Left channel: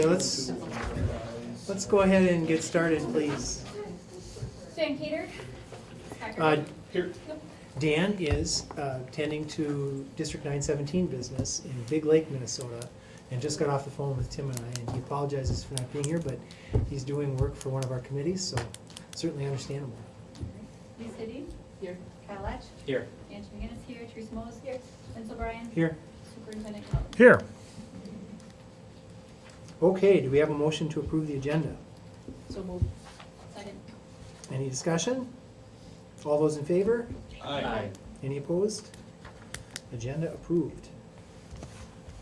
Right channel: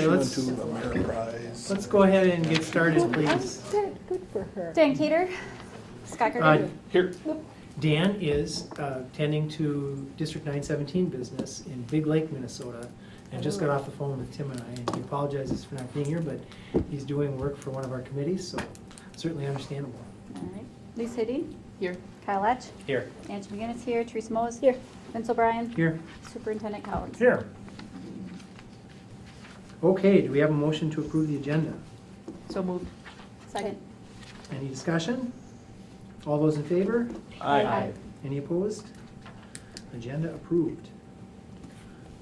Okay, let's go ahead and get started, please. Dan Cater. Scott Gerger. Here. Dan is tending to District 917 business in Big Lake, Minnesota, and just got off the phone with Tim and I, and he apologizes for not being here, but he's doing work for one of our committees, so certainly understandable. All right. Lisa Hiddy. Here. Kyle Letch. Here. Angie McGinnis here. Teresa Moe is here. Vince O'Brien. Here. Superintendent Collins. Here. Okay, do we have a motion to approve the agenda? So moved. Second. Any discussion? All those in favor? Aye. Any opposed? Agenda approved.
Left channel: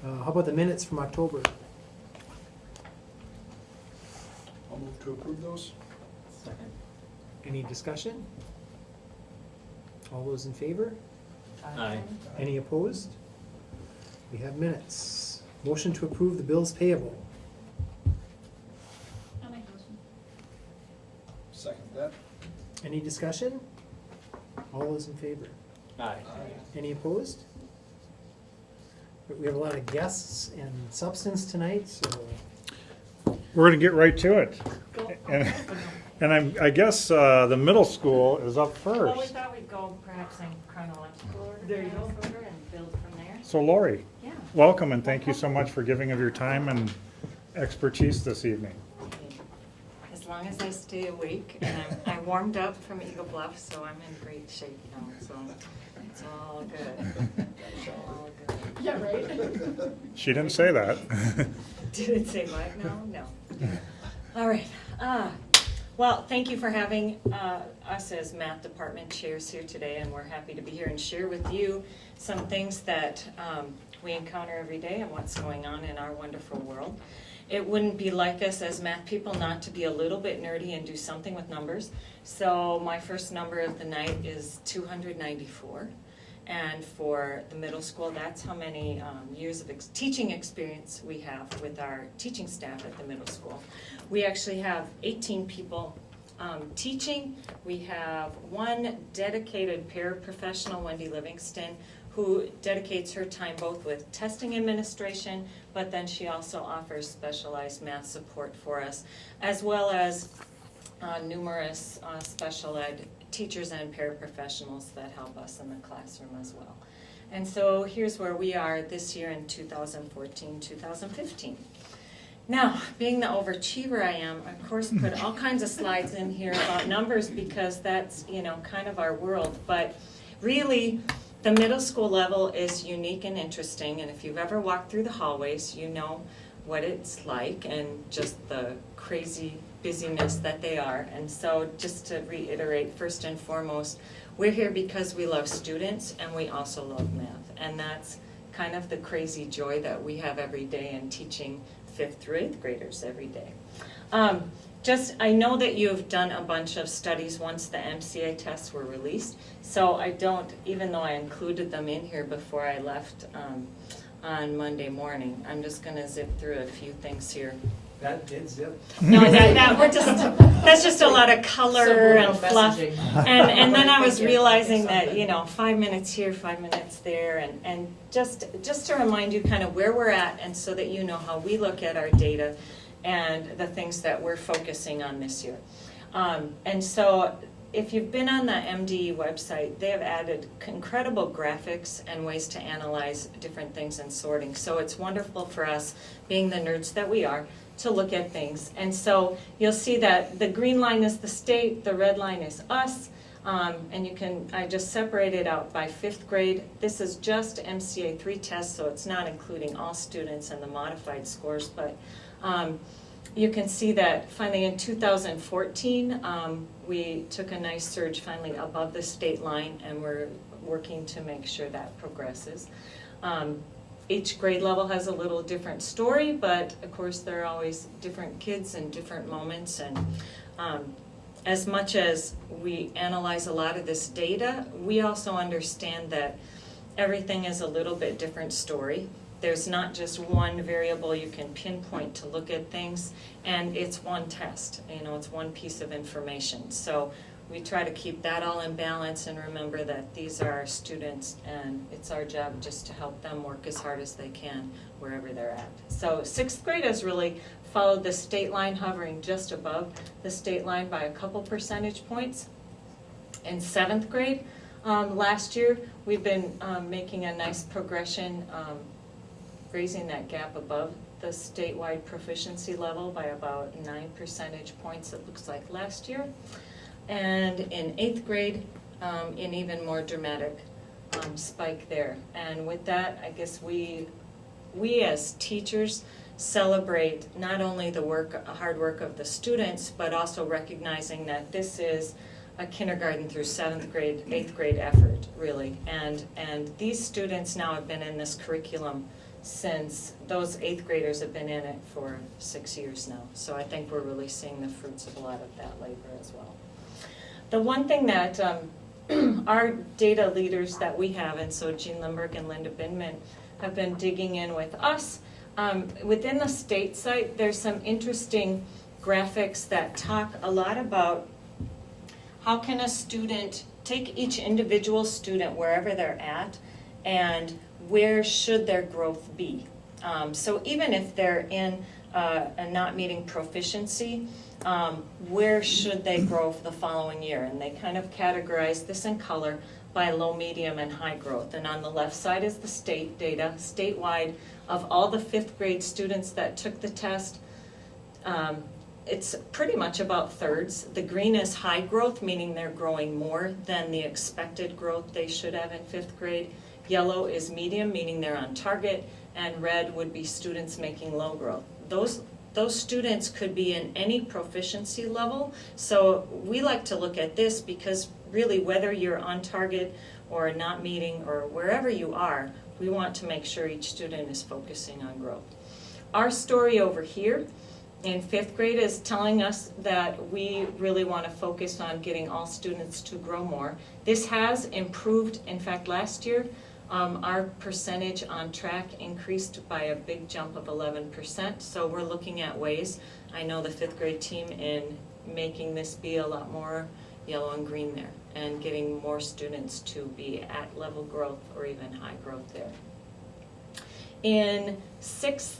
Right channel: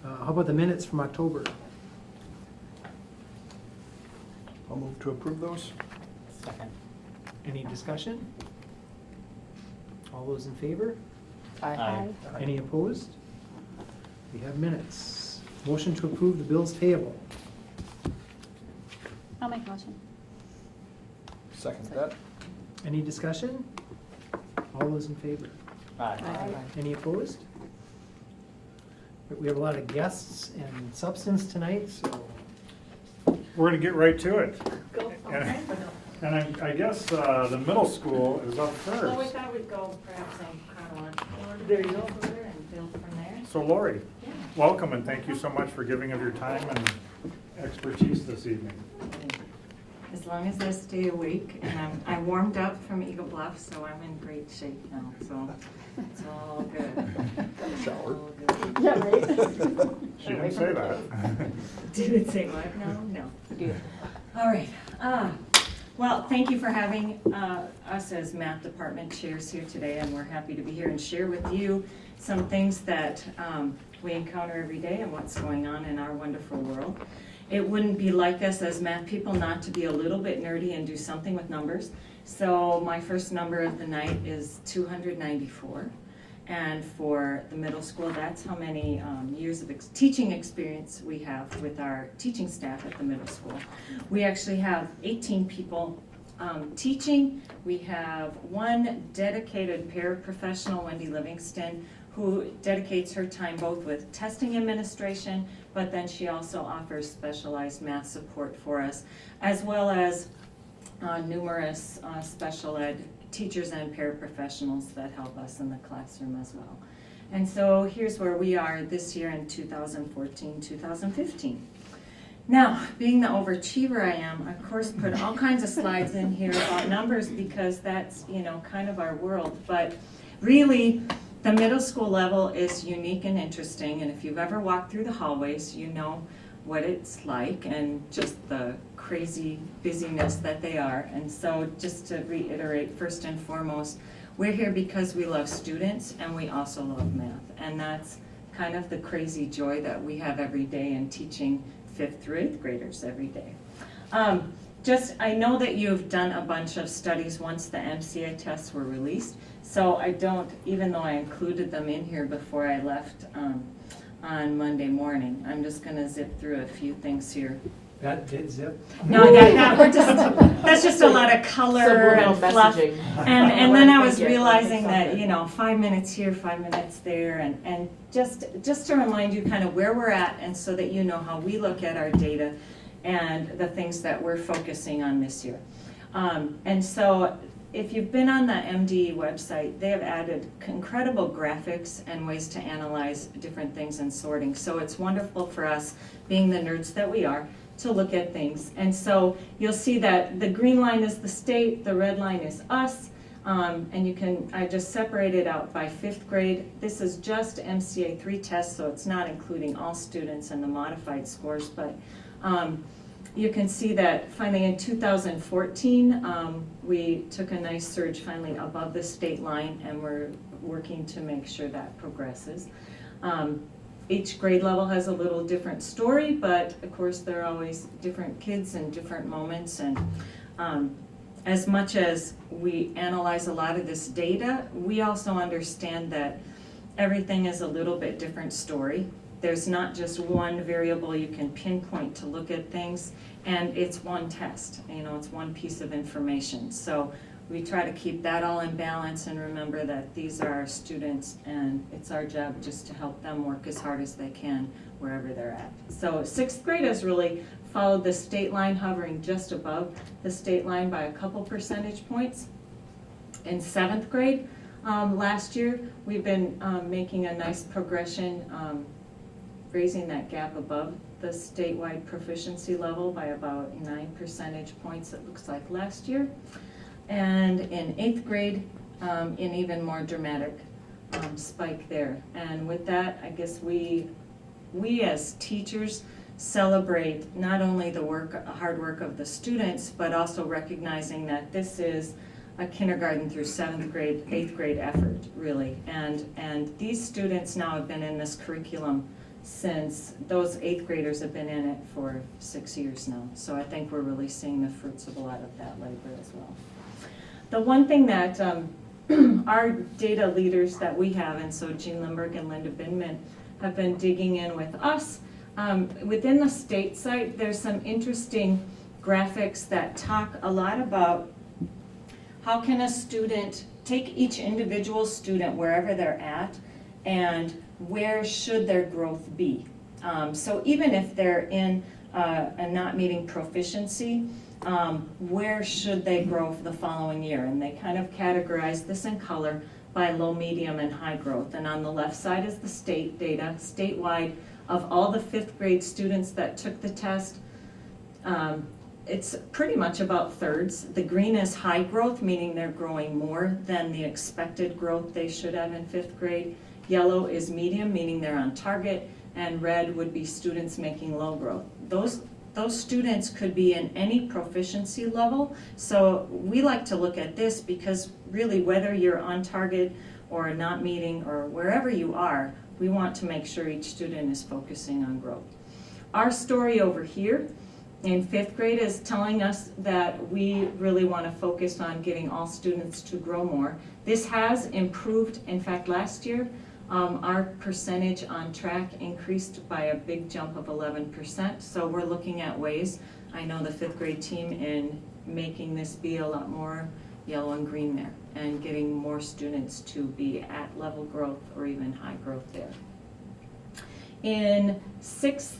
How about the minutes from October? I'll move to approve those. Second. Any discussion? All those in favor? Aye. Any opposed? We have minutes. Motion to approve the bills payable. I'll make a motion. Second that. Any discussion? All those in favor? Aye. Any opposed? We have a lot of guests and substance tonight, so We're going to get right to it. Go. And I guess the middle school is up Well, we first. thought we'd go perhaps in chronological order. There you go. And build from there. So Lori, Yeah. welcome and thank you so much for giving of your time and expertise this evening. As long as I stay awake, and I warmed up from Eagle Bluff, so I'm in great shape now, so it's all good. Shower. All good. Yeah, right. She didn't say that. Did it say what? No? No. All right. Well, thank you for having us as math department chairs here today, and we're happy to be here and share with you some things that we encounter every day and what's going on in our wonderful world. It wouldn't be like us as math people not to be a little bit nerdy and do something with numbers. So my first number of the night is 294. And for the middle school, that's how many years of teaching experience we have with our teaching staff at the middle school. We actually have 18 people teaching. We have one dedicated paraprofessional, Wendy Livingston, who dedicates her time both with testing administration, but then she also offers specialized math support for us, as well as numerous special ed teachers and paraprofessionals that help us in the classroom as well. And so here's where we are this year in 2014, 2015. Now, being the overachiever I am, I of course put all kinds of slides in here about numbers because that's, kind of our world. But really, the middle school level is unique and interesting, and if you've ever walked through the hallways, you know what it's like and just the crazy busyness that they are. And so just to reiterate, first and foremost, we're here because we love students and we also love math. And that's kind of the crazy joy that we have every day in teaching 5th through 8th graders every day. I know that you have done a bunch of studies once the MCA tests were released, so I don't, even though I included them in here before I left on Monday morning, I'm just going to zip through a few things here. that did zip. No, that's just a lot of color and fluff. And then I was realizing that, 5 minutes here, 5 minutes there, and just to remind you kind of where we're at, and so that you know how we look at our data and the things that we're focusing on this year. And so if you've been on the MDE website, they have added incredible graphics and ways to analyze different things and sorting. So it's wonderful for us, being the nerds that we are, to look at things. And so you'll see that the green line is the state, the red line is us, and I just separated out by 5th grade. This is just MCA 3 tests, so it's not including all students and the modified scores, but you can see that finally in 2014, we took a nice surge finally above the state line, and we're working to make sure that progresses. Each grade level has a little different story, but of course there are always different kids and different moments, and as much as we analyze a lot of this data, we also understand that everything is a little bit different story. There's not just one variable you can pinpoint to look at things, and it's one test, it's one piece of information. So we try to keep that all in balance and remember that these are our students and it's our job just to help them work as hard as they can wherever they're at. So 6th grade has really followed the state line, hovering just above the state line by a couple percentage points. In 7th grade, last year, we've been making a nice progression, raising that gap above the statewide proficiency level by about 9 percentage points, it looks like, last year. And in 8th grade, an even more dramatic spike there. And with that, I guess we as teachers celebrate not only the hard work of the students, but also recognizing that this is a kindergarten through 7th grade, 8th grade effort, really. And these students now have been in this curriculum since those 8th graders have been in it for 6 years now. So I think we're really seeing the fruits of a lot of that labor as well. The one thing that our data leaders that we have, and so Jean Limburg and Linda Binman, have been digging in with us. Within the state site, there's some interesting graphics that talk a lot about how can a student take each individual student wherever they're at and where should their growth be. So even if they're in a not meeting proficiency, where should they grow for the following year? And they kind of categorize this in color by low, medium, and high growth. And on the left side is the state data, statewide, of all the 5th grade students that took the test. It's pretty much about thirds. The green is high growth, meaning they're growing more than the expected growth they should have in 5th grade. Yellow is medium, meaning they're on target, and red would be students making low growth. Those students could be in any proficiency level, so we like to look at this because really whether you're on target or not meeting or wherever you are, we want to make sure each student is focusing on growth. Our story over here in 5th grade is telling us that we really want to focus on getting all students to grow more. This has improved. In fact, last year, our percentage on track increased by a big jump of 11%. So we're looking at ways, I know the 5th grade team, in making this be a lot more yellow and green there and getting more students to be at level growth or even high growth there. In 6th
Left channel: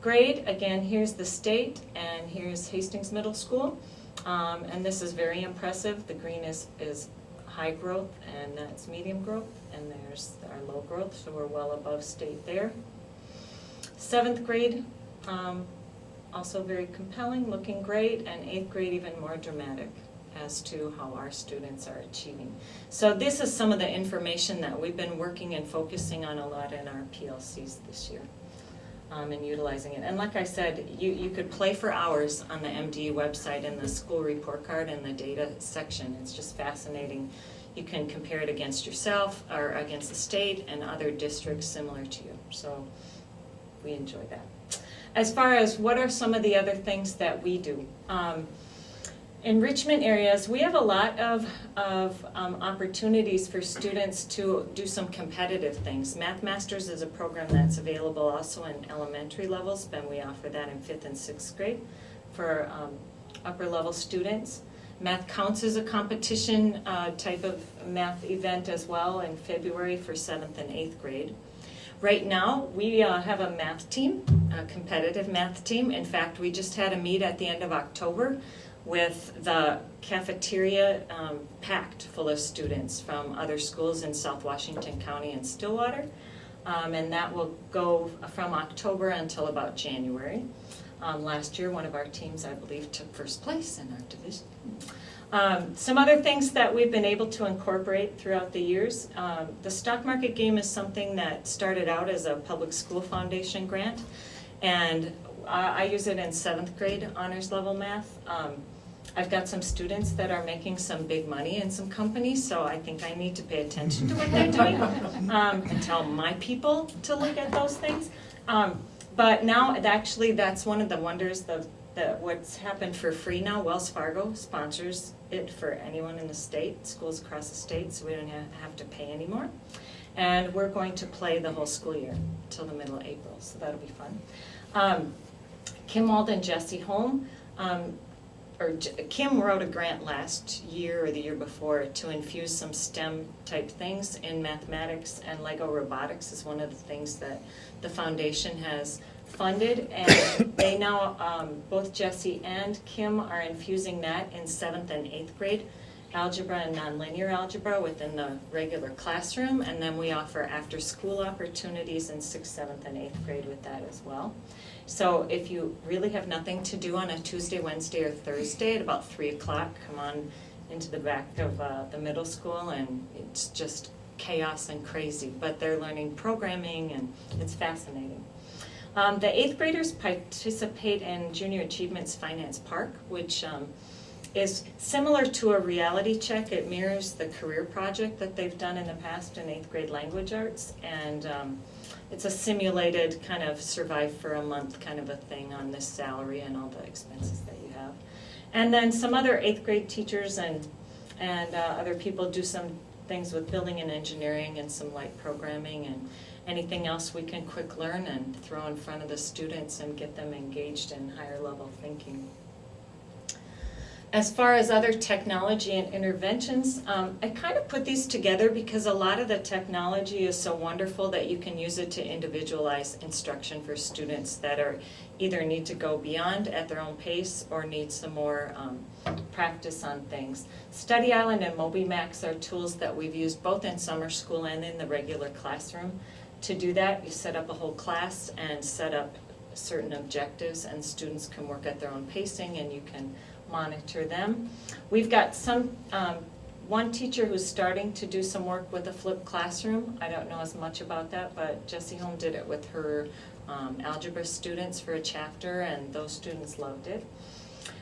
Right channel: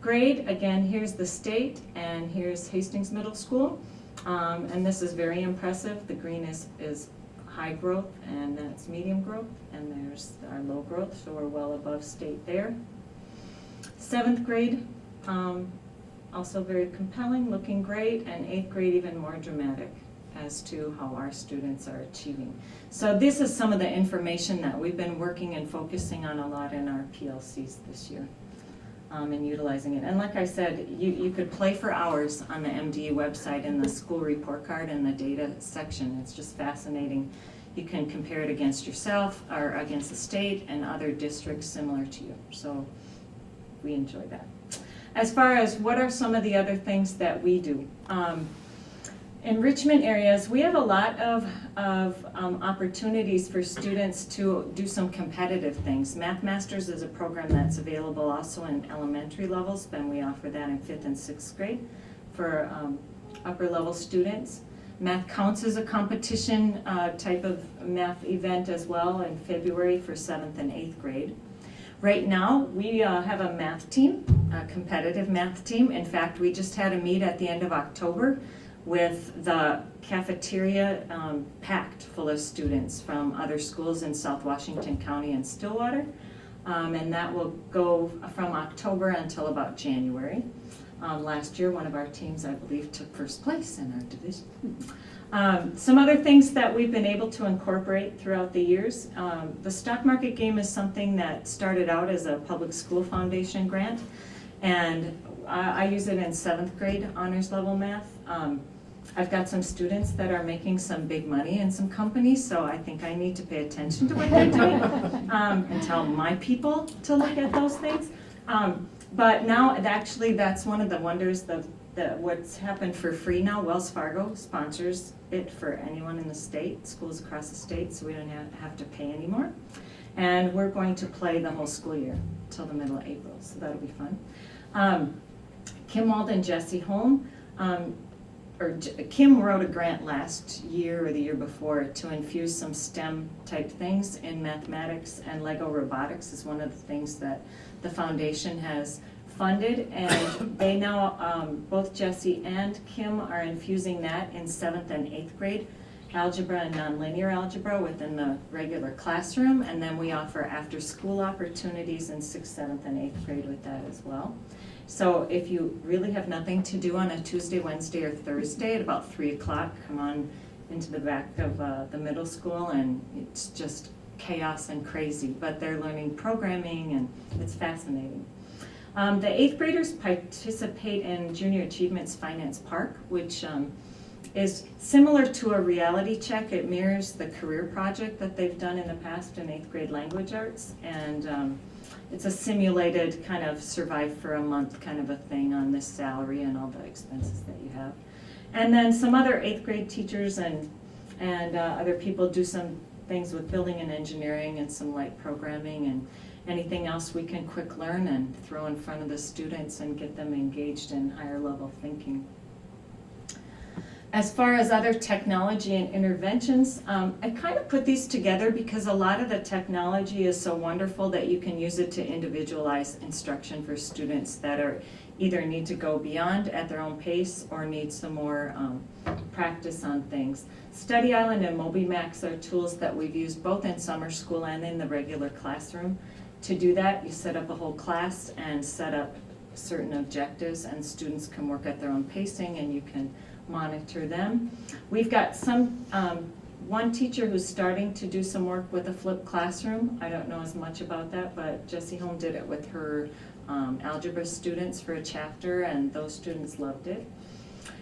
grade, again, here's the state and here's Hastings Middle School. And this is very impressive. The green is high growth and that's medium growth, and there's our low growth, so we're well above state there. 7th grade, also very compelling, looking great, and 8th grade even more dramatic as to how our students are achieving. So this is some of the information that we've been working and focusing on a lot in our PLCs this year. And utilizing it. And like I said, you could play for hours on the MDE website in the school report card and the data section. It's just fascinating. You can compare it against yourself or against the state and other districts similar to you. So we enjoy that. As far as what are some of the other things that we do? Enrichment areas, we have a lot of opportunities for students to do some competitive things. Math Masters is a program that's available also in elementary levels, and we offer that in 5th and 6th grade for upper level students. Math Counts is a competition type of math event as well in February for 7th and 8th grade. Right now, we have a math team, a competitive math team. In fact, we just had a meet at the end of October with the cafeteria packed full of students from other schools in South Washington County and Stillwater. And that will go from October until about January. Last year, one of our teams, I believe, took first place in our division. Some other things that we've been able to incorporate throughout the years. The stock market game is something that started out as a public school foundation grant, and I use it in 7th grade honors level math. I've got some students that are making some big money in some companies, so I think I need to pay attention to what they're doing and tell my people to look at those things. But now, actually, that's one of the wonders of what's happened for free now. Wells Fargo sponsors it for anyone in the state, schools across the state, so we don't have to pay anymore. And we're going to play the whole school year till the middle of April, so that'll be fun. Kim Wald and Jesse Holm Kim wrote a grant last year or the year before to infuse some STEM type things in mathematics, and Lego robotics is one of the things that the foundation has funded, and they now, both Jesse and Kim are infusing that in 7th and 8th grade, algebra and nonlinear algebra within the regular classroom, and then we offer after-school opportunities in 6th, 7th, and 8th grade with that as well. So if you really have nothing to do on a Tuesday, Wednesday, or Thursday at about 3 o'clock, come on into the back of the middle school, and it's just chaos and crazy, but they're learning programming, and it's fascinating. The 8th graders participate in Junior Achievements Finance Park, which is similar to a reality check. It mirrors the career project that they've done in the past in 8th grade language arts, and it's a simulated kind of survive for a month kind of a thing on this salary and all the expenses that you have. And then some other 8th grade teachers and other people do some things with building and engineering and some light programming and anything else we can quick learn and throw in front of the students and get them engaged in higher level thinking. As far as other technology and interventions, I kind of put these together because a lot of the technology is so wonderful that you can use it to individualize instruction for students that are either need to go beyond at their own pace or need some more practice on things. Study Island and MobiMax are tools that we've used both in summer school and in the regular classroom. To do that, you set up a whole class and set up certain objectives, and students can work at their own pacing, and you can monitor them. We've got one teacher who's starting to do some work with a flipped classroom. I don't know as much about that, but Jessie Holm did it with her algebra students for a chapter, and those students loved it.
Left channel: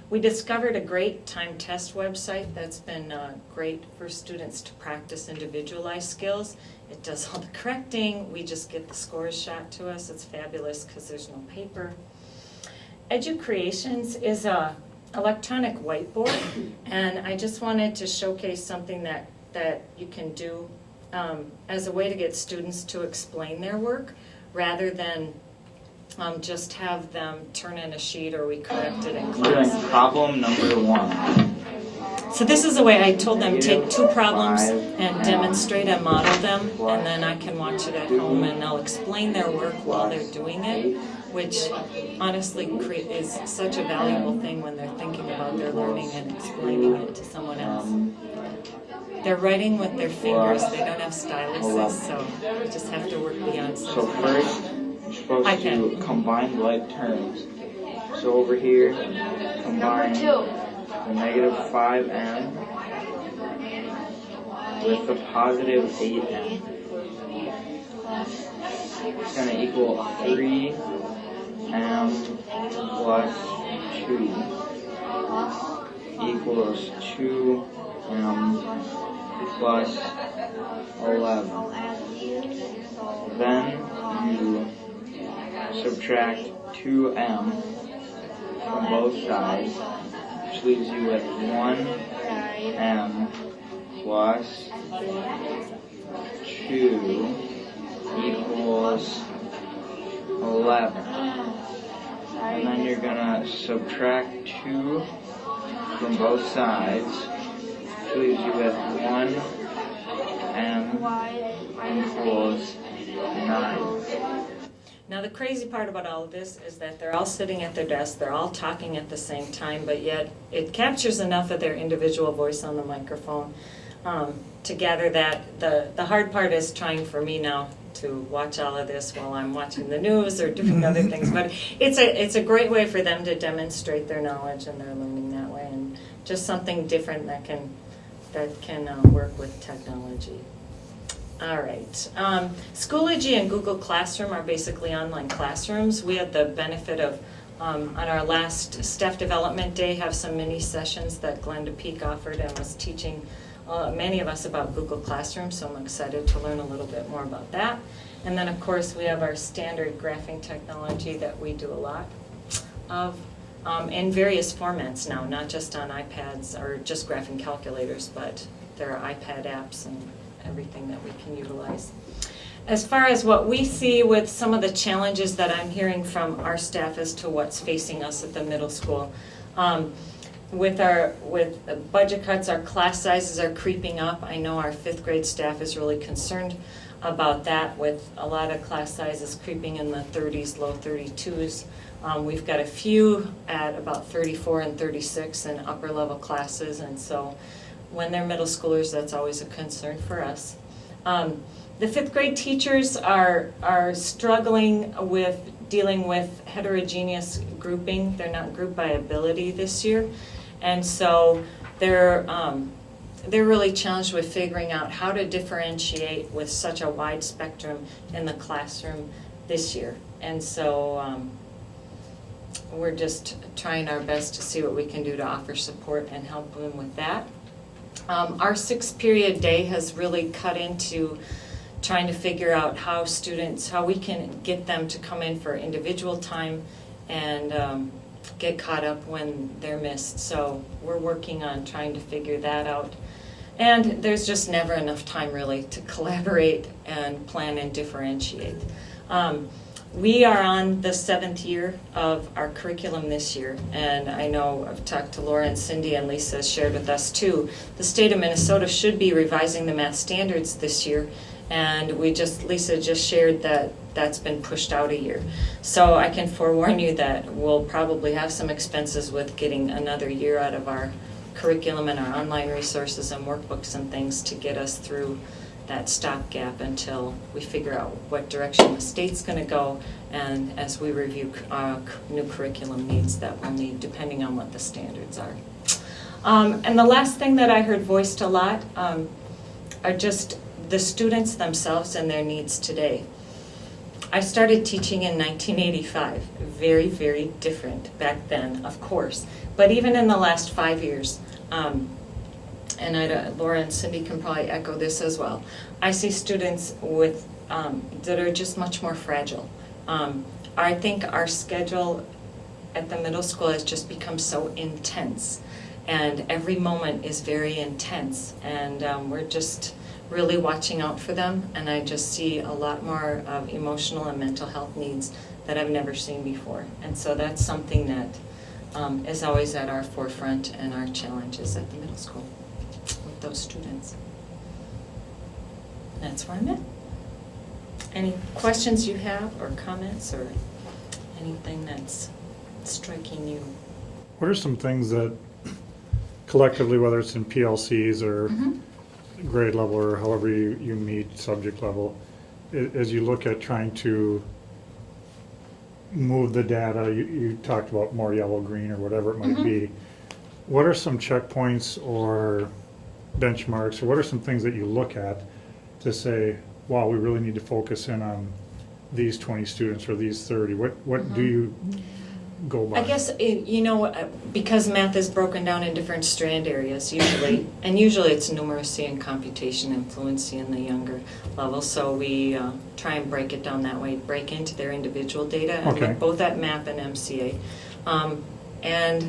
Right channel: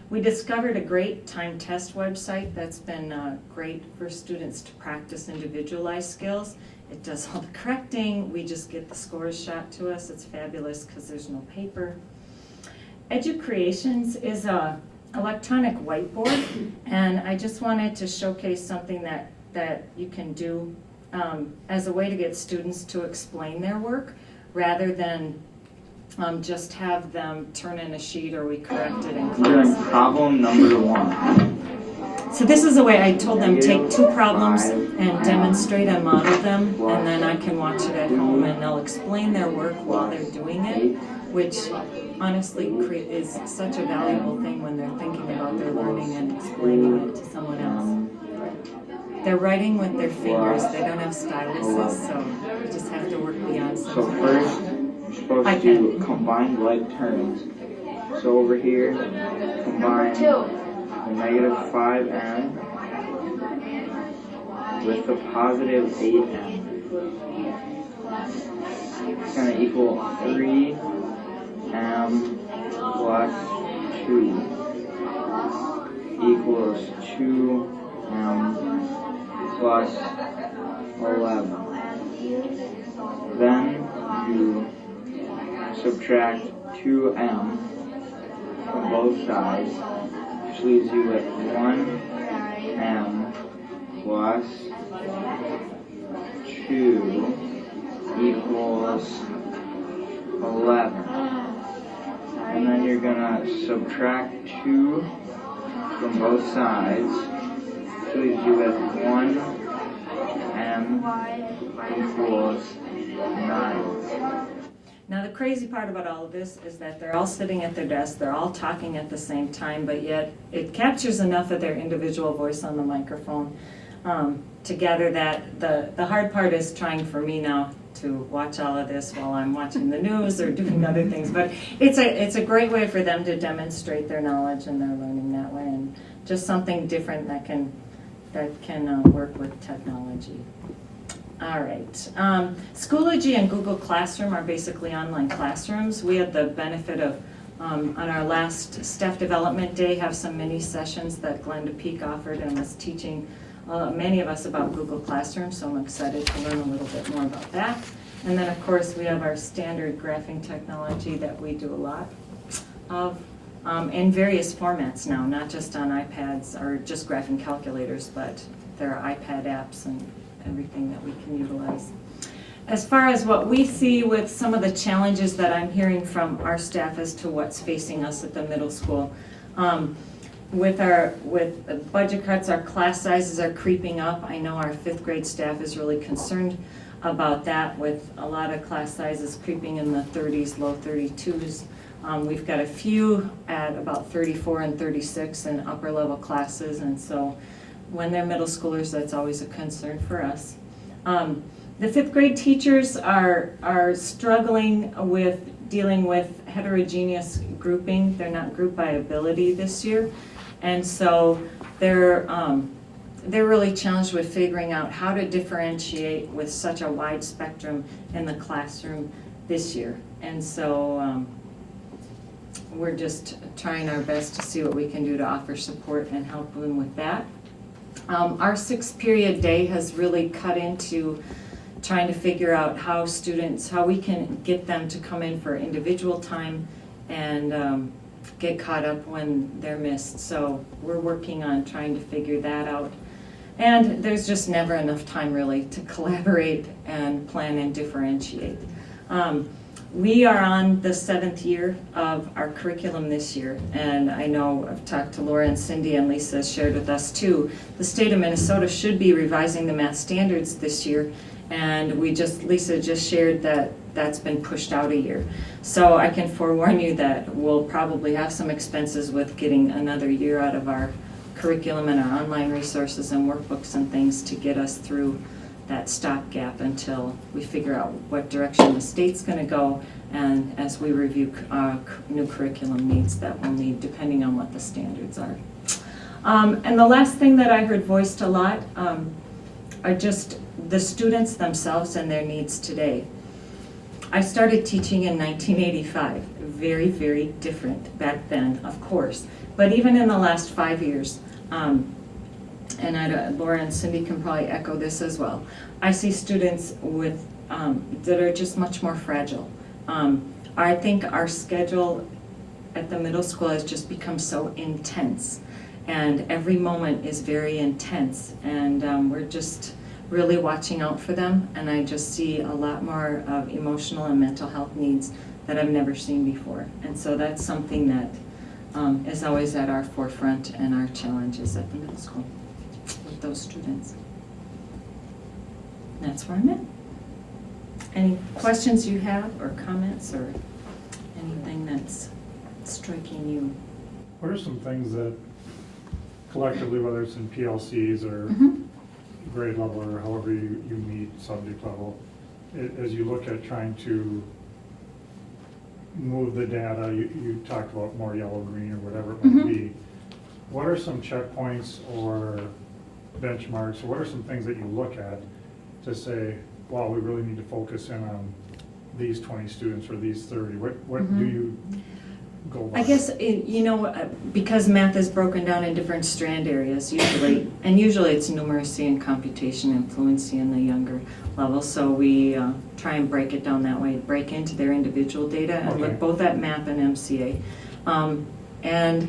We discovered a great time test website that's been great for students to practice individualized skills. It does all the correcting. We just get the scores shot to us. It's fabulous because there's no paper. EduCreations is a electronic whiteboard, and I just wanted to showcase something that you can do as a way to get students to explain their work rather than just have them turn in a sheet or we correct it in class. Doing problem number 1. So this is the way I told them, take 2 problems and demonstrate and model them, and then I can watch it at home and they'll explain their work while they're doing it, which honestly is such a valuable thing when they're thinking about their learning and explaining it to someone else. They're writing with their fingers, they don't have styluses, so you just have to work beyond such. So first, you're supposed to combine like terms. So over here, combine the negative 5m with the positive 8m. It's going to equal 3m plus 2 equals 2m plus 11. Then you subtract 2m from both sides, which leaves you with 1m plus 2 equals 11. And then you're going to subtract 2 from both sides, which leaves you with 1m equals 9. Now the crazy part about all of this is that they're all sitting at their desk, they're all talking at the same time, but yet it captures enough of their individual voice on the microphone to gather that. The hard part is trying for me now to watch all of this while I'm watching the news or doing other things, but it's a great way for them to demonstrate their knowledge and their learning that way, and just something different that can work with technology. All right. Schoology and Google Classroom are basically online classrooms. We had the benefit of, on our last staff development day, have some mini sessions that Glenda Peak offered and was teaching many of us about Google Classroom, so I'm excited to learn a little bit more about that. And then, of course, we have our standard graphing technology that we do a lot of in various formats now, not just on iPads or just graphing calculators, but there are iPad apps and everything that we can utilize. As far as what we see with some of the challenges that I'm hearing from our staff as to what's facing us at the middle school, with budget cuts, our class sizes are creeping up. I know our fifth grade staff is really concerned about that, with a lot of class sizes creeping in the 30s, low 32s. We've got a few at about 34 and 36 in upper level classes, and so when they're middle schoolers, that's always a concern for us. The fifth grade teachers are struggling with dealing with heterogeneous grouping. They're not grouped by ability this year, and so they're really challenged with figuring out how to differentiate with such a wide spectrum in the classroom this year. And so we're just trying our best to see what we can do to offer support and help them with that. Our 6-period day has really cut into trying to figure out how we can get them to come in for individual time and get caught up when they're missed. So we're working on trying to figure that out. And there's just never enough time really to collaborate and plan and differentiate. We are on the 7th year of our curriculum this year, and I know I've talked to Laura and Cindy, and Lisa has shared with us too. The state of Minnesota should be revising the math standards this year, and Lisa just shared that that's been pushed out a year. So I can forewarn you that we'll probably have some expenses with getting another year out of our curriculum and our online resources and workbooks and things to get us through that stopgap until we figure out what direction the state's going to go, and as we review new curriculum needs that we'll need depending on what the standards are. And the last thing that I heard voiced a lot are just the students themselves and their needs today. I started teaching in 1985, very, very different back then, of course, but even in the last 5 years, and Laura and Cindy can probably echo this as well, I see students with that are just much more fragile. I think our schedule at the middle school has just become so intense, and every moment is very intense, and we're just really watching out for them, and I just see a lot more of emotional and mental health needs that I've never seen before. And so that's something that is always at our forefront and our challenges at the middle school with those students. That's where I'm at. Any questions you have, or comments, or anything that's striking you? What are some things that collectively, whether it's in PLCs or grade level or however you meet subject level, as you look at trying to move the data, you talked about more yellow, green, or whatever it might be. What are some checkpoints or benchmarks, or what are some things that you look at to say, wow, we really need to focus in on these 20 students or these 30? What do you go by? I guess, because math is broken down in different strand areas usually, and usually it's numeracy and computation and fluency in the younger levels, so we try and break it down that way, break into their individual data, and look both at math and MCA, and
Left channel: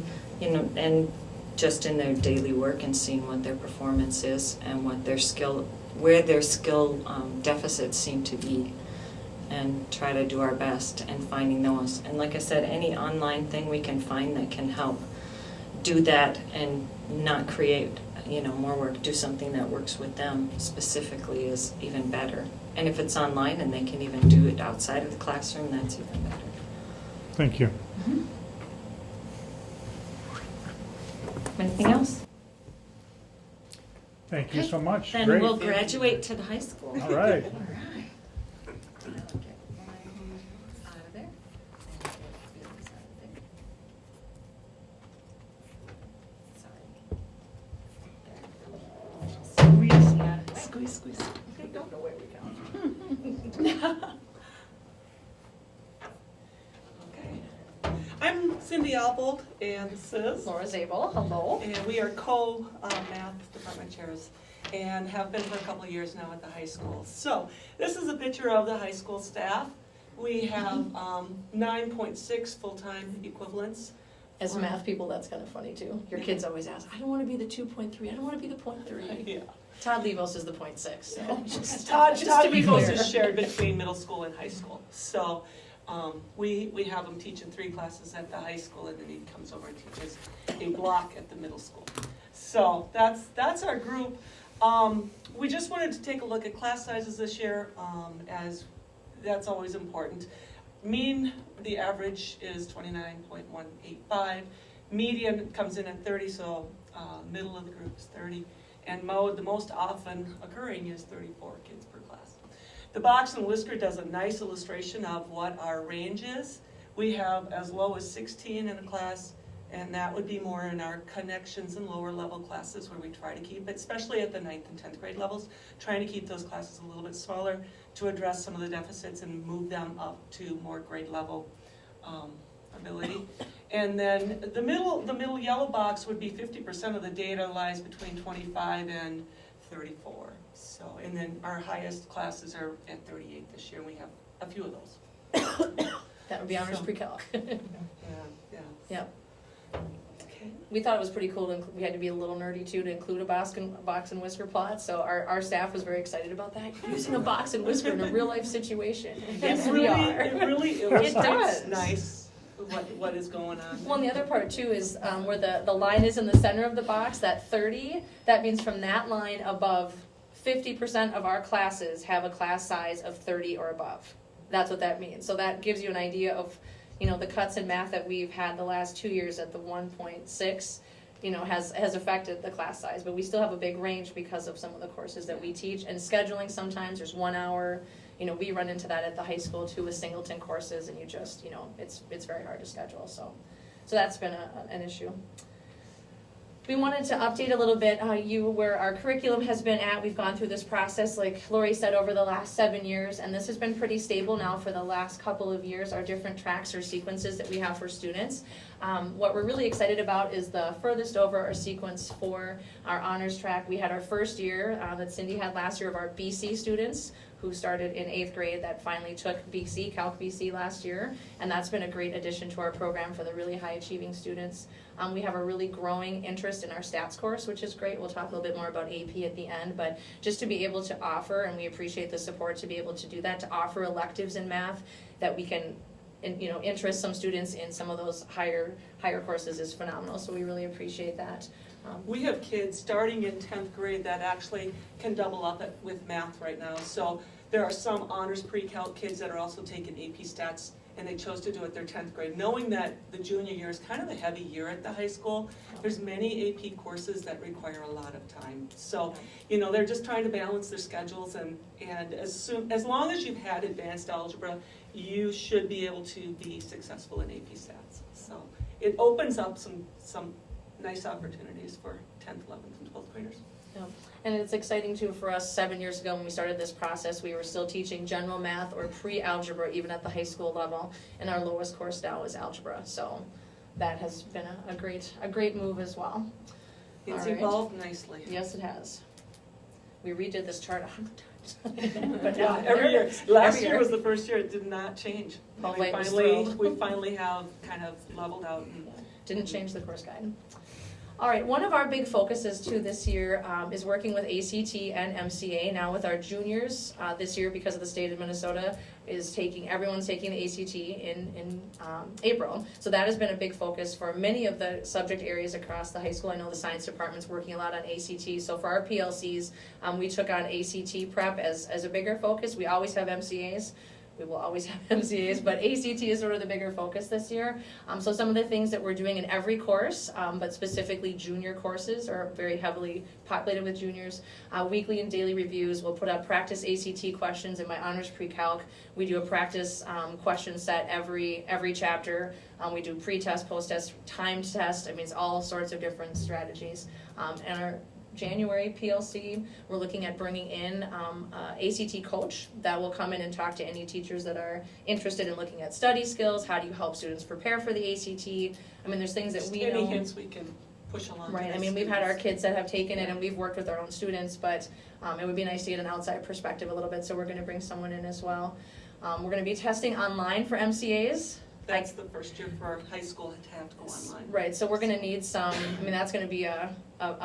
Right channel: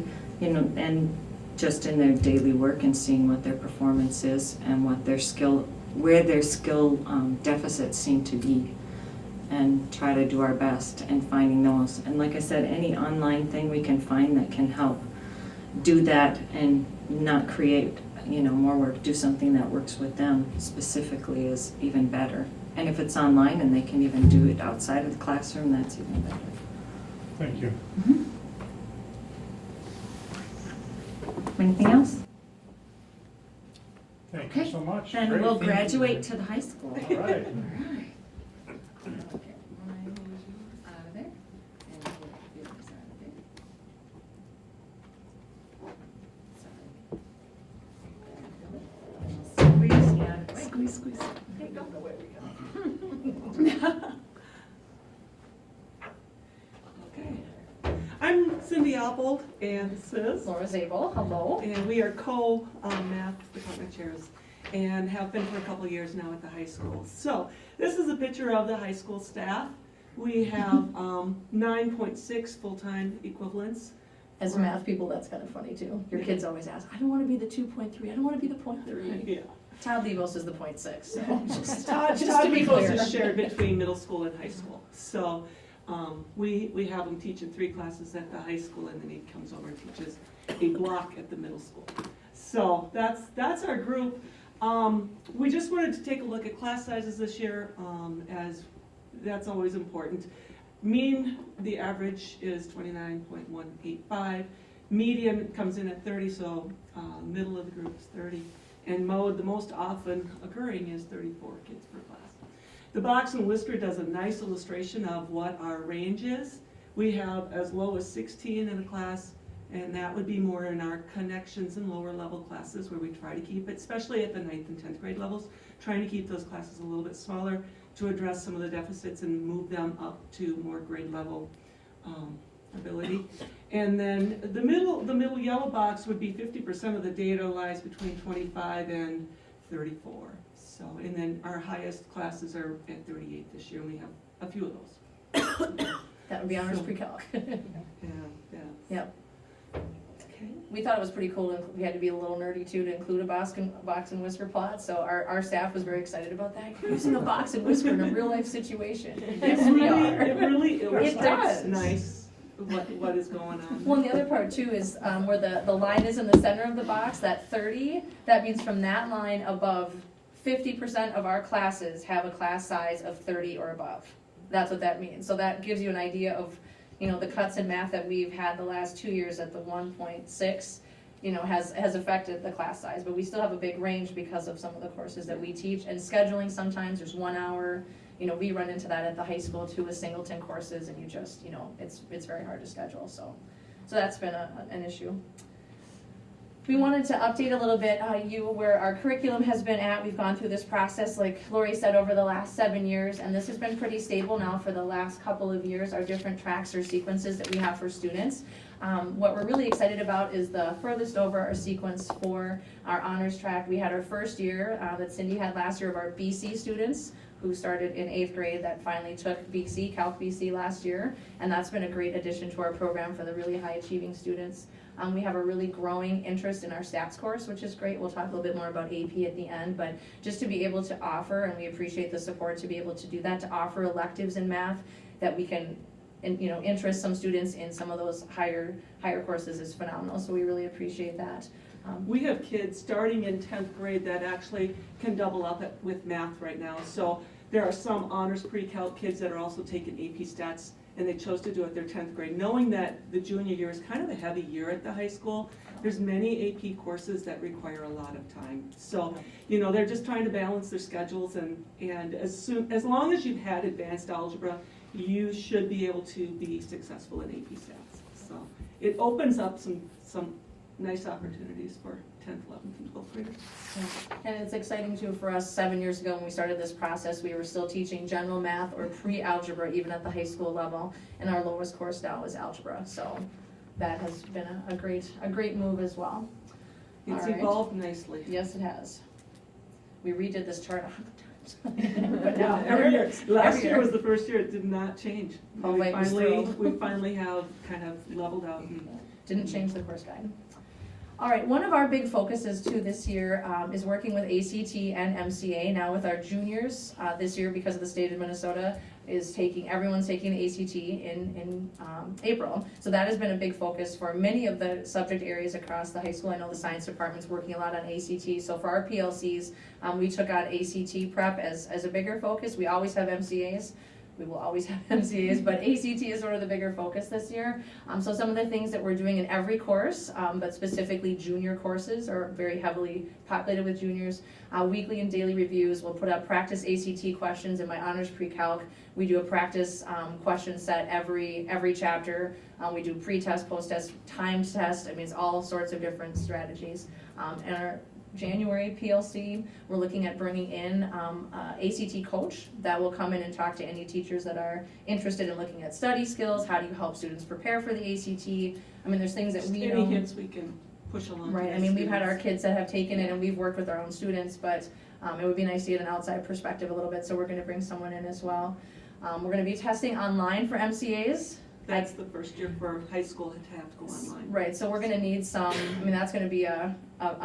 just in their daily work and seeing what their performance is and what their where their skill deficits seem to be, and try to do our best in finding those. And like I said, any online thing we can find that can help do that and not create more work, do something that works with them specifically is even better. And if it's online and they can even do it outside of the classroom, that's even better. Thank you. Anything else? Thank you so much. Then Great. we'll graduate to the high school. All right. I'll get mine out of there, and get yours out of there. Sorry. Squeeze, squeeze. I don't know where we go. Okay. I'm Cindy Oppold, and this is Laura Zabel, hello. and we are co-math department chairs and have been for a couple of years now at the high school. So this is a picture of the high school staff. We have 9.6 full-time equivalents. As math people, that's kind of funny too. Your kids always ask, I don't want to be the 2.3, I don't want to be the 0.3. Yeah. Todd Levos is the 0.6, so just Todd to be Levos clear. is shared between middle school and high school. So We have him teaching 3 classes at the high school, and then he comes over and teaches a block at the middle school. So that's our group. We just wanted to take a look at class sizes this year, as that's always important. Mean, the average is 29.185. Median comes in at 30, so middle of the group is 30. And mode, the most often occurring, is 34 kids per class. The box and whisker does a nice illustration of what our range is. We have as low as 16 in a class, and that would be more in our connections and lower level classes where we try to keep it, especially at the 9th and 10th grade levels, trying to keep those classes a little bit smaller to address some of the deficits and move them up to more grade level ability. And then the middle yellow box would be 50% of the data lies between 25 and 34. So, and then our highest classes are at 38 this year. We have a few of those. That would be honors So- pre-calc. Yeah. Yep. Okay. We thought it was pretty cool, we had to be a little nerdy too, to include a box and whisker plot, so our staff was very excited about that, using a box and whisker in a real life situation. Yes, we are. It really illustrates does. nice what is going on. Well, and the other part too is where the line is in the center of the box, that 30, that means from that line above, 50% of our classes have a class size of 30 or above. That's what that means. So that gives you an idea of, the cuts in math that we've had the last 2 years at the 1.6, has affected the class size. But we still have a big range because of some of the courses that we teach. And scheduling, sometimes there's 1 hour. We run into that at the high school too with singleton courses, and you just, it's very hard to schedule. So that's been an issue. We wanted to update a little bit where our curriculum has been at. We've gone through this process, like Lori said, over the last 7 years, and this has been pretty stable now for the last couple of years, our different tracks or sequences that we have for students. What we're really excited about is the furthest over our sequence for our honors track. We had our first year that Cindy had last year of our BC students who started in 8th grade that finally took BC, Calc BC last year, and that's been a great addition to our program for the really high achieving students. We have a really growing interest in our stats course, which is great. We'll talk a little bit more about AP at the end, but just to be able to offer, and we appreciate the support to be able to do that, to offer electives in math that we can, interest some students in some of those higher courses is phenomenal. So we really appreciate that. We have kids starting in 10th grade that actually can double up with math right now. So there are some honors pre-calc kids that are also taking AP stats, and they chose to do it their 10th grade, knowing that the junior year is kind of a heavy year at the high school. There's many AP courses that require a lot of time. So, they're just trying to balance their schedules, and as long as you've had advanced algebra, you should be able to be successful in AP stats. So it opens up some nice opportunities for 10th, 11th, and 12th graders. Yeah. And it's exciting too for us. 7 years ago when we started this process, we were still teaching general math or pre-algebra even at the high school level, and our lowest course now is algebra. So that has been a great move as well. It's All right. evolved nicely. Yes, it has. We redid this chart 100 times. But now, Every year. Last Every year year. was the first year it did not change. Oh, We wait, it was finally, through. we finally have kind of leveled out. And Didn't change the course guide. All right, one of our big focuses too this year is working with ACT and MCA. Now with our juniors this year, because of the state of Minnesota, everyone's taking the ACT in April. So that has been a big focus for many of the subject areas across the high school. I know the science department's working a lot on ACT. So for our PLCs, we took on ACT prep as a bigger focus. We always have MCAs. We will always have MCAs, but ACT is sort of the bigger focus this year. So some of the things that we're doing in every course, but specifically junior courses are very heavily populated with juniors. Weekly and daily reviews. We'll put up practice ACT questions in my honors pre-calc. We do a practice question set every chapter. We do pre-test, post-test, timed test. I mean, it's all sorts of different strategies. And our January PLC, we're looking at bringing in ACT coach that will come in and talk to any teachers that are interested in looking at study skills. How do you help students prepare for the ACT? I mean, there's things that we any know. hints we can push along. to Right, I the mean, we've had our students. kids that have taken it and we've worked with our own students, but it would be nice to get an outside perspective a little bit, so we're gonna bring someone in as well. We're gonna be testing online for MCAs That's the first year for high school to have to go online. Right, so we're gonna need some, I mean, that's gonna be a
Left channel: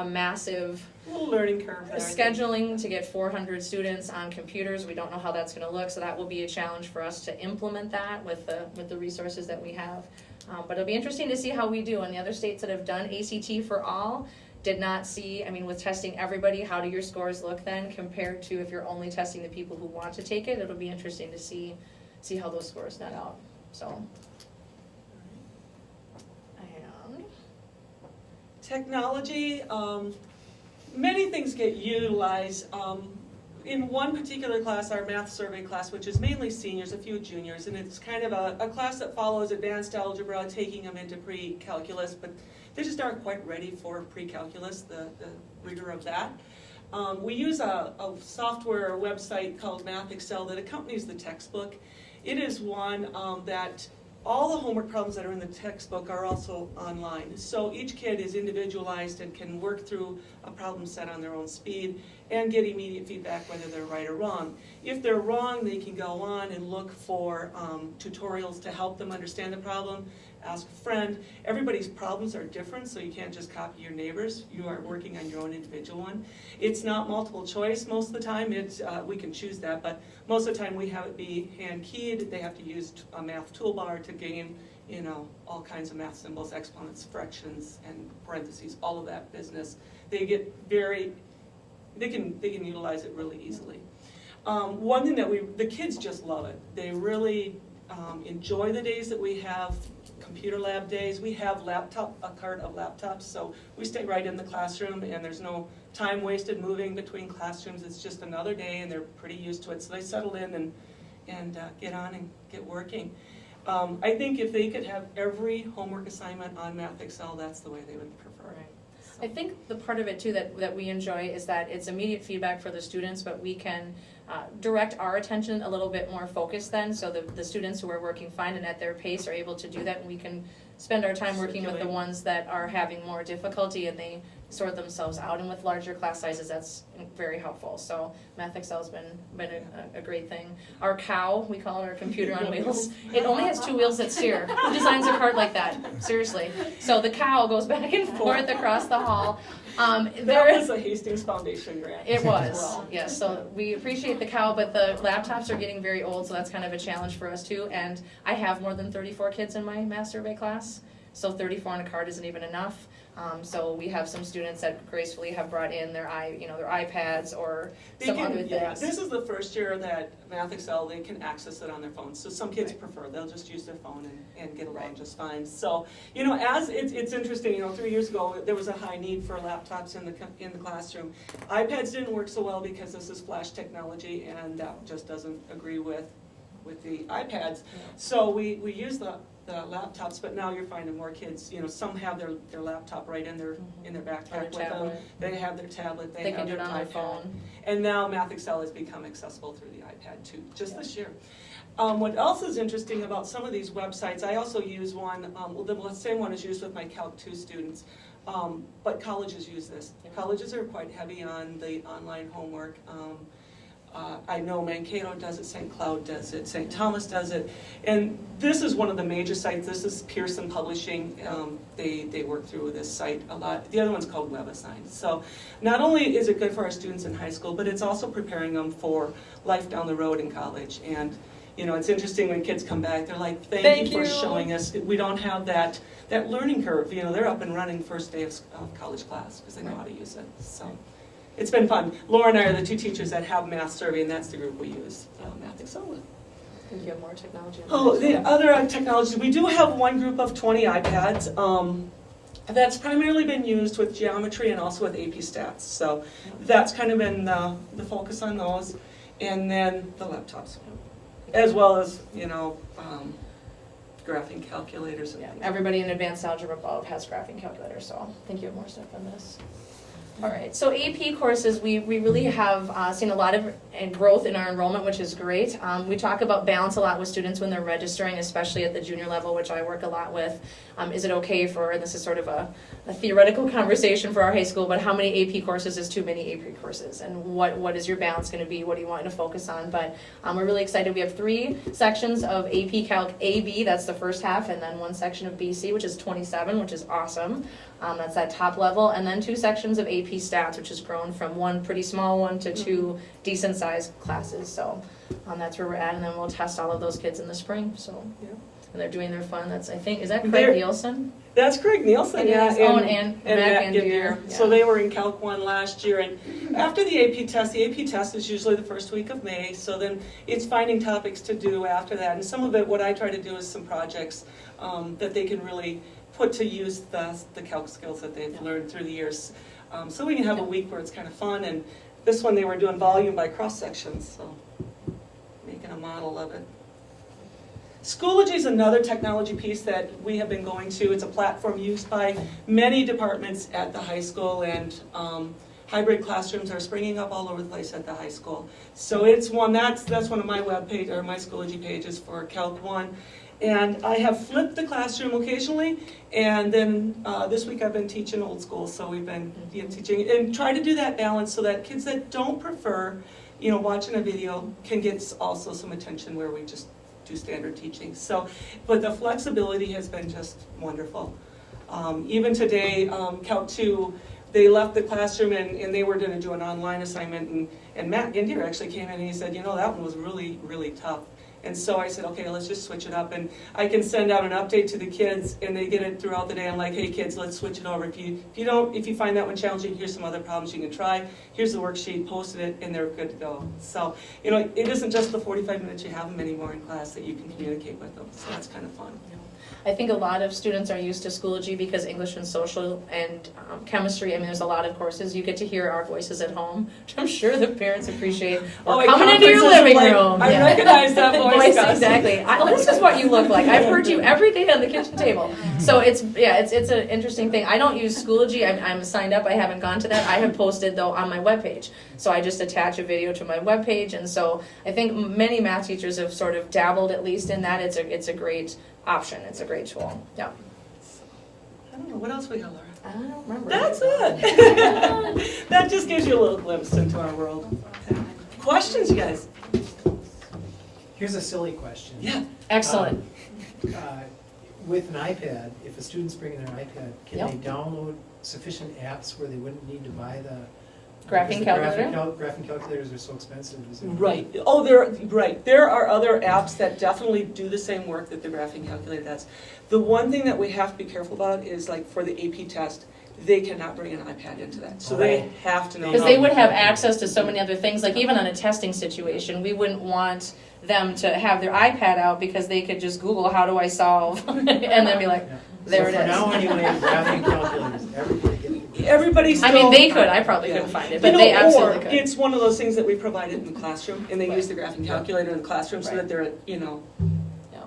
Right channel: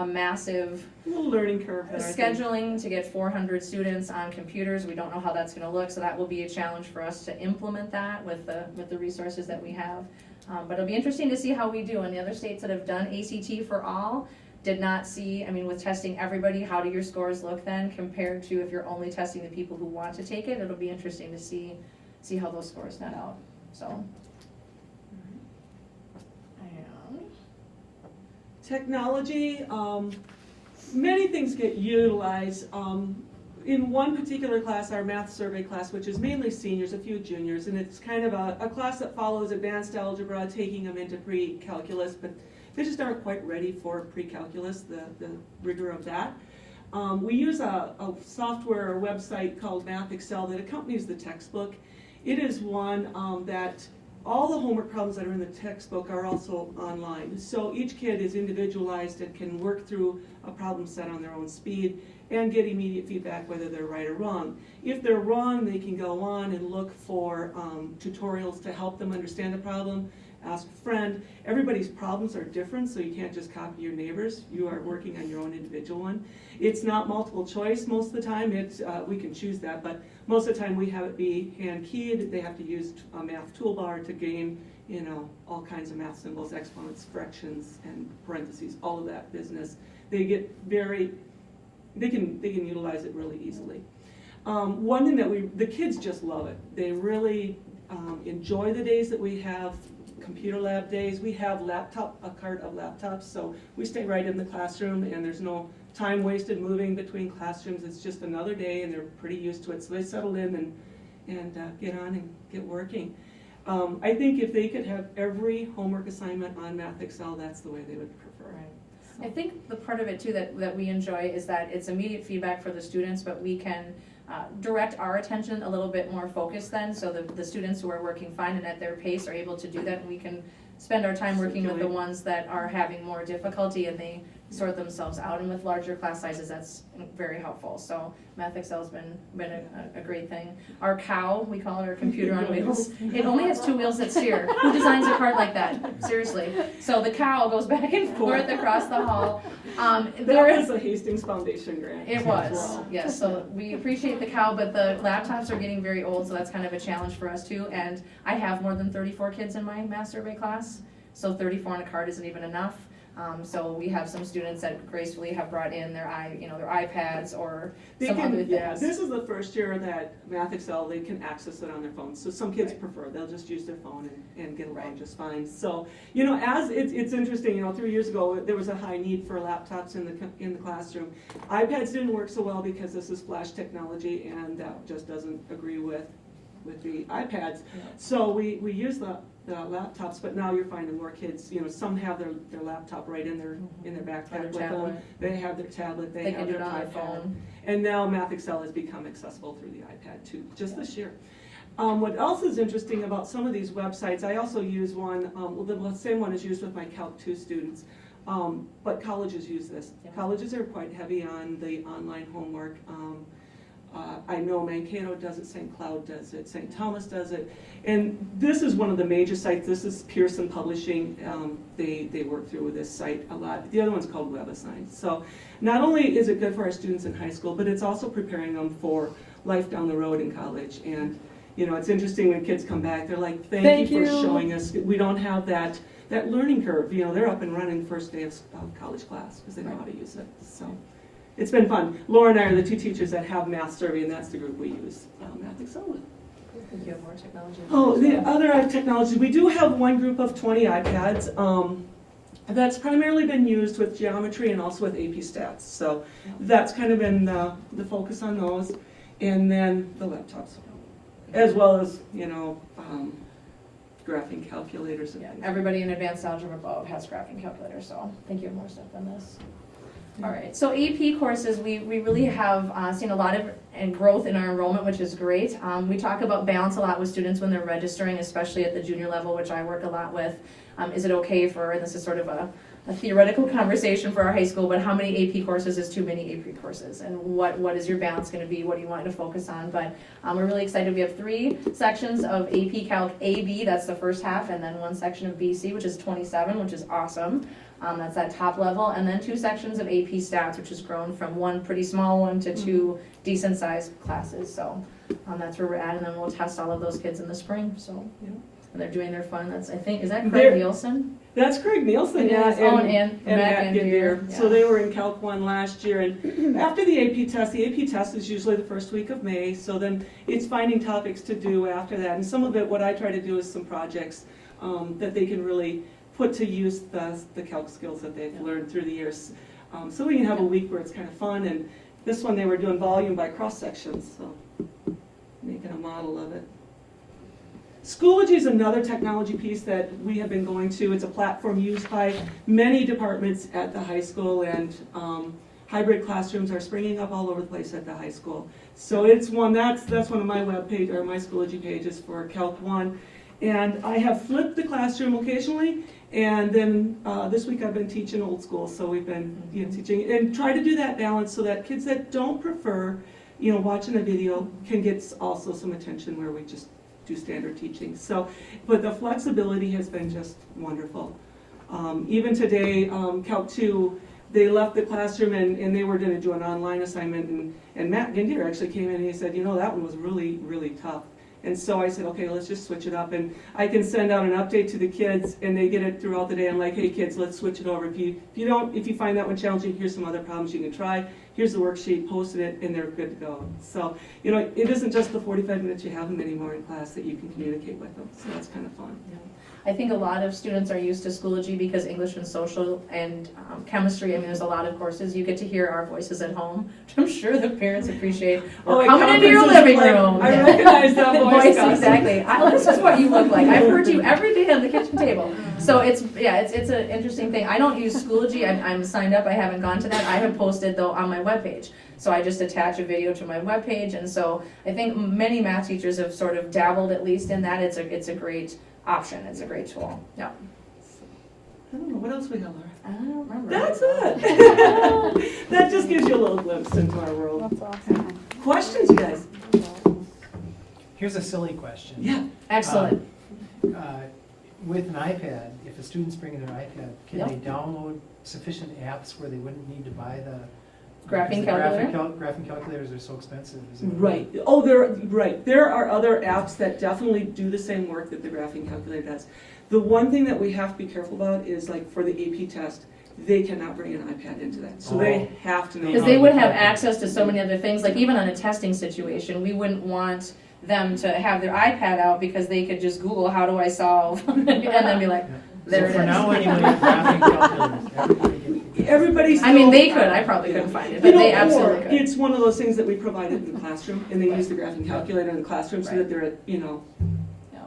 massive A little learning curve there, I think. scheduling to get 400 students on computers. We don't know how that's gonna look, so that will be a challenge for us to implement that with the resources that we have. But it'll be interesting to see how we do. And the other states that have done ACT for all did not see, I mean, with testing everybody, how do your scores look then compared to if you're only testing the people who want to take it? It'll be interesting to see how those scores net out, so. And Technology, many things get utilized. In one particular class, our math survey class, which is mainly seniors, a few juniors, and it's kind of a class that follows advanced algebra, taking them into pre-calculus, but they just aren't quite ready for pre-calculus, the rigor of that. We use a software or website called Math Excel that accompanies the textbook. It is one that all the homework problems that are in the textbook are also online. So each kid is individualized and can work through a problem set on their own speed and get immediate feedback whether they're right or wrong. If they're wrong, they can go on and look for tutorials to help them understand the problem, ask a friend. Everybody's problems are different, so you can't just copy your neighbors. You are working on your own individual one. It's not multiple choice most of the time. It's we can choose that, but most of the time we have it be hand keyed. They have to use a math toolbar to gain, you know, all kinds of math symbols, exponents, fractions, and parentheses, all of that business. They get they can utilize it really easily. One thing that the kids just love it. They really enjoy the days that we have computer lab days. We have a cart of laptops, so we stay right in the classroom and there's no time wasted moving between classrooms. It's just another day and they're pretty used to it, so they settle in and get on and get working. I think if they could have every homework assignment on Math Excel, that's the way they would prefer. Right. I think the part of it too that we enjoy is that it's immediate feedback for the students, but we can direct our attention a little bit more focused then, so the students who are working fine and at their pace are able to do that, and we can spend our time working with the ones that are having more difficulty and they sort themselves out, and with larger class sizes that's very helpful. So Math Excel's been a great thing. Our cow, we call it our computer on wheels. It only has 2 wheels that steer. Who designs a cart like that? Seriously. So the cow goes back and forth across the hall. That was a Hastings Foundation grant. It was, yes. So we appreciate the cow, but the laptops are getting very old, so that's kind of a challenge for us too. And I have more than 34 kids in my math survey class, so 34 on a cart isn't even enough. So we have some students that gracefully have brought in their iPads or some other things. Yeah, this is the first year that Math Excel, they can access it on their phones. So some kids prefer, they'll just use their phone and get along just fine. So, you know, as it's interesting, 3 years ago, there was a high need for laptops in the classroom. iPads didn't work so well because this is flash technology and that just doesn't agree with the iPads. So we use the laptops, but now you're finding more kids, some have their laptop right in their backpack with them. They have their tablet, they They have can do their it on their iPad. phone. And now Math Excel has become accessible through the iPad too, just this year. What else is interesting about some of these websites, I also use one, the same one is used with my Calc 2 students, but colleges use this. Yep. Colleges are quite heavy on the online homework. I know Mankato does it, St. Cloud does it, St. Thomas does it, and this is one of the major sites. This is Pearson Publishing. They work through this site a lot. The other one's called WebAssign. So not only is it good for our students in high school, but it's also preparing them for life down the road in college. And it's interesting when kids come back, they're like, thank you for showing us. We don't have that learning curve. They're up and running first day of college class because they know how to use it. So. It's been fun. Laura and I are the 2 teachers that have Math Survey, and that's the group we use Math Excel with. You have more technology. Oh, the other technologies, we do have one group of 20 iPads. That's primarily been used with geometry and also with AP Stats. So that's kind of been the focus on those. And then the laptops, as well as, graphing calculators. And Yeah, everybody in advanced algebra above has graphing calculators, so I think you have more stuff than this. All right, so AP courses, we really have seen a lot of and growth in our enrollment, which is great. We talk about balance a lot with students when they're registering, especially at the junior level, which I work a lot with. Is it okay for, and this is sort of a theoretical conversation for our high school, but how many AP courses is too many AP courses? And what is your balance going to be? What do you want to focus on? But we're really excited. We have 3 sections of AP Calc AB, that's the first half, and then 1 section of BC, which is 27, which is awesome. That's that top level, and then 2 sections of AP Stats, which has grown from 1 pretty small one to 2 decent sized classes. So that's where we're at, and then we'll test all of those kids in the spring. So Yeah. and they're doing their fun. That's, I think, is that Craig They're- Nielsen? That's Craig Nielsen, It yeah, is. Oh, and Matt Gideon. Gideon, So yeah. they were in Calc 1 last year, and after the AP test is usually the first week of May, so then it's finding topics to do after that. And some of it, what I try to do is some projects that they can really put to use the calc skills that they've learned through the years. So we can have a week where it's kind of fun, and this one they were doing volume by cross sections, so making a model of it. Schoology is another technology piece that we have been going to. It's a platform used by many departments at the high school, and hybrid classrooms are springing up all over the place at the high school. So it's one, that's one of my web page, or my Schoology pages for Calc 1. And I have flipped the classroom occasionally, and then this week I've been teaching old school, so we've been teaching, and try to do that balance so that kids that don't prefer, watching a video can get also some attention where we just do standard teaching. So, but the flexibility has been just wonderful. Even today, Calc 2, they left the classroom and they were going to do an online assignment, and Matt Gindier actually came in and he said, that one was really, really tough. And so I said, okay, let's just switch it up. And I can send out an update to the kids, and they get it throughout the day. I'm like, hey kids, let's switch it over. If you find that one challenging, here's some other problems you can try. Here's the worksheet, posted it, and they're good to go. So, it isn't just the 45 minutes you have them anymore in class that you can communicate with them. So that's kind of fun. I think a lot of students are used to Schoology because English and social and chemistry, there's a lot of courses, you get to hear our voices at home, which I'm sure the parents appreciate. Or at coming into your conferences, living like, room. I recognize that voice. Gus. Exactly. This is what you look like. I've heard you every day on the kitchen table. So it's an interesting thing. I don't use Schoology. I'm signed up. I haven't gone to that. I have posted though on my webpage. So I just attach a video to my webpage, and so I think many math teachers have sort of dabbled at least in that. It's a great option. It's a great tool. Yeah. I don't know, what else we got, Laura? I don't remember. That's it. That just gives you a little glimpse into our world. That's awesome. Questions, you guys? Here's a silly question. Yeah. Excellent. With an iPad, if a student's bringing an iPad, can Yep. they download sufficient apps where they wouldn't need to buy the Graphing because calculator? the graphing calculators are so expensive? Is it- Right. Oh, there are other apps that definitely do the same work that the graphing calculator does. The one thing that we have to be careful about is like for the AP test, they cannot bring an iPad into that. So they have to know. Because how they to would have calculate. access to so many other things, like even on a testing situation, we wouldn't want them to have their iPad out because they could just Google, how do I solve? And then be like, Yeah. there So it for now, is. anyway, graphing calculators, everybody get- Everybody's still. They could, I probably Yeah. couldn't find it, but they or absolutely could. it's one of those things that we provided in the classroom, and they use the graphing calculator in the classroom so Right. that they're, Yeah.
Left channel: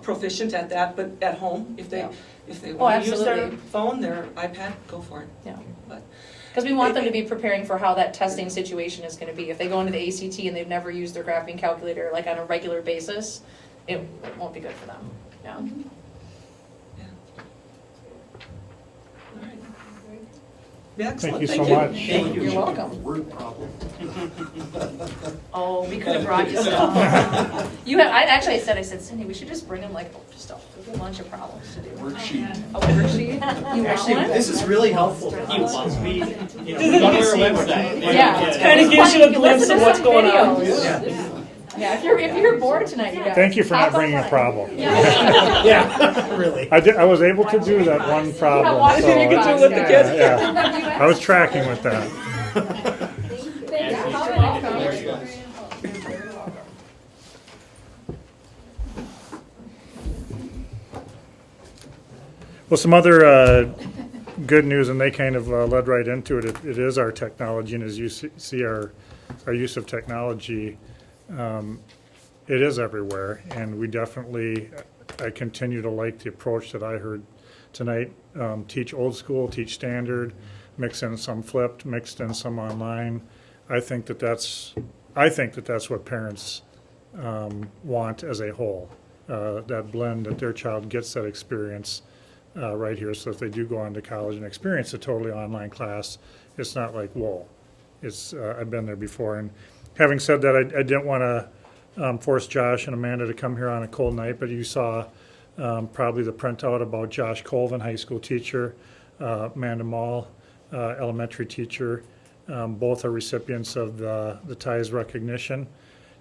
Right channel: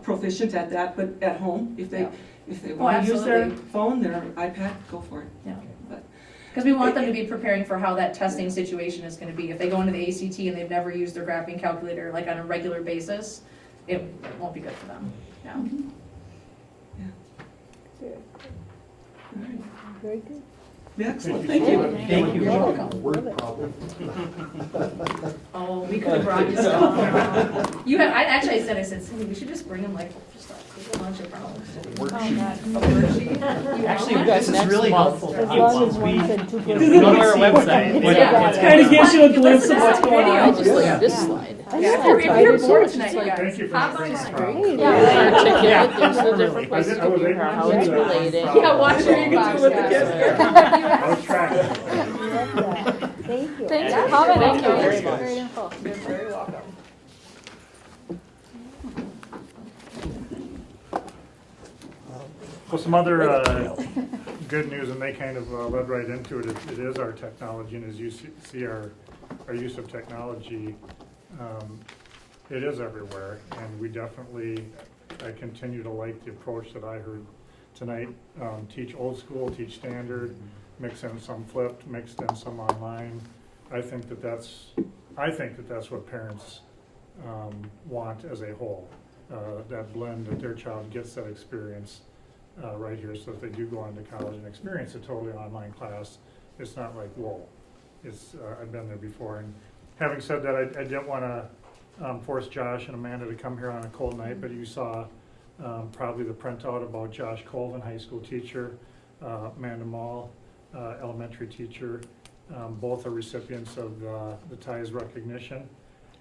proficient at that, but at home, if they Yeah. want to use their absolutely. phone, their iPad, go for it. Yeah. But- Because we want them to be preparing for how that testing situation is gonna be. If they go into the ACT and they've never used their graphing calculator like on a regular basis, it won't be good for them. Yeah. All right. Very good. Yeah, excellent. Thank you so much. Thank you. You're welcome. Word problem. Oh, we could have brought you some. I said, Cindy, we should just bring them like, just a bunch of problems. Worksheet. A worksheet. You want Actually, one? this is really helpful for Well, kids. it's We, one said two you know, Does we it go to make our sense? website. Yeah. It kind of gives you a Listen glimpse to of what's that going on. video. Yeah. This slide. Yeah, if you're bored tonight, you guys. Thank you for not bringing a problem. Yeah. Yeah, really. I was able to do that one problem. watch so- it, you can do it with the kids. Yeah. I was tracking with that. Thank you. Thanks That's for coming. very Very nice. good. Very info. You're very welcome. Well, some other good news, and they kind of led right into it. It is our technology, and as you see our use of technology, it is everywhere, and we definitely, I continue to like the approach that I heard tonight. Teach old school, teach standard, mix in some flipped, mixed in some online. I think that that's I think that that's what parents want as a whole, that blend, that their child gets that experience right here. So if they do go on to college and experience a totally online class, it's not like, whoa, it's, I've been there before. And having said that, I didn't want to force Josh and Amanda to come here on a cold night, but you saw probably the printout about Josh Colvin, high school teacher, Amanda Mall, elementary teacher. Both are recipients of the TIES recognition,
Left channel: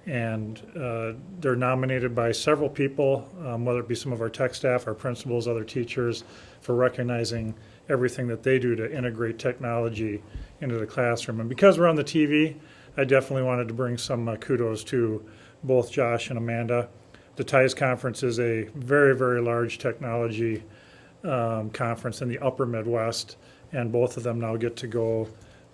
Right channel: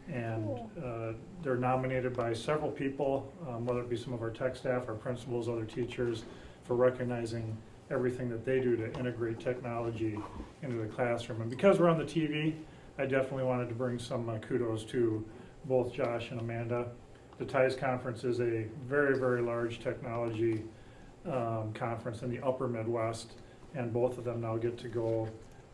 and they're nominated by several people, whether it be some of our tech staff, our principals, other teachers, for recognizing everything that they do to integrate technology into the classroom. And because we're on the TV, I definitely wanted to bring some kudos to both Josh and Amanda. The TIES conference is a very, very large technology conference in the upper Midwest, and both of them now get to go.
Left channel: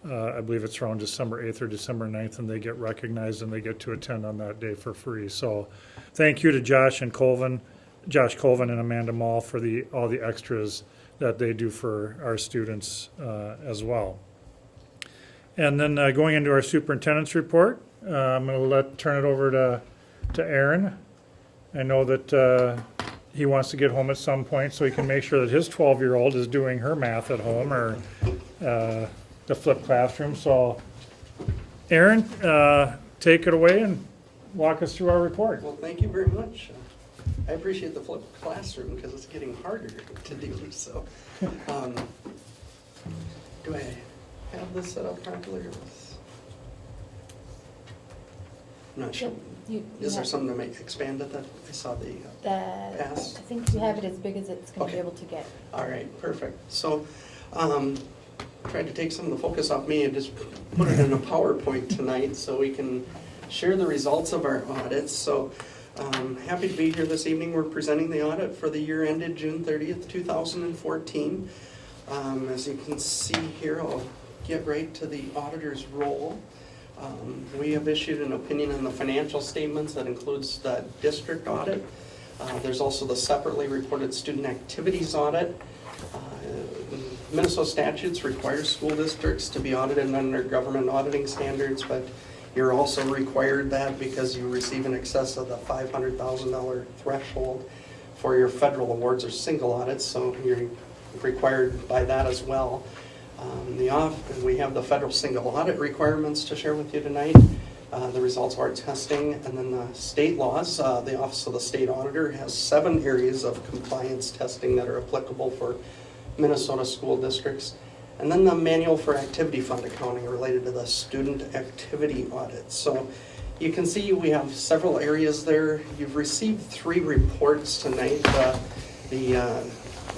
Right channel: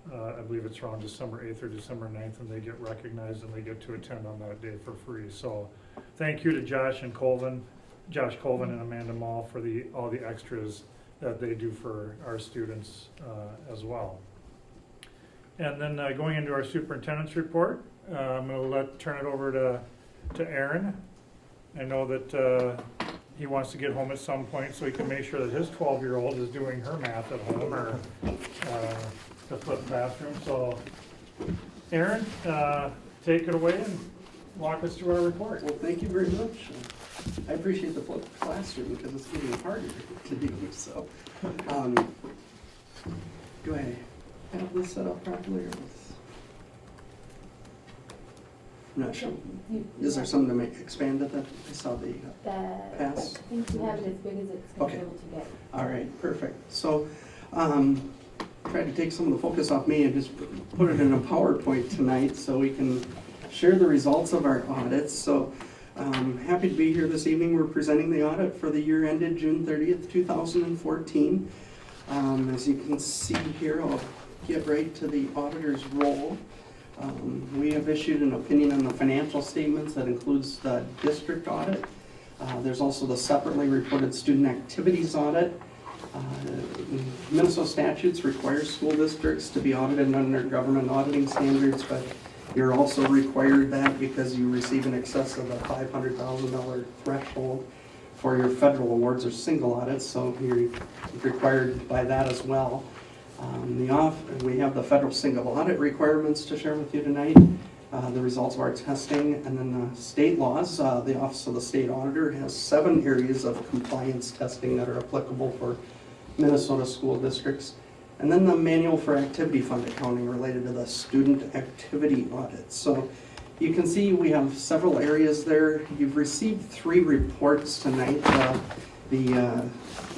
I believe it's around December 8th or December 9th, and they get recognized and they get to attend on that day for free. So thank you to Josh Colvin and Amanda Mall for all the extras that they do for our students as well. And then going into our superintendent's report, I'm going to turn it over to Aaron. I know that he wants to get home at some point so he can make sure that his 12-year-old is doing her math at home, or the flipped classroom. So Aaron, take it away and walk us through our report. Well, thank you very much. I appreciate the flipped classroom because it's getting harder to do. So, do I have this set up properly? I'm not sure. Is there something to expand it that I saw the pass? I think you have it as big as it's going to be able to get. All right, perfect. So, tried to take some of the focus off me and just put it in a PowerPoint tonight so we can share the results of our audits. So, happy to be here this evening. We're presenting the audit for the year ended June 30th, 2014. As you can see here, I'll get right to the auditor's role. We have issued an opinion on the financial statements that includes the district audit. There's also the separately reported student activities audit. Minnesota statutes require school districts to be audited under government auditing standards, but you're also required that because you receive in excess of the $500,000 threshold for your federal awards or single audits, so you're required by that as well. We have the federal single audit requirements to share with you tonight, the results of our testing, and then the state laws. The Office of the State Auditor has 7 areas of compliance testing that are applicable for Minnesota school districts. And then the manual for activity fund accounting related to the student activity audit. So you can see we have several areas there. You've received 3 reports tonight. The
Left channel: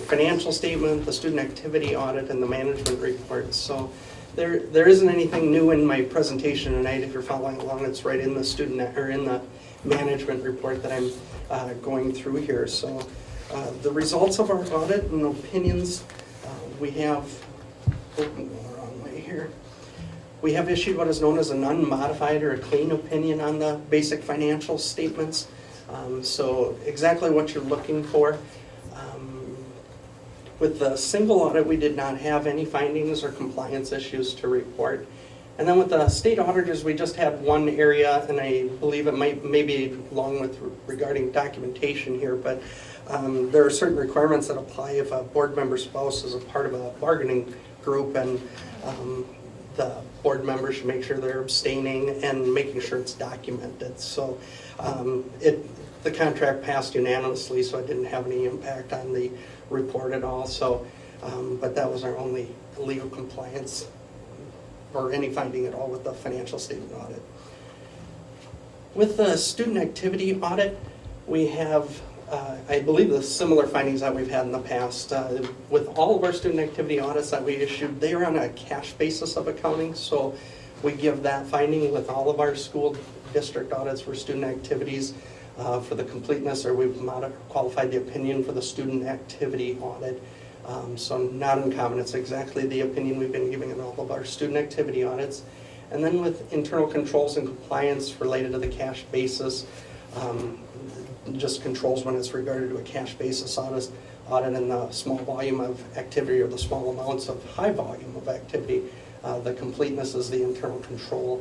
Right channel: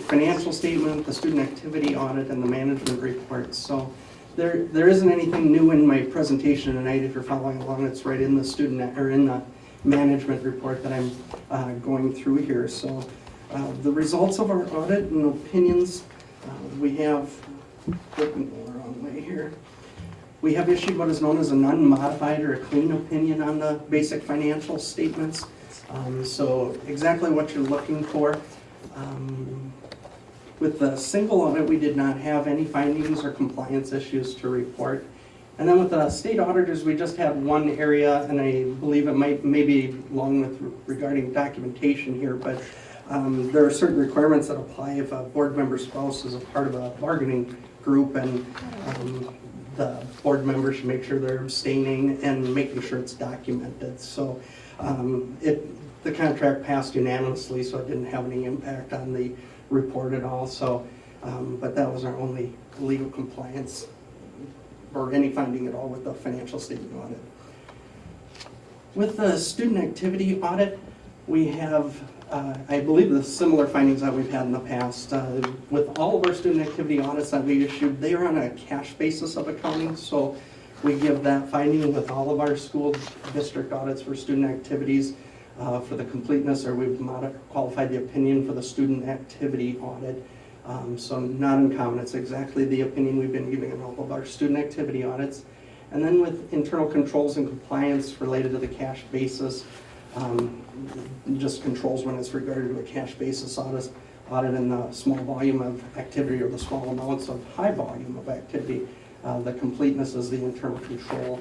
financial statement, the student activity audit, and the management report. So there isn't anything new in my presentation tonight. If you're following along, it's right in the student or in the management report that I'm going through here. So the results of our audit and opinions, we have, looking the wrong way here. We have issued what is known as an unmodified or a clean opinion on the basic financial statements. So exactly what you're looking for. With the single audit, we did not have any findings or compliance issues to report. And then with the state auditors, we just had one area, and I believe it may be along with regarding documentation here, but there are certain requirements that apply if a board member spouse is a part of a bargaining group, and the board member should make sure they're abstaining and making sure it's documented. So the contract passed unanimously, so it didn't have any impact on the report at all. So, but that was our only legal compliance or any finding at all with the financial statement audit. With the student activity audit, we have, I believe, the similar findings that we've had in the past. With all of our student activity audits that we issued, they are on a cash basis of accounting, so we give that finding with all of our school district audits for student activities. For the completeness, or we've qualified the opinion for the student activity audit. So not uncommon, it's exactly the opinion we've been giving in all of our student activity audits. And then with internal controls and compliance related to the cash basis, just controls when it's regarded to a cash basis audit in the small volume of activity or the small amounts of high volume of activity. The completeness is the internal control.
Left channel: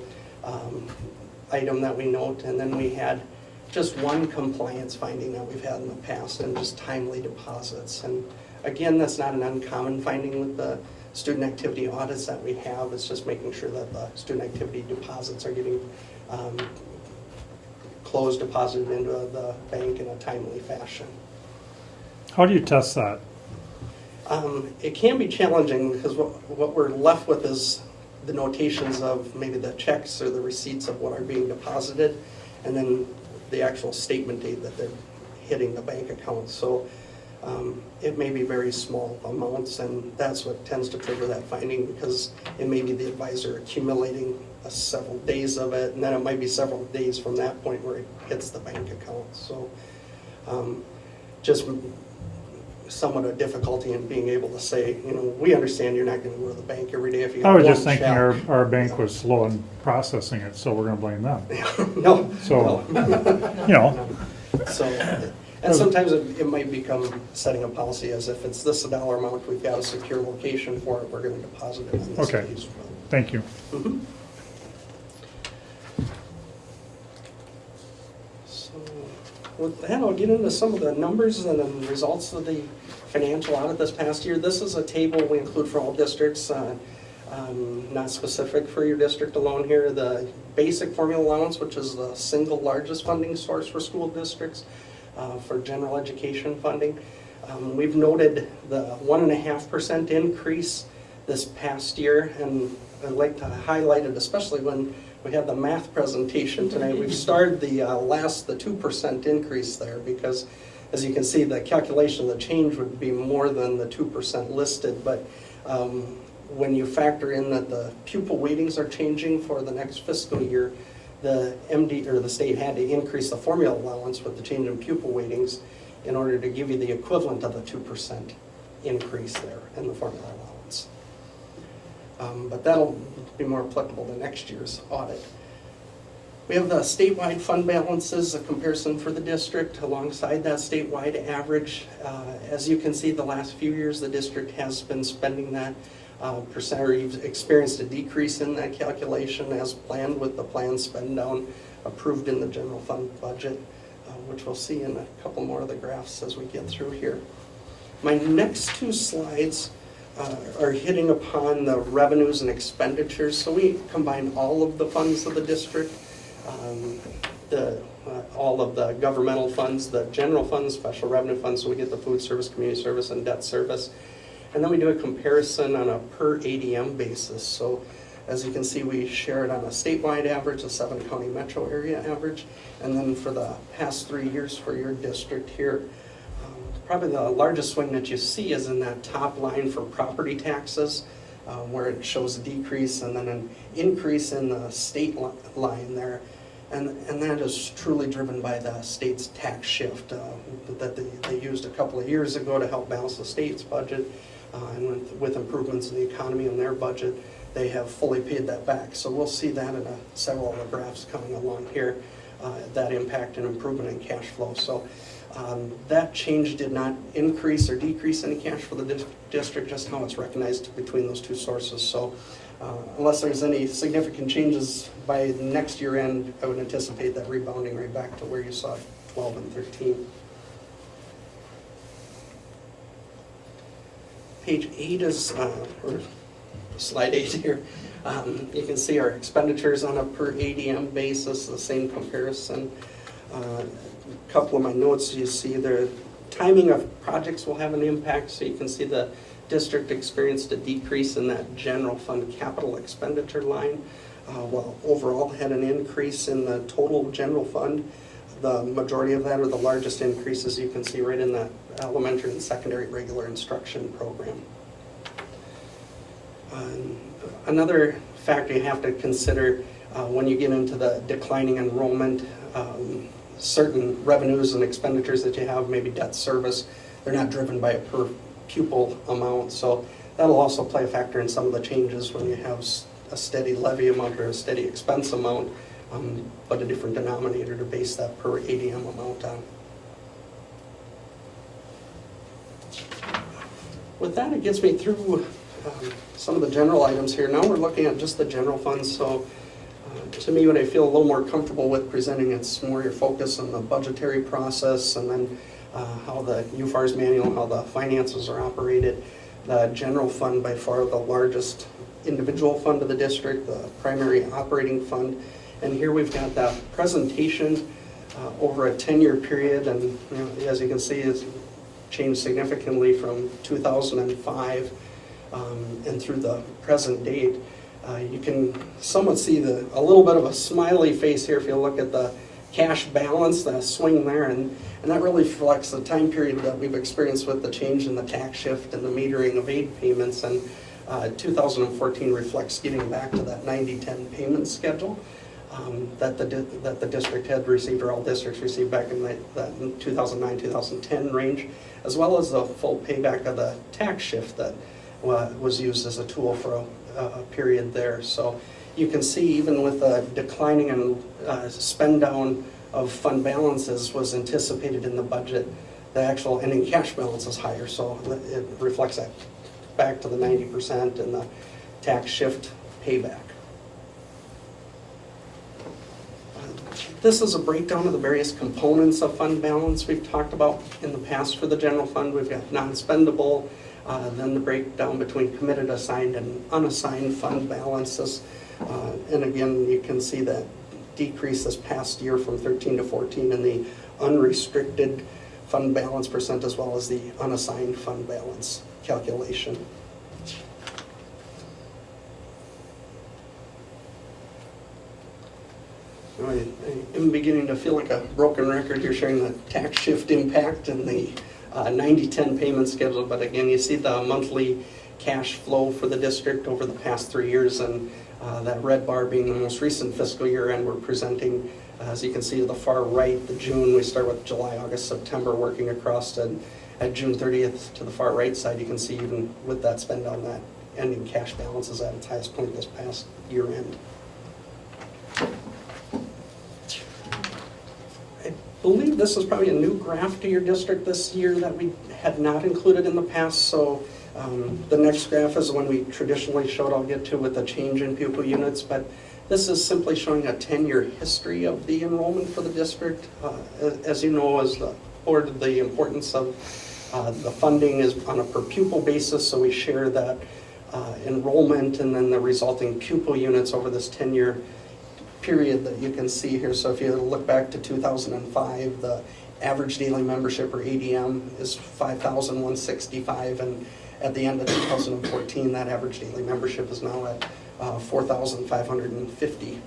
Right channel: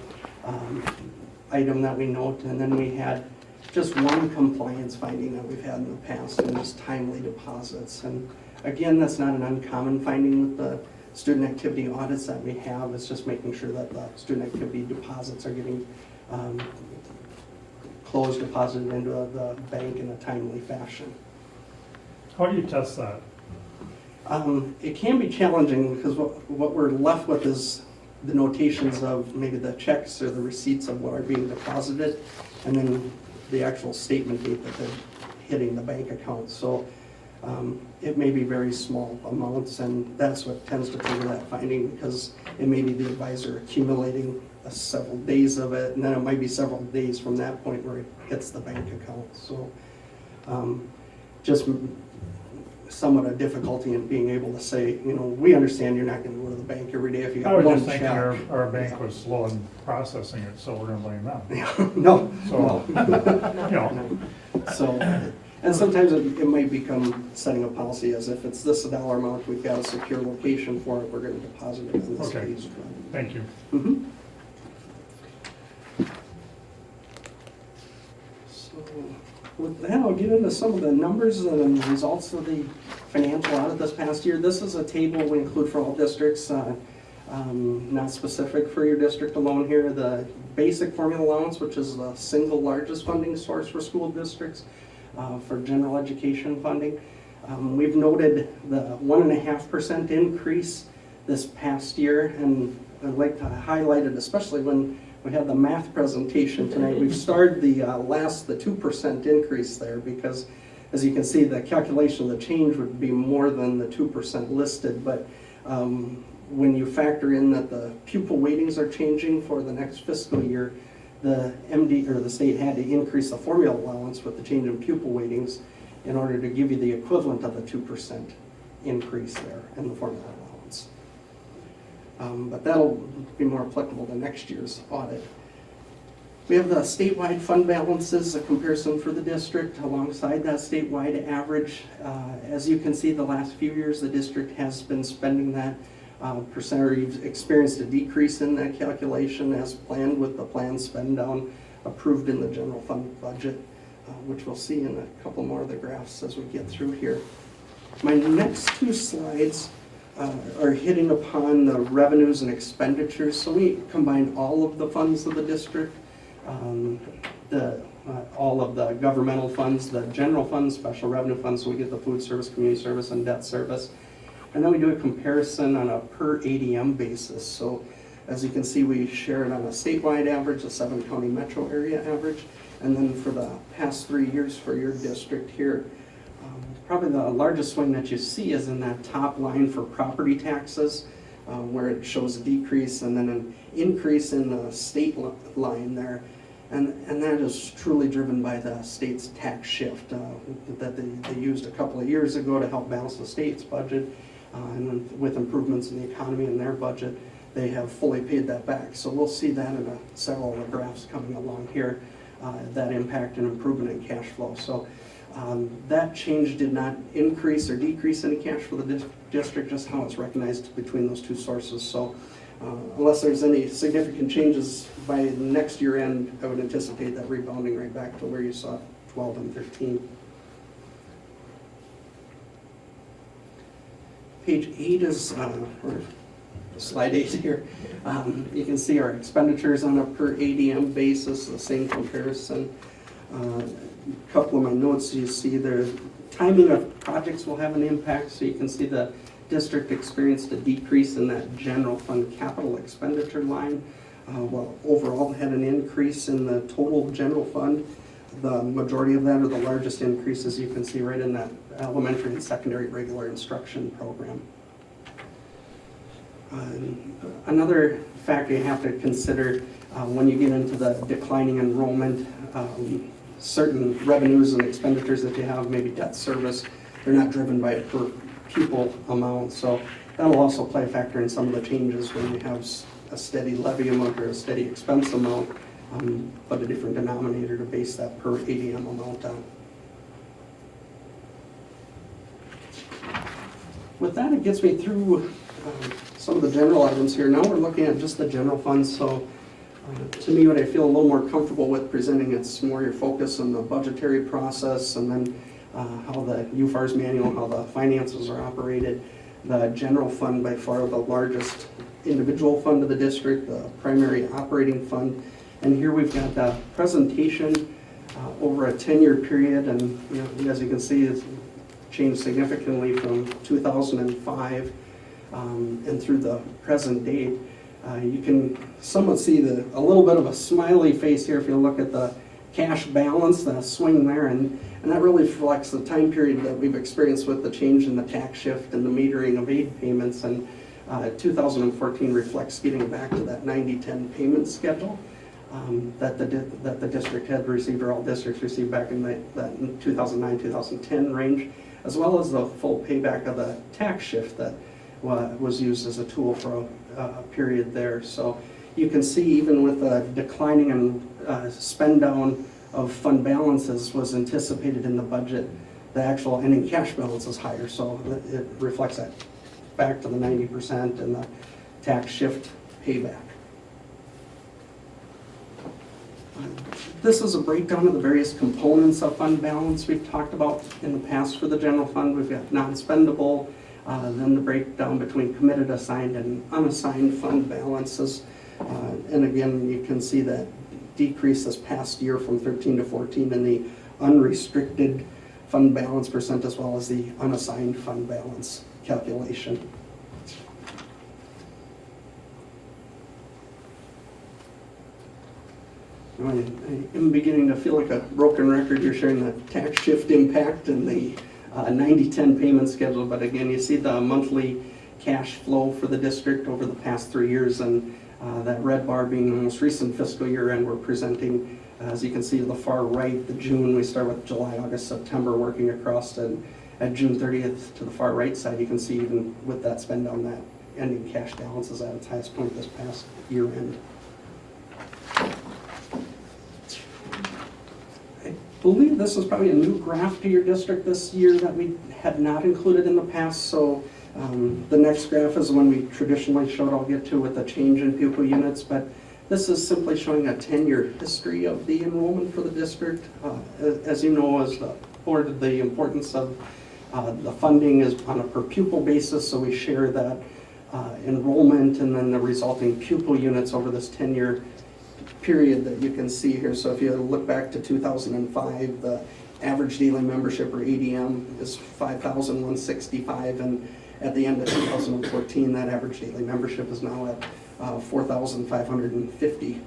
item that we note, and then we had just one compliance finding that we've had in the past, and just timely deposits. And again, that's not an uncommon finding with the student activity audits that we have. It's just making sure that the student activity deposits are getting closed, deposited into the bank in a timely fashion. How do you test that? It can be challenging because what we're left with is the notations of maybe the checks or the receipts of what are being deposited, and then the actual statement date that they're hitting the bank account. So it may be very small amounts, and that's what tends to trigger that finding, because it may be the advisor accumulating several days of it, and then it might be several days from that point where it hits the bank account. So just somewhat a difficulty in being able to say, you know, we understand you're not going to go to the bank every day if you I got was one just thinking check. our bank was slow in processing it, so we're gonna blame them. No. So, no. you know, So, and sometimes it might become setting a policy as if it's this dollar amount, we've got a secure location for it, we're gonna deposit it in this Okay. case. thank you. Mhm. So, with that, I'll get into some of the numbers and the results of the financial audit this past year. This is a table we include for all districts, not specific for your district alone here. The basic formula allowance, which is the single largest funding source for school districts for general education funding. We've noted the 1.5% increase this past year, and I'd like to highlight it, especially when we have the math presentation tonight. We've starred the 2% increase there, because as you can see, the calculation of the change would be more than the 2% listed, but when you factor in that the pupil weightings are changing for the next fiscal year, the MD or the state had to increase the formula allowance with the change in pupil weightings in order to give you the equivalent of the 2% increase there in the formula allowance. But that'll be more applicable to next year's audit. We have the statewide fund balances, a comparison for the district alongside that statewide average. As you can see, the last few years, the district has been spending that percent, or you've experienced a decrease in that calculation as planned with the planned spend down approved in the general fund budget, which we'll see in a couple more of the graphs as we get through here. My next two slides are hitting upon the revenues and expenditures. So we combined all of the funds of the district, all of the governmental funds, the general funds, special revenue funds, so we get the food service, community service, and debt service. And then we do a comparison on a per ADM basis. So as you can see, we share it on a statewide average, a 7-county metro area average, and then for the past 3 years for your district here. Probably the largest swing that you see is in that top line for property taxes, where it shows a decrease and then an increase in the state line there. And that is truly driven by the state's tax shift that they used a couple of years ago to help balance the state's budget. And with improvements in the economy and their budget, they have fully paid that back. So we'll see that in several of the graphs coming along here, that impact and improvement in cash flow. So that change did not increase or decrease any cash for the district, just how it's recognized between those two sources. So unless there's any significant changes by next year end, I would anticipate that rebounding right back to where you saw 12 and 13. Page 8 is, or slide 8 here, you can see our expenditures on a per ADM basis, the same comparison. A couple of my notes, you see the timing of projects will have an impact, so you can see the district experienced a decrease in that general fund capital expenditure line, while overall had an increase in the total general fund. The majority of that, or the largest increases, you can see right in that elementary and secondary regular instruction program. Another factor you have to consider when you get into the declining enrollment, certain revenues and expenditures that you have, maybe debt service, they're not driven by a per pupil amount. So that'll also play a factor in some of the changes when you have a steady levy amount or a steady expense amount, but a different denominator to base that per ADM amount on. With that, it gets me through some of the general items here. Now we're looking at just the general funds. So To me, what I feel a little more comfortable with presenting, it's more your focus on the budgetary process and then how the UFAR's manual, how the finances are operated. The general fund, by far the largest individual fund of the district, the primary operating fund. And here we've got that presentation over a 10-year period, and as you can see, it's changed significantly from 2005 and through the present date. You can somewhat see a little bit of a smiley face here if you look at the cash balance, the swing there, and that really reflects the time period that we've experienced with the change in the tax shift and the metering of aid payments, and 2014 reflects getting back to that 90-10 payment schedule that the district had received, or all districts received back in that 2009-2010 range, as well as the full payback of the tax shift that was used as a tool for a period there. So you can see even with the declining and spend down of fund balances was anticipated in the budget, the actual ending cash balance is higher, so it reflects that back to the 90% and the tax shift payback. This is a breakdown of the various components of fund balance we've talked about in the past for the general fund. We've got non-spendable, then the breakdown between committed, assigned, and unassigned fund balances. And again, you can see that decrease this past year from 13 to 14 in the unrestricted fund balance percent, as well as the unassigned fund balance calculation. I'm beginning to feel like a broken record here sharing the tax shift impact and the 90-10 payment schedule, but again, you see the monthly cash flow for the district over the past 3 years, and that red bar being the most recent fiscal year, and we're presenting, as you can see to the far right, the June, we start with July, August, September, working across, and at June 30th to the far right side, you can see even with that spend on that ending cash balance is at its highest point this past year end. I believe this is probably a new graph to your district this year that we had not included in the past, so the next graph is the one we traditionally showed, I'll get to with the change in pupil units, but this is simply showing a 10-year history of the enrollment for the district. As you know, as the board, the importance of the funding is on a per pupil basis, so we share that enrollment and then the resulting pupil units over this 10-year period that you can see here. So if you look back to 2005, the average daily membership, or ADM, is 5,165, and at the end of 2014, that average daily membership is now at 4,550.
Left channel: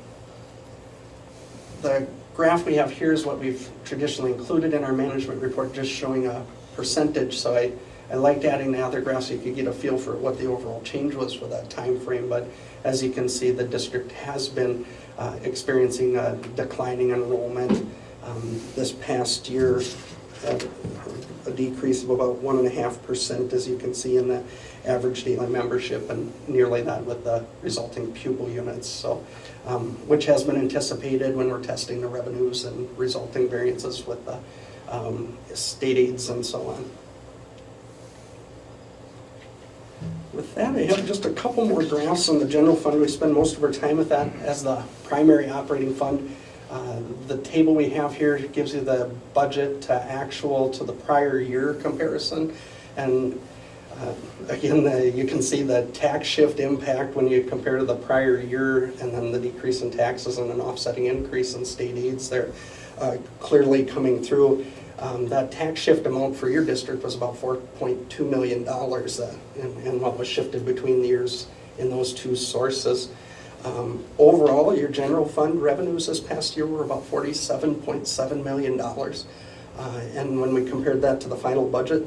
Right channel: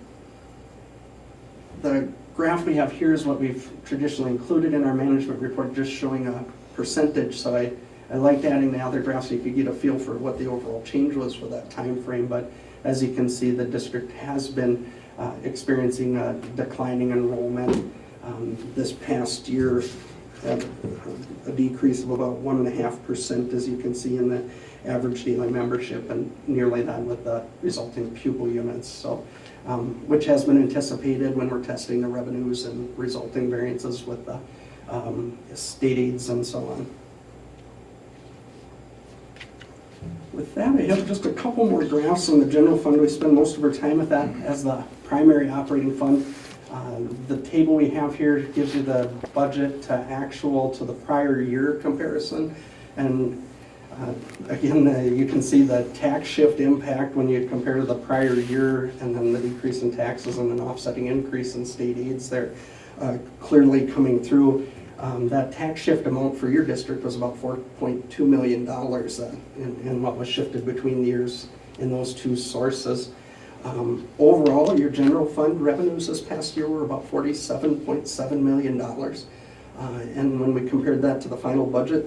The graph we have here is what we've traditionally included in our management report, just showing a percentage. So I liked adding the other graphs so you could get a feel for what the overall change was for that time frame. But as you can see, the district has been experiencing a declining enrollment. This past year, a decrease of about 1.5%, as you can see in the average daily membership, and nearly that with the resulting pupil units. So, which has been anticipated when we're testing the revenues and resulting variances with the state aids and so on. With that, I have just a couple more graphs on the general fund. We spend most of our time with that as the primary operating fund. The table we have here gives you the budget to actual to the prior year comparison. And again, you can see the tax shift impact when you compare to the prior year, and then the decrease in taxes and an offsetting increase in state aids there clearly coming through. That tax shift amount for your district was about $4.2 million and what was shifted between the years in those two sources. Overall, your general fund revenues this past year were about $47.7 million. And when we compared that to the final budget,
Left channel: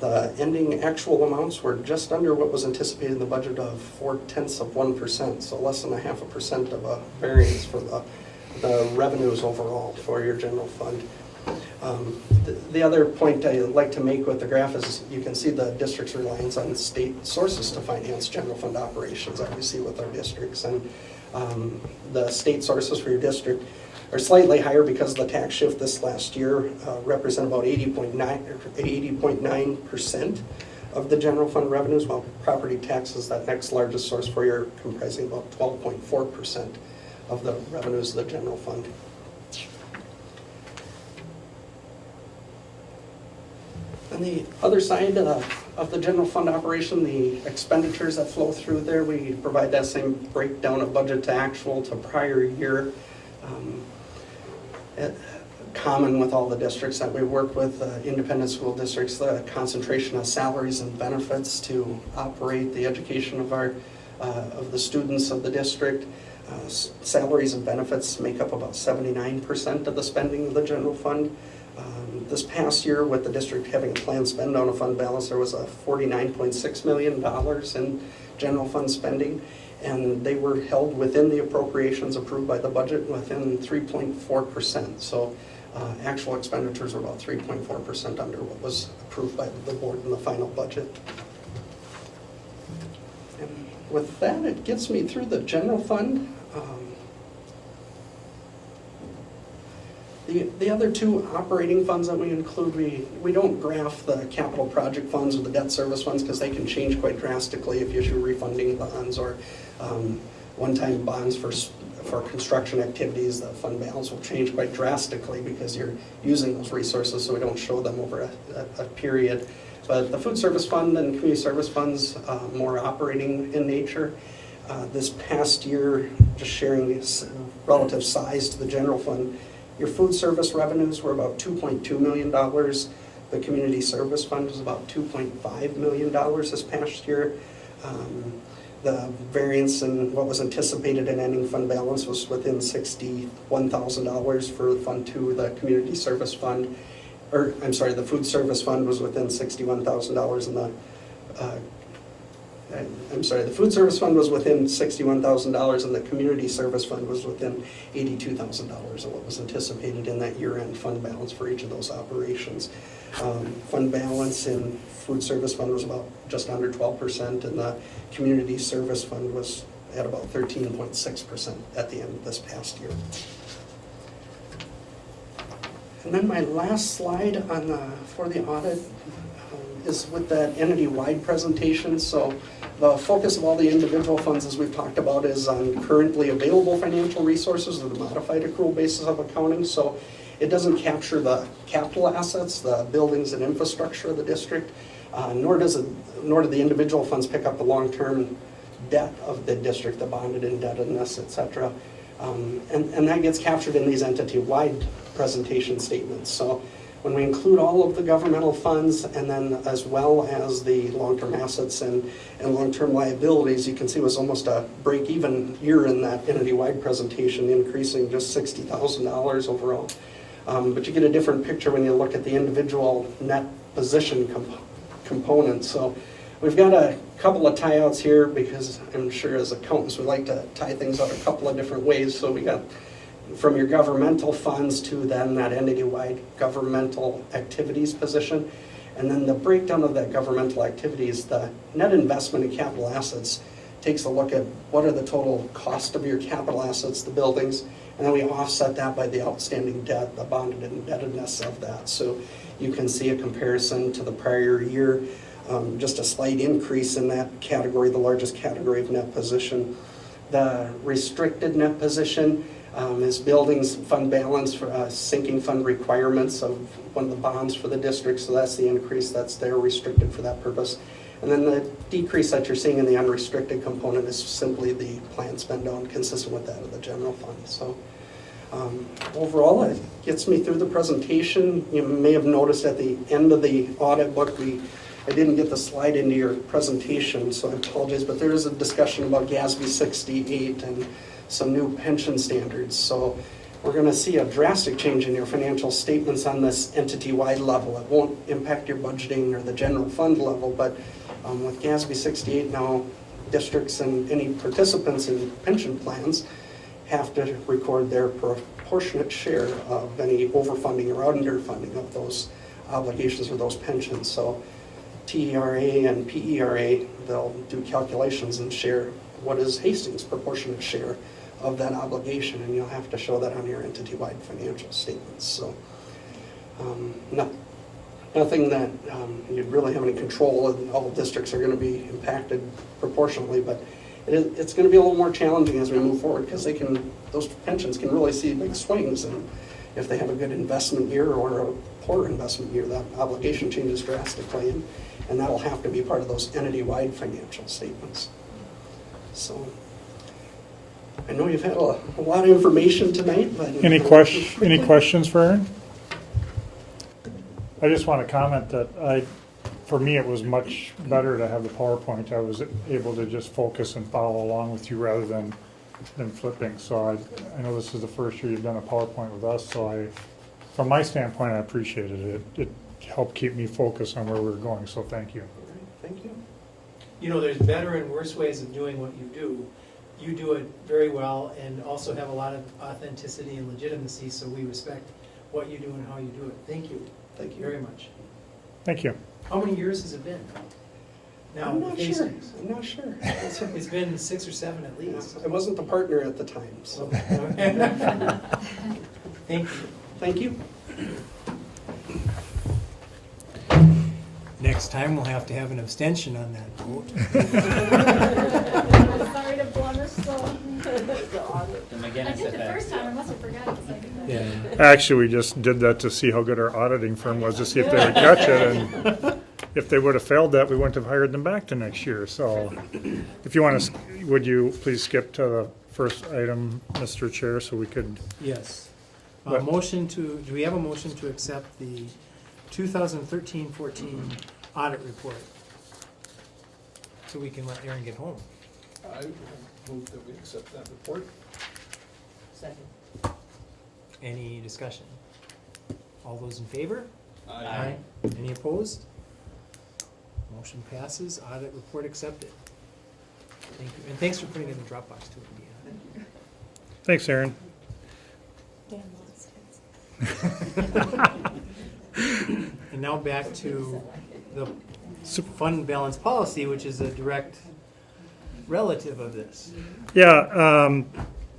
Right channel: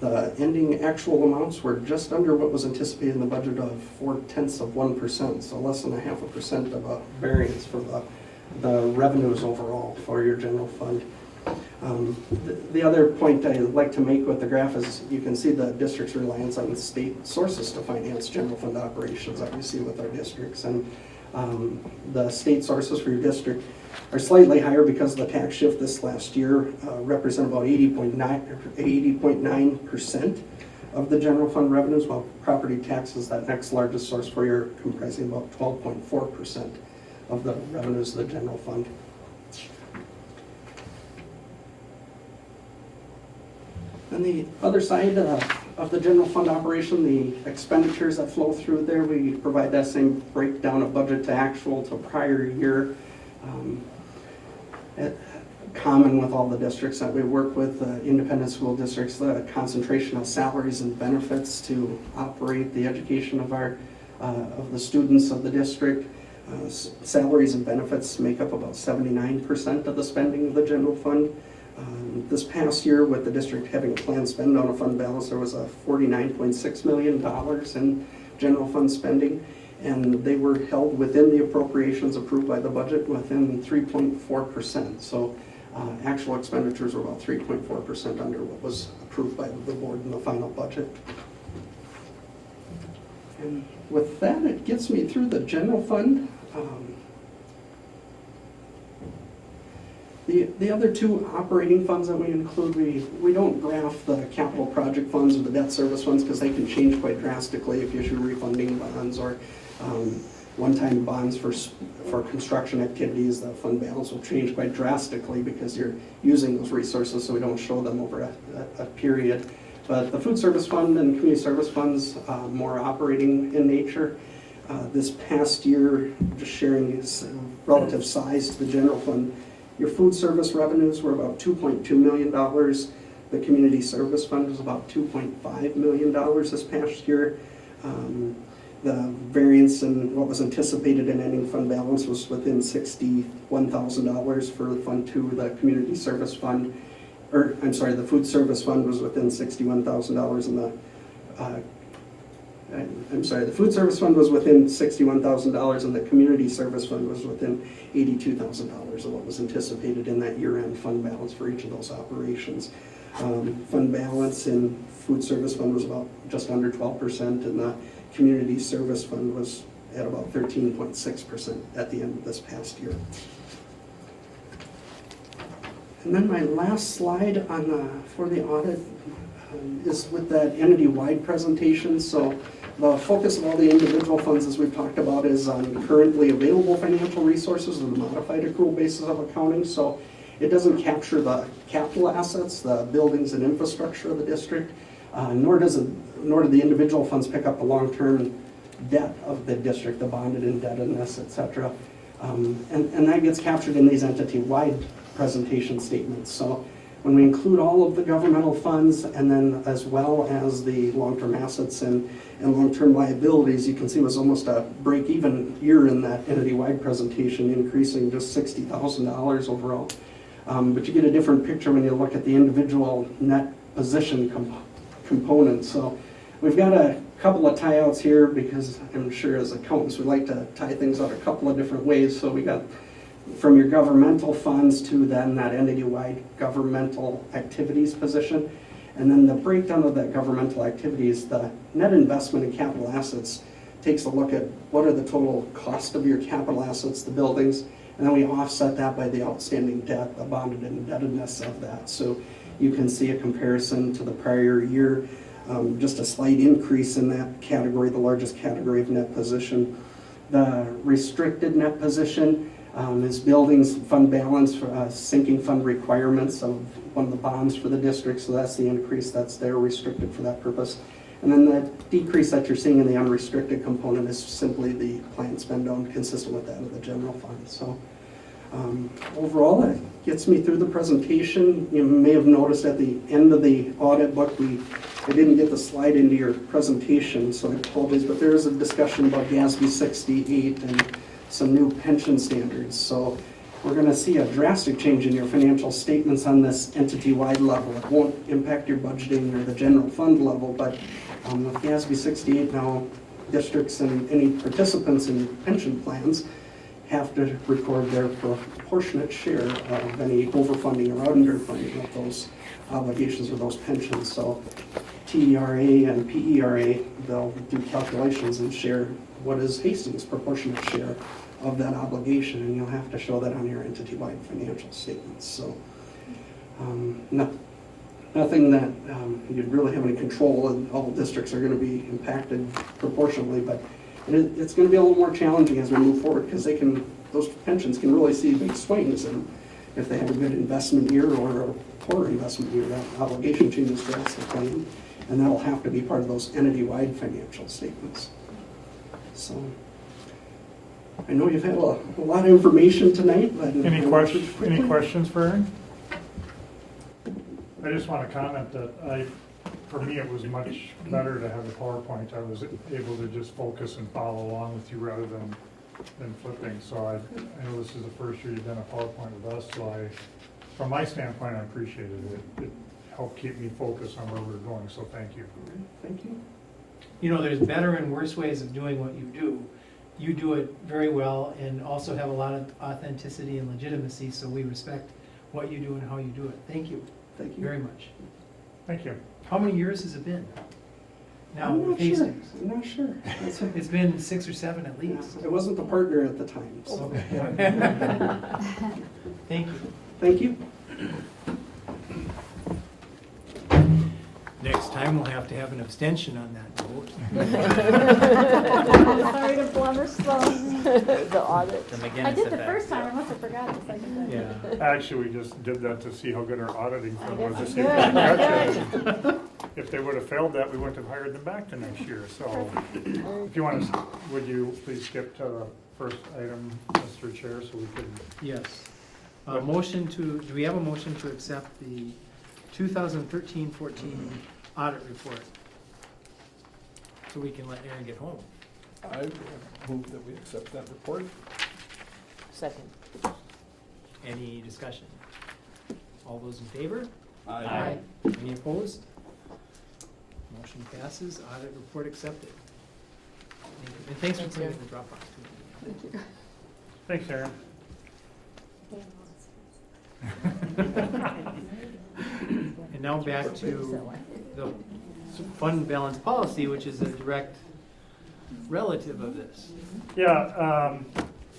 the ending actual amounts were just under what was anticipated in the budget of 0.4%, so less than 0.5% of a variance for the revenues overall for your general fund. The other point I like to make with the graph is you can see the district's reliance on state sources to finance general fund operations, obviously with our districts. And the state sources for your district are slightly higher because the tax shift this last year represent about 80.9% of the general fund revenues, while property taxes, that next largest source for you, are comprising about 12.4% of the revenues of the general fund. On the other side of the general fund operation, the expenditures that flow through there, we provide that same breakdown of budget to actual to prior year. Common with all the districts that we work with, independent school districts, the concentration of salaries and benefits to operate the education of of the students of the district. Salaries and benefits make up about 79% of the spending of the general fund. This past year, with the district having a planned spend on a fund balance, there was a $49.6 million in general fund spending, and they were held within the appropriations approved by the budget within 3.4%. So actual expenditures were about 3.4% under what was approved by the board in the final budget. And with that, it gets me through the fund. The other two operating funds that we include, we don't graph the capital project funds or the debt service funds because they can change quite drastically if you issue refunding bonds or one-time bonds for construction activities. The fund balance will change quite drastically because you're using those resources, so we don't show them over a period. But the food service fund and community service funds, more operating in nature. This past year, just sharing relative size to the general fund, your food service revenues were about $2.2 million. The community service fund was about $2.5 million this past year. The variance in what was anticipated in ending fund balance was within $61,000 for Fund 2, the community service fund, or I'm sorry, the food service fund was within $61,000 and the food service fund was within $61,000 and the community service fund was within $82,000 of what was anticipated in that year-end fund balance for each of those operations. Fund balance in food service fund was about just under 12%, and the community service fund was at about 13.6% at the end of this past year. And then my last slide for the audit is with that entity-wide presentation. So the focus of all the individual funds, as we've talked about, is on currently available financial resources or the modified accrual basis of accounting. So it doesn't capture the capital assets, the buildings and infrastructure of the district, nor do the individual funds pick up the long-term debt of the district, the bonded indebtedness, et cetera. And that gets captured in these entity-wide presentation statements. So when we include all of the governmental funds and then as well as the long-term assets and long-term liabilities, you can see it was almost a break-even year in that entity-wide presentation, increasing just $60,000 overall. But you get a different picture when you look at the individual net position components. So we've got a couple of tie-outs here because I'm sure as accountants we like to tie things out a couple of different ways. So we got from your governmental funds to then that entity-wide governmental activities position. And then the breakdown of that governmental activities, the net investment in capital assets takes a look at what are the total cost of your capital assets, the buildings, and then we offset that by the outstanding debt, the bonded indebtedness of that. So you can see a comparison to the prior year, just a slight increase in that category, the largest category of net position. The restricted net position is buildings fund balance for sinking fund requirements of one of the bonds for the district, so that's the increase that's there, restricted for that purpose. And then the decrease that you're seeing in the unrestricted component is simply the planned spend down consistent with that of the general fund. So overall, it gets me through the presentation. You may have noticed at the end of the audit book, I didn't get the slide into your presentation, so I apologize, but there is a discussion about GASB 68 and some new pension standards. So we're going to see a drastic change in your financial statements on this entity-wide level. It won't impact your budgeting or the general fund level, but with GASB 68 now, districts and any participants in pension plans have to record their proportionate share of any overfunding or underfunding of those obligations or those pensions. So TERA and PERA, they'll do calculations and share what is Hastings' proportionate share of that obligation, and you'll have to show that on your entity-wide financial statements. So nothing that you'd really have any control, and all districts are going to be impacted proportionally, but it's going to be a little more challenging as we move forward because they can those pensions can really see big swings, and if they have a good investment year or a poor investment year, that obligation changes drastically, and that'll have to be part of those entity-wide financial statements. So, I know you've had a lot of information tonight, but. Any questions for Aaron? I just want to comment that for me, it was much better to have the PowerPoint. I was able to just focus and follow along with you rather than flipping. So I know this is the first year you've done a PowerPoint with us, so from my standpoint, I appreciated it. It helped keep me focused on where we were going, so thank you. Thank you. You know, there's better and worse ways of doing what you do. You do it very well and also have a lot of authenticity and legitimacy, so we respect what you do and how you do it. Thank you. Thank you. Very much. Thank you. How many years has it been? Now, I'm not sure. Hastings. I'm not sure. It's been 6 or 7 at least. I wasn't the partner at the time, so. Thank you. Thank you. Next time, we'll have to have an abstention on that vote. Sorry to blemish the audit. I did the first time, I must have forgotten the second time. Yeah. Actually, we just did that to see how good our auditing firm was, to see if they would catch it. And if they would have failed that, we wouldn't have hired them back to next year. So if you want to, would you please skip to the first item, Mr. Chair, so we could. Yes. What? Do we have a motion to accept the 2013-14 audit report? So we can let Aaron get home. I move that we accept that report. Second. Any discussion? All those in favor? Aye. Any opposed? Motion passes, audit report accepted. Thank you, and thanks for putting it in the Dropbox too. Thank you. Thanks, Aaron. Damn, those kids. And now back to the fund balance policy, which is a direct relative of this. Yeah,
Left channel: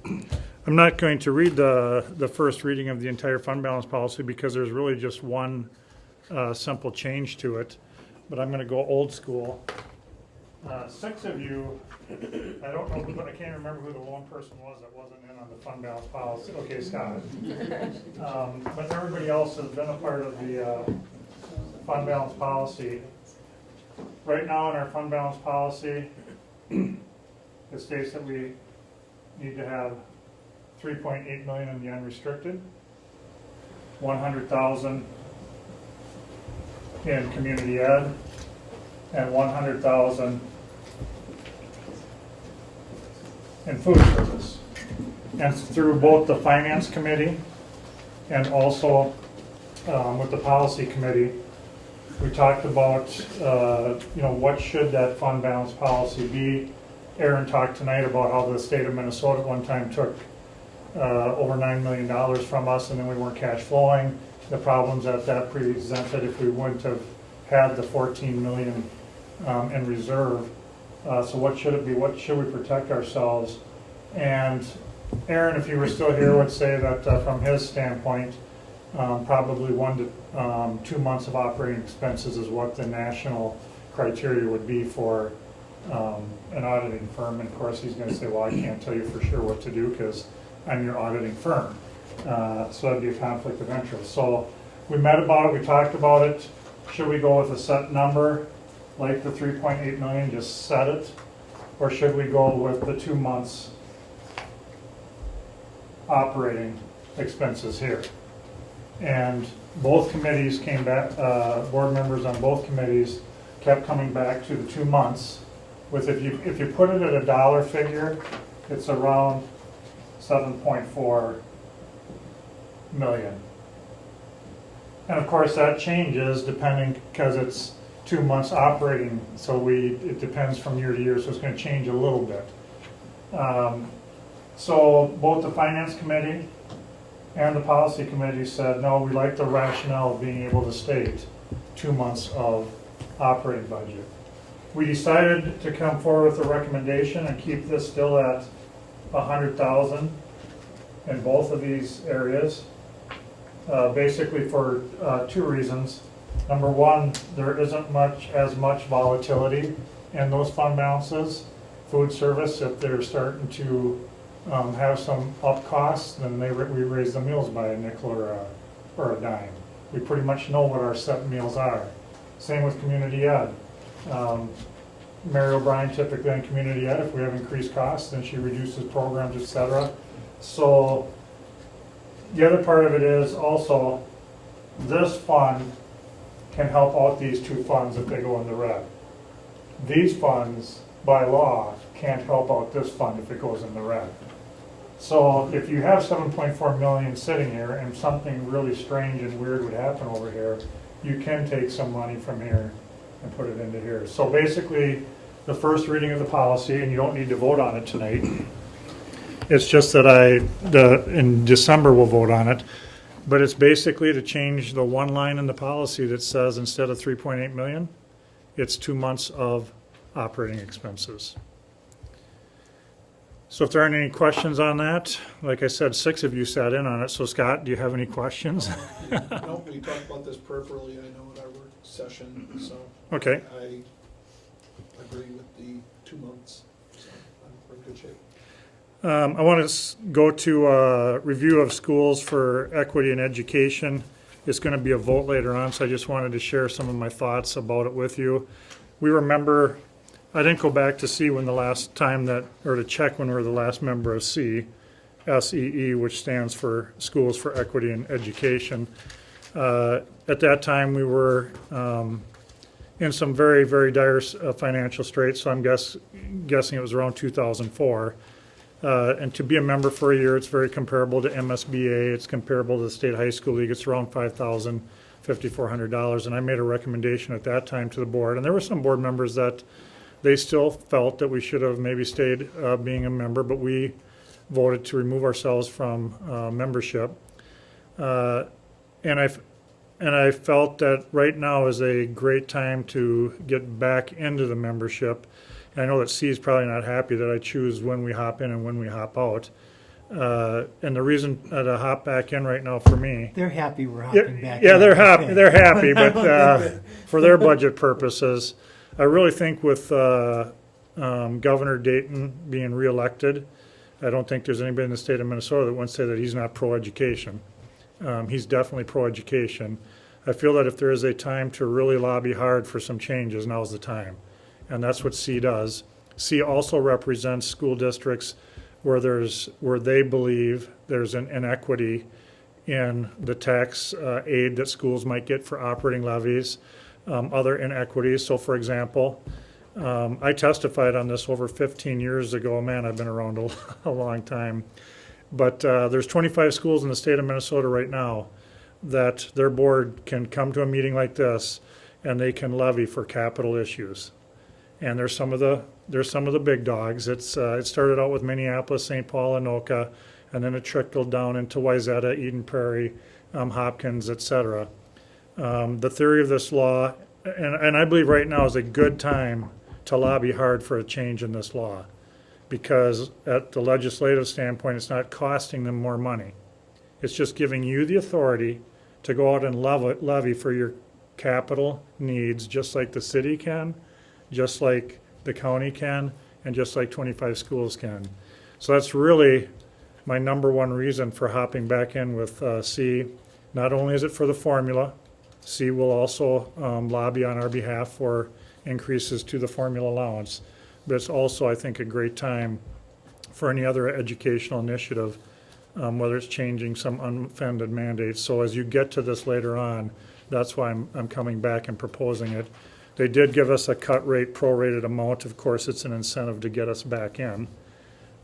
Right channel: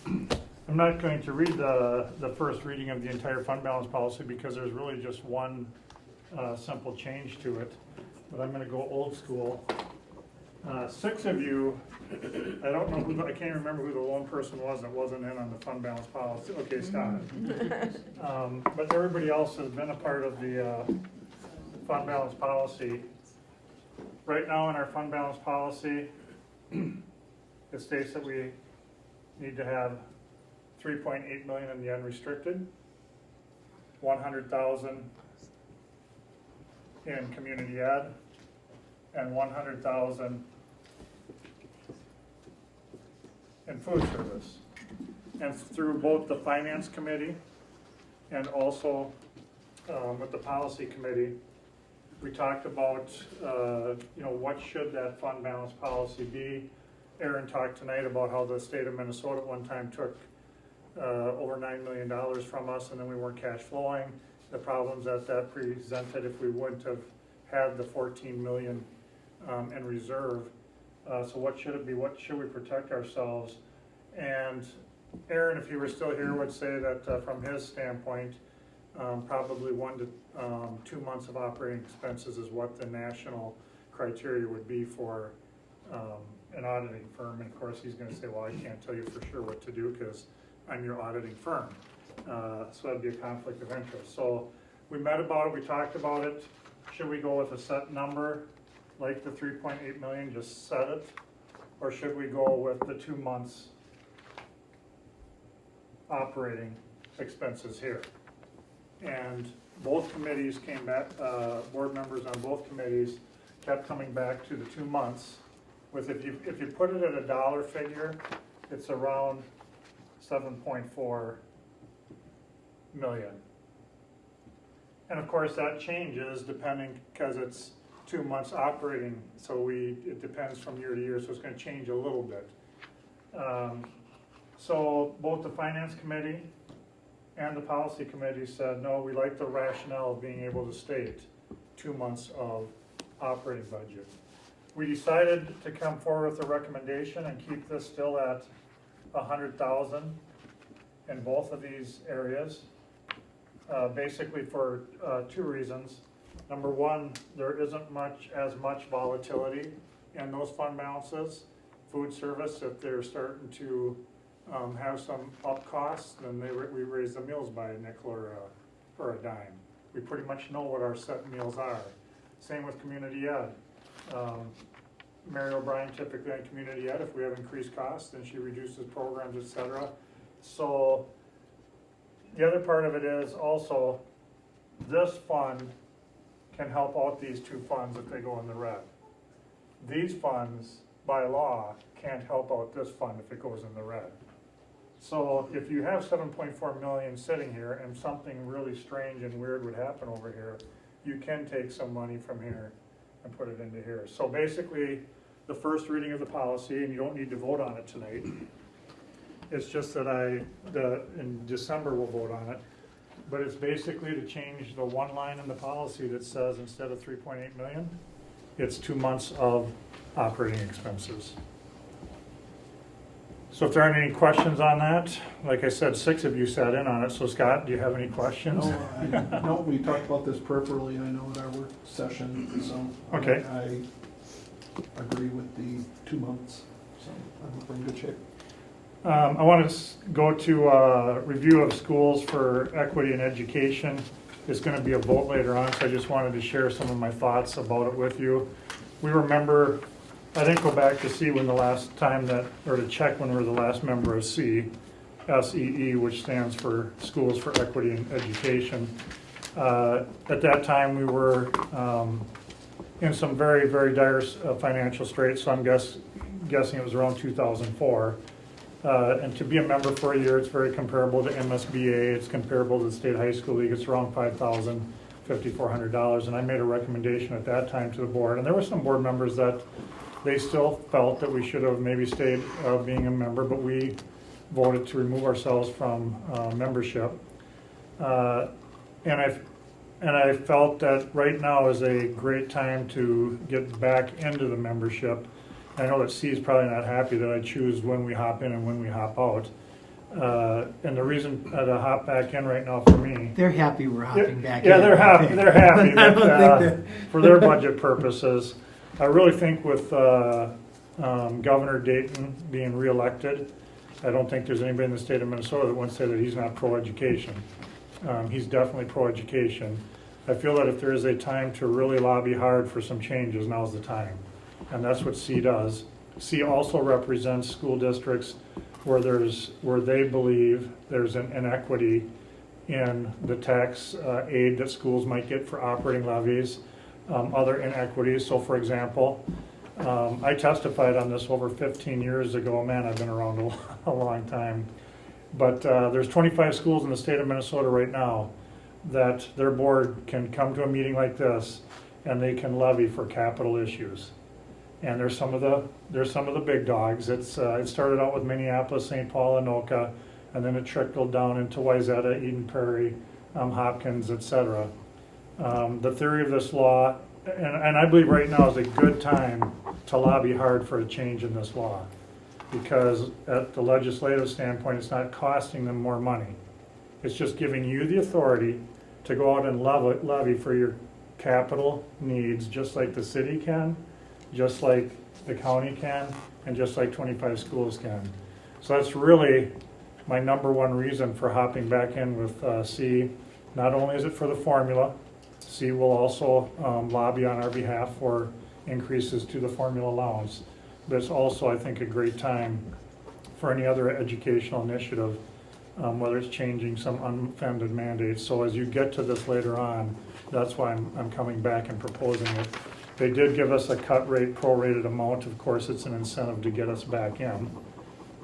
I'm not going to read the first reading of the entire fund balance policy because there's really just one simple change to it. But I'm going to go old school. 6 of you, I don't know, I can't remember who the lone person was that wasn't in on the fund balance policy. Okay, Scott. But everybody else has been a part of the fund balance policy. Right now in our fund balance policy, it states that we need to have 3.8 million in the unrestricted, 100,000 in community ed, and 100,000 in food service. And through both the finance committee and also with the policy committee, we talked about what should that fund balance policy be. Aaron talked tonight about how the state of Minnesota at one time took over $9 million from us, and then we weren't cash flowing. The problems that presented if we wouldn't have had the 14 million in reserve. So what should it be? What should we protect ourselves? And Aaron, if you were still here, would say that from his standpoint, probably 1 to 2 months of operating expenses is what the national criteria would be for an auditing firm. And of course, he's going to say, well, I can't tell you for sure what to do because I'm your auditing firm. So that'd be a conflict of interest. So we met about it, we talked about it. Should we go with a set number, like the 3.8 million, just set it? Or should we go with the 2 months operating expenses here? And both committees came back, board members on both committees kept coming back to the 2 months with, if you put it at a dollar figure, it's around 7.4 million. And of course that changes depending, because it's 2 months operating, so it depends from year to year, so it's going to change a little bit. So both the finance committee and the policy committee said, no, we like the rationale of being able to state 2 months of operating budget. We decided to come forward with a recommendation and keep this still at 100,000 in both of these areas, basically for 2 reasons. Number one, there isn't as much volatility in those fund balances. Food service, if they're starting to have some up costs, then we raise the meals by a nickel or a dime. We pretty much know what our set meals are. Same with community ed. Mary O'Brien typically on community ed, if we have increased costs, then she reduces programs, et cetera. So the other part of it is also, this fund can help out these two funds if they go in the red. These funds, by law, can't help out this fund if it goes in the red. So if you have 7.4 million sitting here and something really strange and weird would happen over here, you can take some money from here and put it into here. So basically, the first reading of the policy, and you don't need to vote on it tonight. It's just that in December we'll vote on it. But it's basically to change the one line in the policy that says instead of 3.8 million, it's 2 months of operating expenses. So if there aren't any questions on that, like I said, 6 of you sat in on it. So Scott, do you have any questions? No, we talked about this peripherally, I know, at our work session, so. Okay. I agree with the 2 months, so I think we're in good shape. I want to go to review of schools for equity and education. It's going to be a vote later on, so I just wanted to share some of my thoughts about it with you. We remember, I didn't go back to see when the last time or to check when we were the last member of SEE, which stands for Schools for Equity and Education. At that time, we were in some very, very dire financial straits, so I'm guessing it was around 2004. And to be a member for a year, it's very comparable to MSBA. It's comparable to the State High School League. It's around $5,000, $5,400. And I made a recommendation at that time to the board. And there were some board members that they still felt that we should have maybe stayed being a member, but we voted to remove ourselves from membership. And I felt that right now is a great time to get back into the membership. I know that C is probably not happy that I choose when we hop in and when we hop out. And the reason to hop back in right now for me. They're happy we're hopping back. Yeah, in. they're happy. They're happy, I don't but think for their budget purposes, I really think with Governor Dayton being reelected, I don't think there's anybody in the state of Minnesota that wants to say that he's not pro-education. He's definitely pro-education. I feel that if there is a time to really lobby hard for some changes, now's the time. And that's what C does. C also represents school districts where they believe there's an inequity in the tax aid that schools might get for operating levies, other inequities. So for example, I testified on this over 15 years ago. Man, I've been around a long time. But there's 25 schools in the state of Minnesota right now that their board can come to a meeting like this and they can levy for capital issues. And there's some of the big dogs. It started out with Minneapolis, St. Paul, Anoka, and then it trickled down into Wayzata, Eden Prairie, Hopkins, etc. The theory of this law, and I believe right now is a good time to lobby hard for a change in this law, because at the legislative standpoint, it's not costing them more money. It's just giving you the authority to go out and levy for your capital needs, just like the city can, just like the county can, and just like 25 schools can. So that's really my number one reason for hopping back in with C. Not only is it for the formula, C will also lobby on our behalf for increases to the formula allowance. But it's also, I think, a great time for any other educational initiative, whether it's changing some unfunded mandates. So as you get to this later on, that's why I'm coming back and proposing it. They did give us a cut rate, prorated amount. Of course, it's an incentive to get us back in.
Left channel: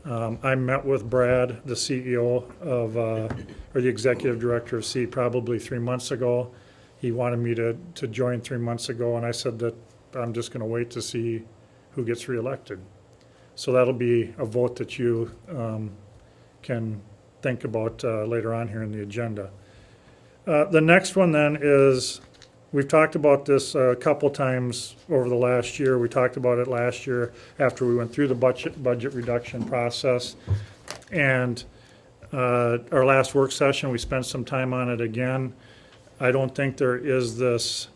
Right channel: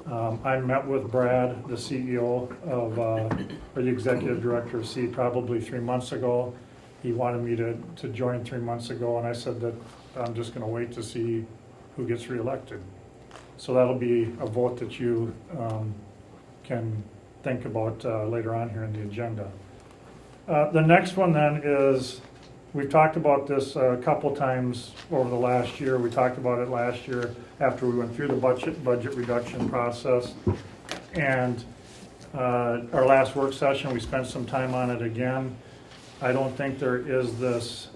I met with Brad, the CEO of, or the executive director of C, probably 3 months ago. He wanted me to join 3 months ago, and I said that I'm just going to wait to see who gets reelected. So that'll be a vote that you can think about later on here in the agenda. The next one then is, we've talked about this a couple times over the last year. We talked about it last year after we went through the budget reduction process. And our last work session, we spent some time on it again. I don't think there is this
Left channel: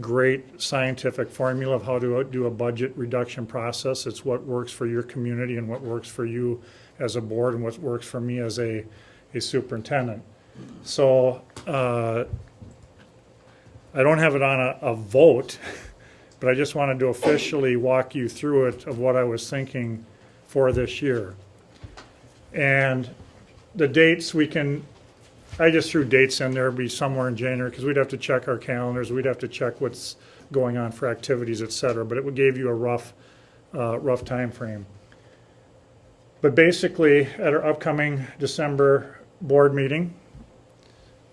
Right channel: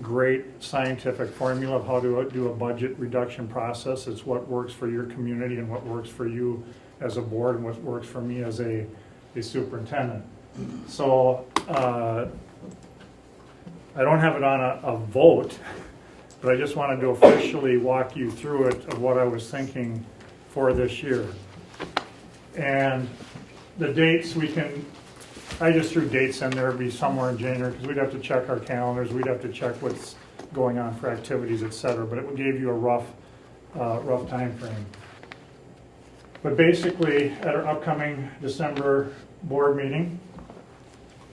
great scientific formula of how to do a budget reduction process. It's what works for your community and what works for you as a board and what works for me as a superintendent. So I don't have it on a vote, but I just wanted to officially walk you through it of what I was thinking for this year. And the dates I just threw dates in there, it'd be somewhere in January, because we'd have to check our calendars, we'd have to check what's going on for activities, et cetera, but it gave you a rough time frame. But basically, at our upcoming December board meeting,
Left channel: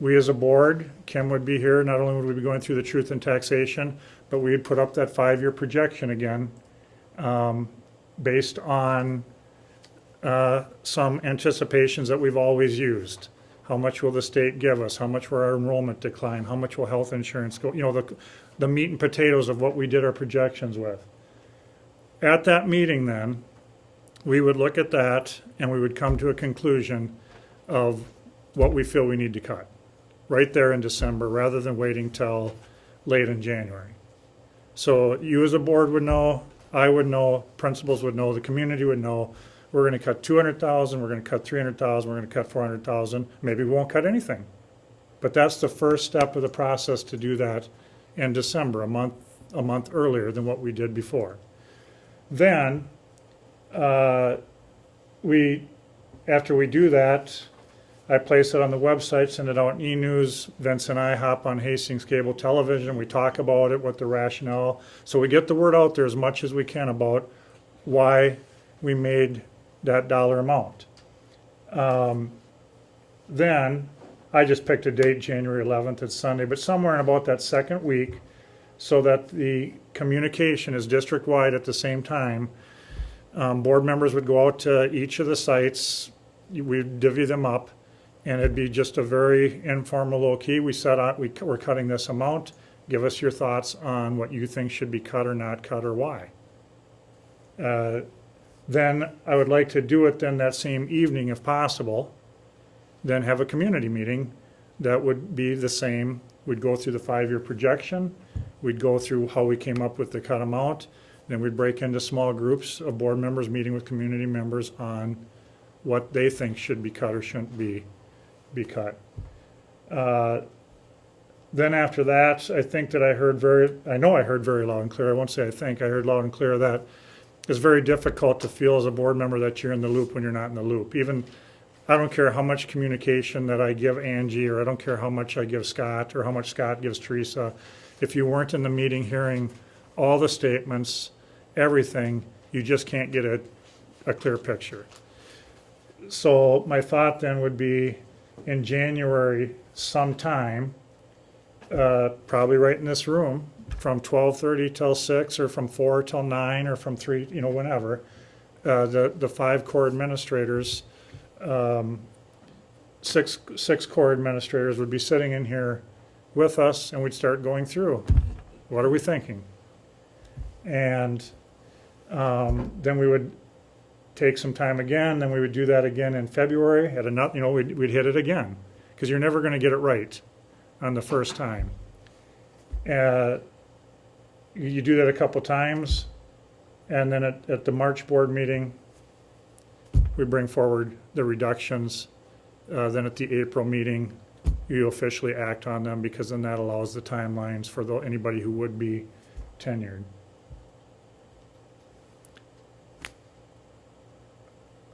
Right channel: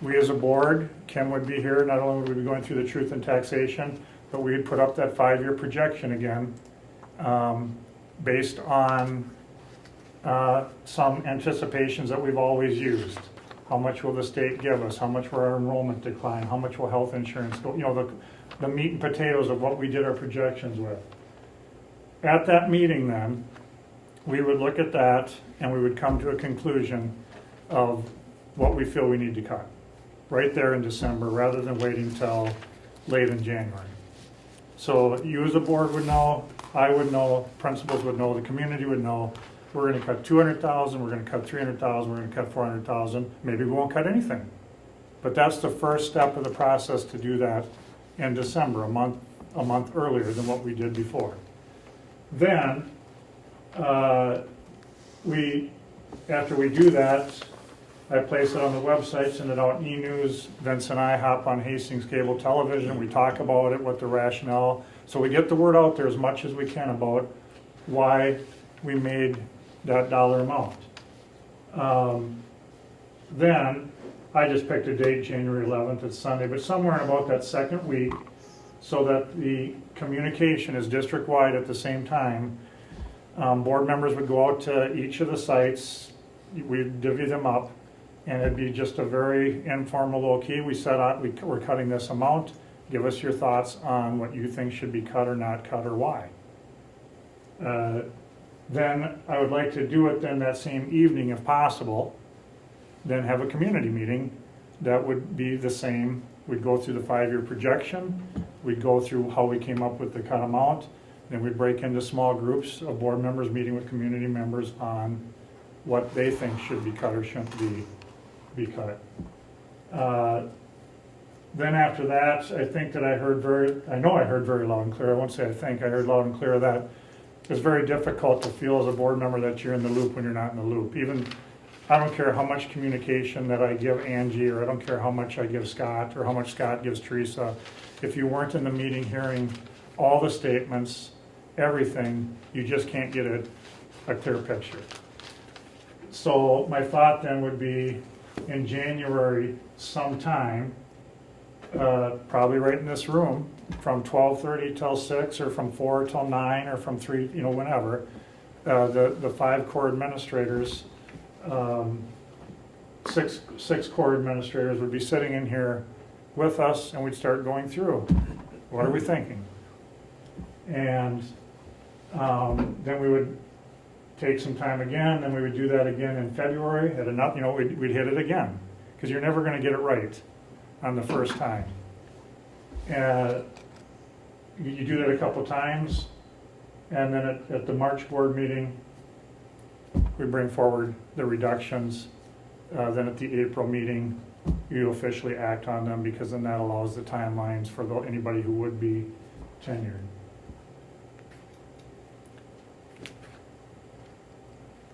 we as a board, Kim would be here, not only would we be going through the truth in taxation, but we would put up that 5-year projection again, based on some anticipations that we've always used. How much will the state give us? How much will our enrollment decline? How much will health insurance go? You know, the meat and potatoes of what we did our projections with. At that meeting then, we would look at that and we would come to a conclusion of what we feel we need to cut right there in December rather than waiting till late in January. So you as a board would know, I would know, principals would know, the community would know, we're gonna cut 200,000, we're gonna cut 300,000, we're gonna cut 400,000, maybe we won't cut anything. But that's the first step of the process to do that in December, a month earlier than what we did before. Then, after we do that, I place it on the website, send it out e-news. Vince and I hop on Hastings cable television. We talk about it, what the rationale. So we get the word out there as much as we can about why we made that dollar amount. Then I just picked a date, January 11th, it's Sunday, but somewhere in about that second week, so that the communication is district-wide at the same time. Board members would go out to each of the sites, we'd divvy them up, and it'd be just a very informal, low-key. We set out, we're cutting this amount, give us your thoughts on what you think should be cut or not cut or why. Then I would like to do it then that same evening if possible, then have a community meeting that would be the same. We'd go through the 5-year projection, we'd go through how we came up with the cut amount, then we'd break into small groups of board members meeting with community members on what they think should be cut or shouldn't be cut. Then after that, I think that I know I heard very loud and clear, I won't say I think, I heard loud and clear that it's very difficult to feel as a board member that you're in the loop when you're not in the loop. Even, I don't care how much communication that I give Angie, or I don't care how much I give Scott, or how much Scott gives Teresa. If you weren't in the meeting hearing all the statements, everything, you just can't get a clear picture. So my thought then would be in January sometime, probably right in this room, from 12:30 till 6, or from 4 till 9, or from 3, you know, whenever, the 5 core administrators, 6 core administrators would be sitting in here with us, and we'd start going through, what are we thinking? And then we would take some time again, then we would do that again in February, at enough, you know, we'd hit it again, because you're never gonna get it right on the first time. You do that a couple times, and then at the March board meeting, we bring forward the reductions. Then at the April meeting, you officially act on them, because then that allows the timelines for anybody who would be tenured.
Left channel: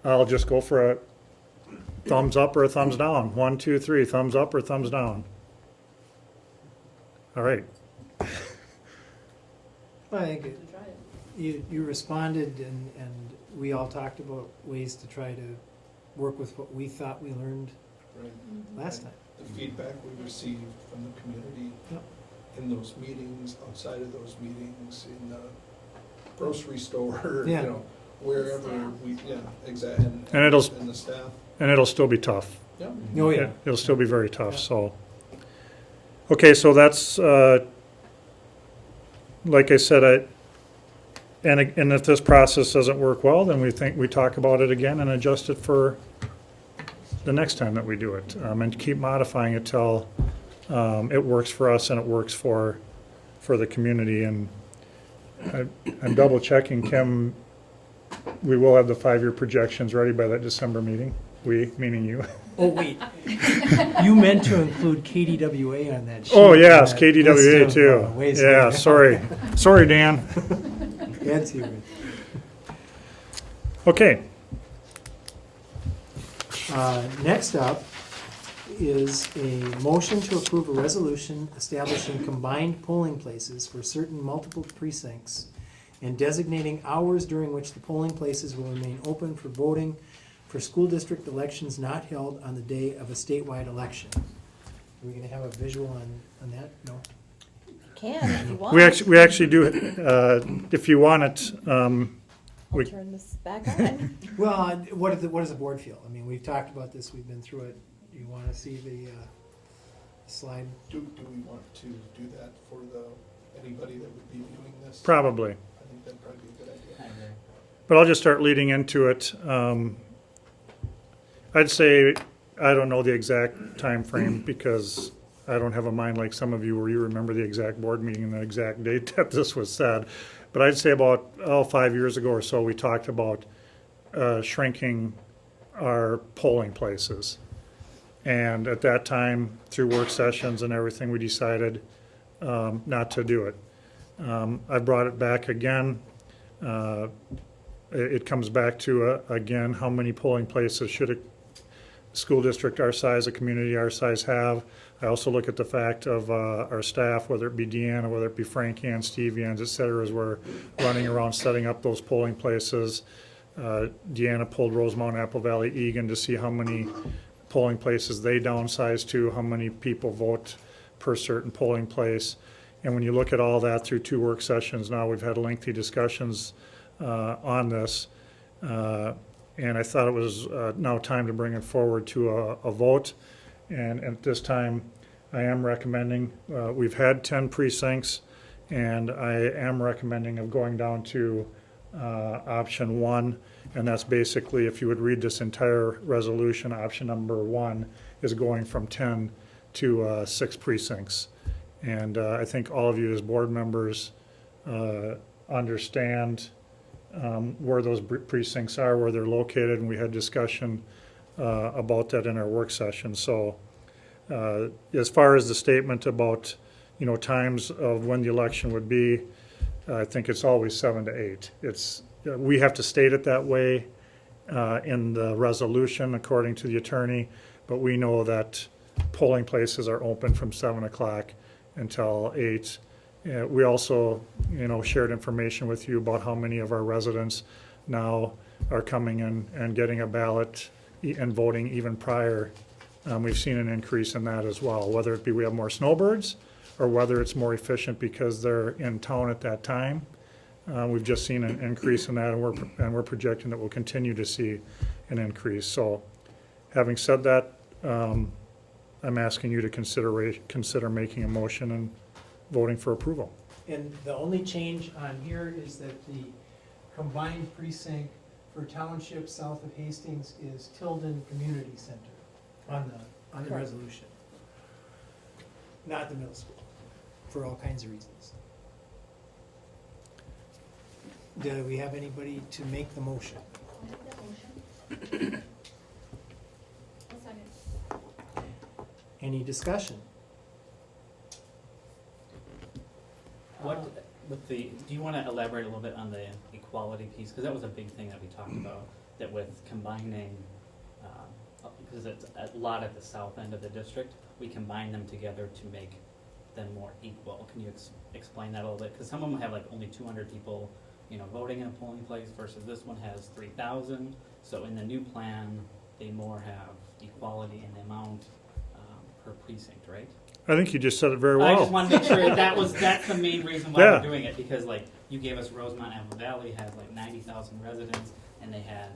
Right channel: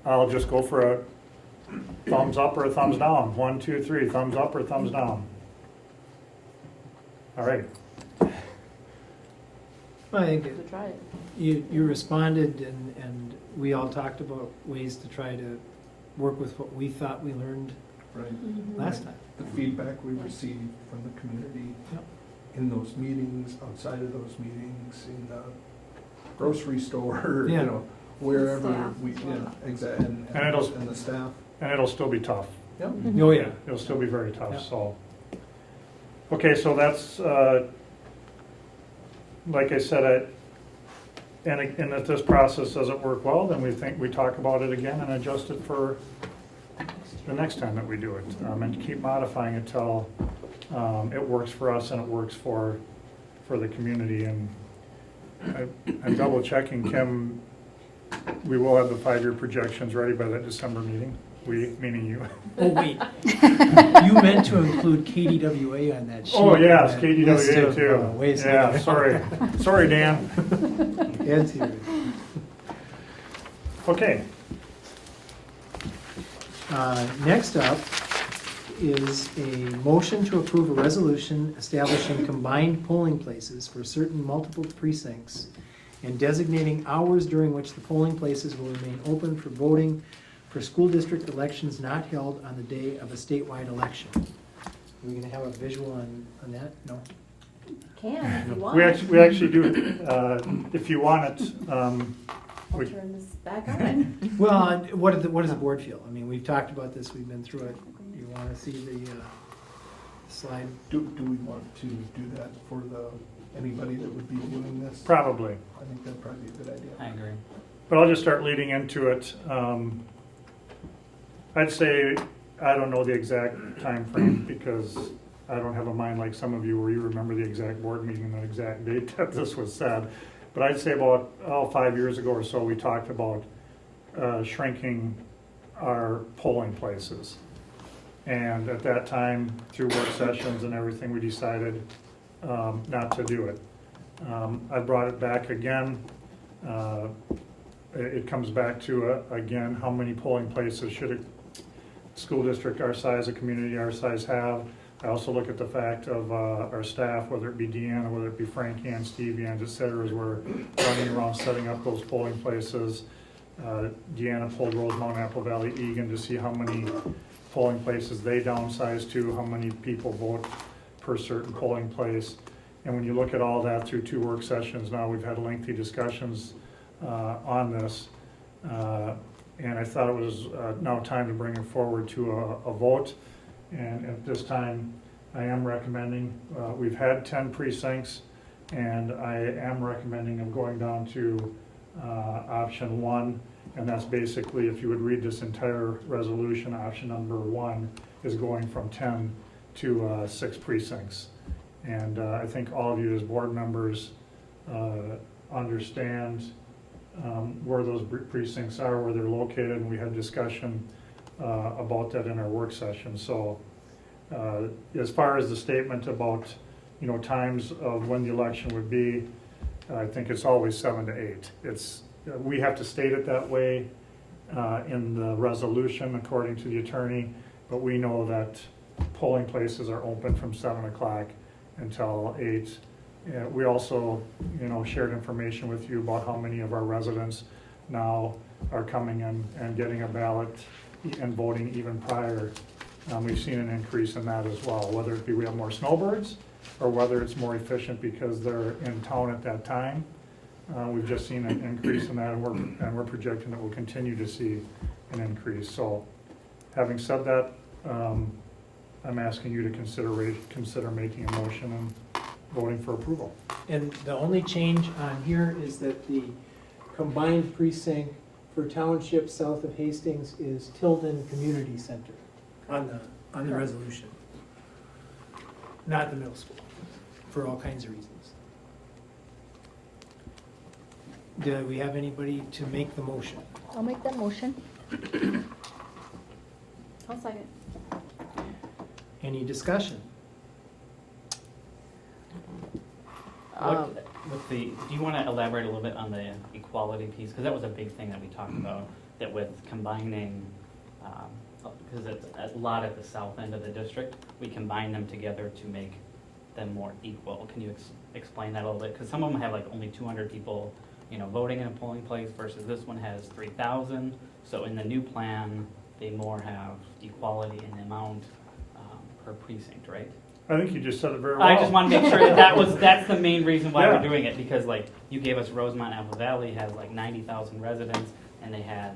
I'll just go for a thumbs up or a thumbs down. 1, 2, 3, thumbs up or thumbs down. All right. Well, I think To try it. you responded, and we all talked about ways to try to work with what we thought we learned Right. last time. The feedback we received from the community Yep. in those meetings, outside of those meetings, in the grocery store, you Yeah. know, wherever Staff. exactly, And it'll- and the staff. And it'll still be tough. Yep. Oh, yeah. It'll still be very tough, Yeah. so. Okay, so that's, like I said, and if this process doesn't work well, then we talk about it again and adjust it for the next time that we do it. And keep modifying it till it works for us and it works for the community. And I'm double checking, Kim, we will have the 5-year projections ready by that December meeting. We, meaning you. Oh, wait. You meant to include KDWA on that sheet. Oh, yes, that list KDWA of, too. ways to Yeah, go. sorry. Sorry, Dan. Dan's here. Okay, Next up is a motion to approve a resolution establishing combined polling places for certain multiple precincts and designating hours during which the polling places will remain open for voting for school district elections not held on the day of a statewide election. Are we gonna have a visual on that? No? Can, if you want. we actually do, if you want it, I'll we- turn this back on. Well, what does the board feel? I mean, we've talked about this, we've been through it. Do you wanna see the slide? Do we want to do that for anybody that would be viewing this? probably. I think that'd probably be a good idea. I agree. But I'll just start leading into it. I'd say, I don't know the exact time frame because I don't have a mind like some of you where you remember the exact board meeting and the exact date that this was said. But I'd say about 5 years ago or so, we talked about shrinking our polling places. And at that time, through work sessions and everything, we decided not to do it. I brought it back again. It comes back to, again, how many polling places should a school district our size, a community our size have? I also look at the fact of our staff, whether it be Deanna, whether it be Frank Ann, Steve Yans, et cetera, as we're running around setting up those polling places. Deanna pulled Rosemount, Apple Valley, Egan to see how many polling places they downsized to, how many people vote per certain polling place. And when you look at all that through 2 work sessions now, we've had lengthy discussions on this. And I thought it was now time to bring it forward to a vote. And at this time, I am recommending, we've had 10 precincts, and I am recommending of going down to option 1. And that's basically, if you would read this entire resolution, option number 1 is going from 10 to 6 precincts. And I think all of you as board members understand where those precincts are, where they're located, and we had discussion about that in our work session. So as far as the statement about, times of when the election would be, I think it's always 7 to 8. We have to state it that way in the resolution according to the attorney, but we know that polling places are open from 7 o'clock until 8. We also, shared information with you about how many of our residents now are coming in and getting a ballot and voting even prior. We've seen an increase in that as well, whether it be we have more snowbirds or whether it's more efficient because they're in town at that time. We've just seen an increase in that, and we're projecting that we'll continue to see an increase. So having said that, I'm asking you to consider making a motion and voting for approval. And the only change on here is that the combined precinct for township south of Hastings is Tilden Community Center on the resolution. Not the middle school, for all kinds of reasons. Do we have anybody to make the motion? I'll make that motion. I'll second. Any discussion? Do you want to elaborate a little bit on the equality piece? Because that was a big thing that we talked about, that with combining, because it's a lot at the south end of the district, we combine them together to make them more equal. Can you explain that a little bit? Because some of them have like only 200 people, voting in a polling place versus this one has 3,000. So in the new plan, they more have equality in amount per precinct, right? I think you just said it very well. I just want to make sure that's the main reason why Yeah. we're doing it, because like you gave us Rosemont Apple Valley has like 90,000 residents, and they had,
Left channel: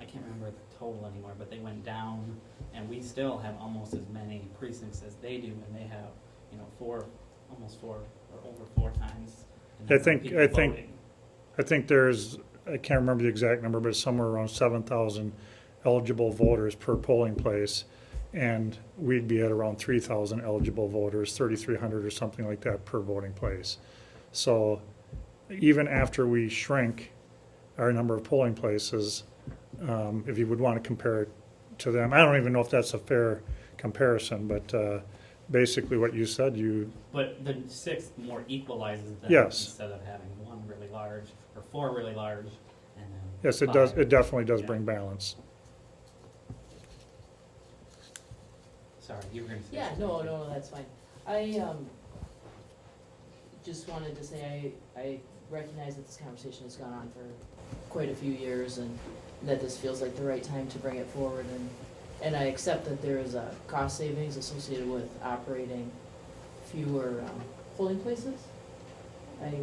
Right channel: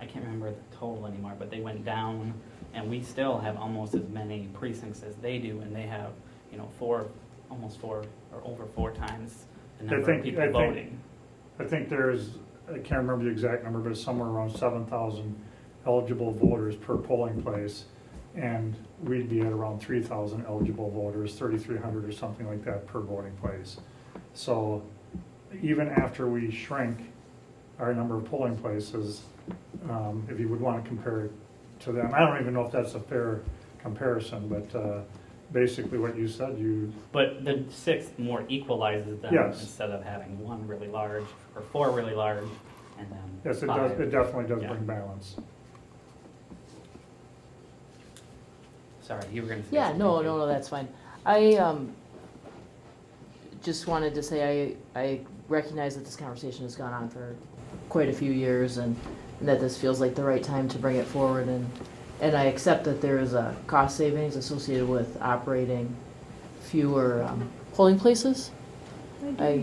I can't remember the total anymore, but they went down, and we still have almost as many precincts as they do, and they have, almost 4 or over 4 times the number of people voting. I think there's, I can't remember the exact number, but it's somewhere around 7,000 eligible voters per polling place. And we'd be at around 3,000 eligible voters, 3,300 or something like that per voting place. So even after we shrink our number of polling places, if you would want to compare it to them. I don't even know if that's a fair comparison, but basically what you said, But the 6 more equalizes them Yes. instead of having 1 really large or 4 really large and then. yes, it does, 5. it definitely does Yeah. bring balance. Sorry, you were gonna say. Yeah, something, no, too. no, that's fine. I just wanted to say I recognize that this conversation has gone on for quite a few years and that this feels like the right time to bring it forward and I accept that there is a cost savings associated with operating fewer polling places. I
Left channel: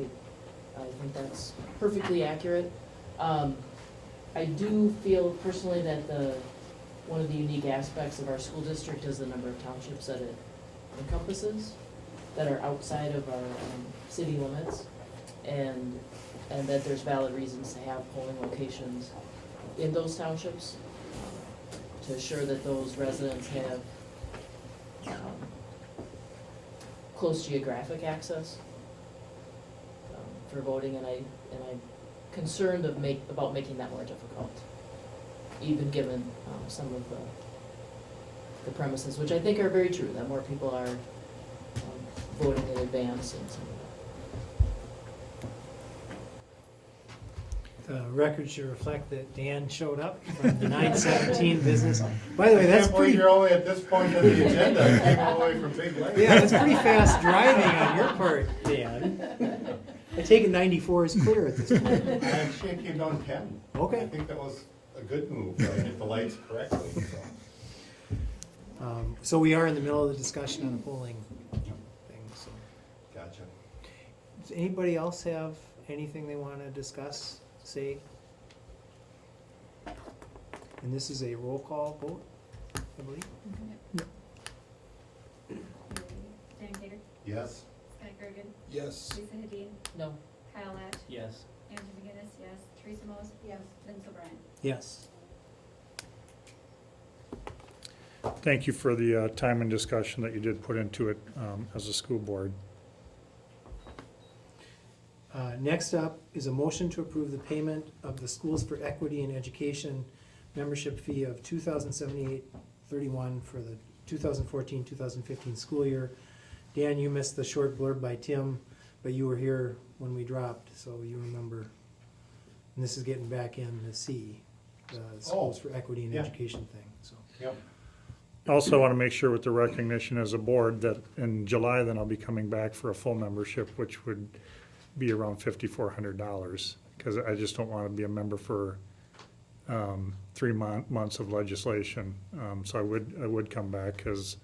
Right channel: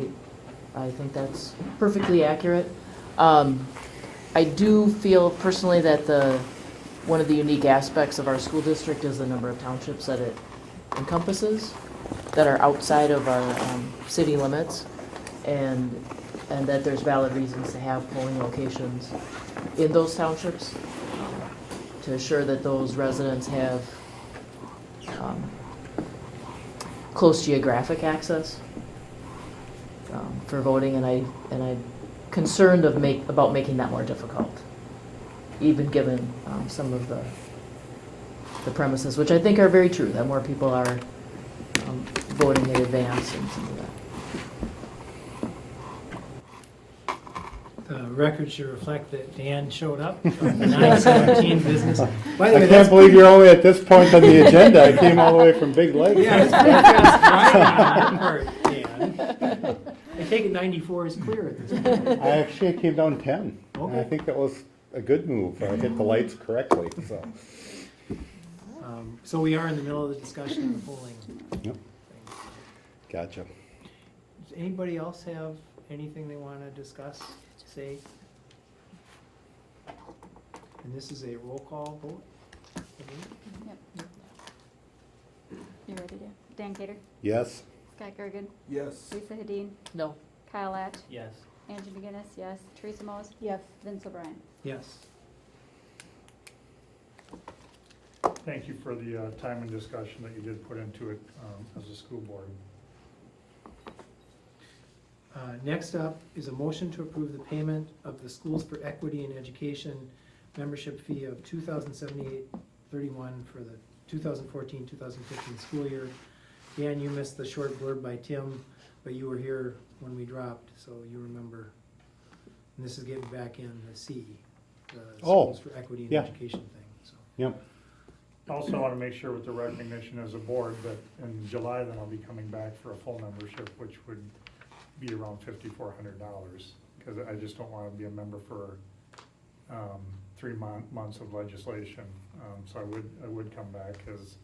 think that's perfectly accurate. I do feel personally that one of the unique aspects of our school district is the number of townships that it encompasses that are outside of our city limits, and that there's valid reasons to have polling locations in those townships to assure that those residents have close geographic access for voting, and I'm concerned about making that more difficult, even given some of the premises, which I think are very true, that more people are voting in advance and some of that. The record should reflect that Dan showed up from the 917 business. By the way, I that's can't believe pretty- you're only at this point on the agenda. I came all the way from Big Lake. Yeah, it's pretty fast driving on your part, Dan. I take it 94 is clear at this point. I actually came down 10. Okay. I think that was a good move. I hit the lights correctly, so. So we are in the middle of the discussion on the polling Yep. things. Gotcha. Does anybody else have anything they want to discuss, say? And this is a roll call vote, I believe. Yep. You ready to? Dan Cater, Yes? Scott Gergen, Yes. Lisa Hadeen, No. Kyle Latch, Yes. Angie McGinnis, yes. Teresa Mose? Yes. Vince O'Brien? Yes. Thank you for the time and discussion that you did put into it as a school board. Next up is a motion to approve the payment of the Schools for Equity in Education membership fee of $2,078.31 for the 2014-2015 school year. Dan, you missed the short blurb by Tim, but you were here when we dropped, so you remember. And this is getting back in the C, the Schools for Equity in yeah. Education thing, so. Yep. Also want to make sure with the recognition as a board that in July, then I'll be coming back for a full membership, which would be around $5,400, because I just don't want to be a member for 3 months of legislation. So I would come back because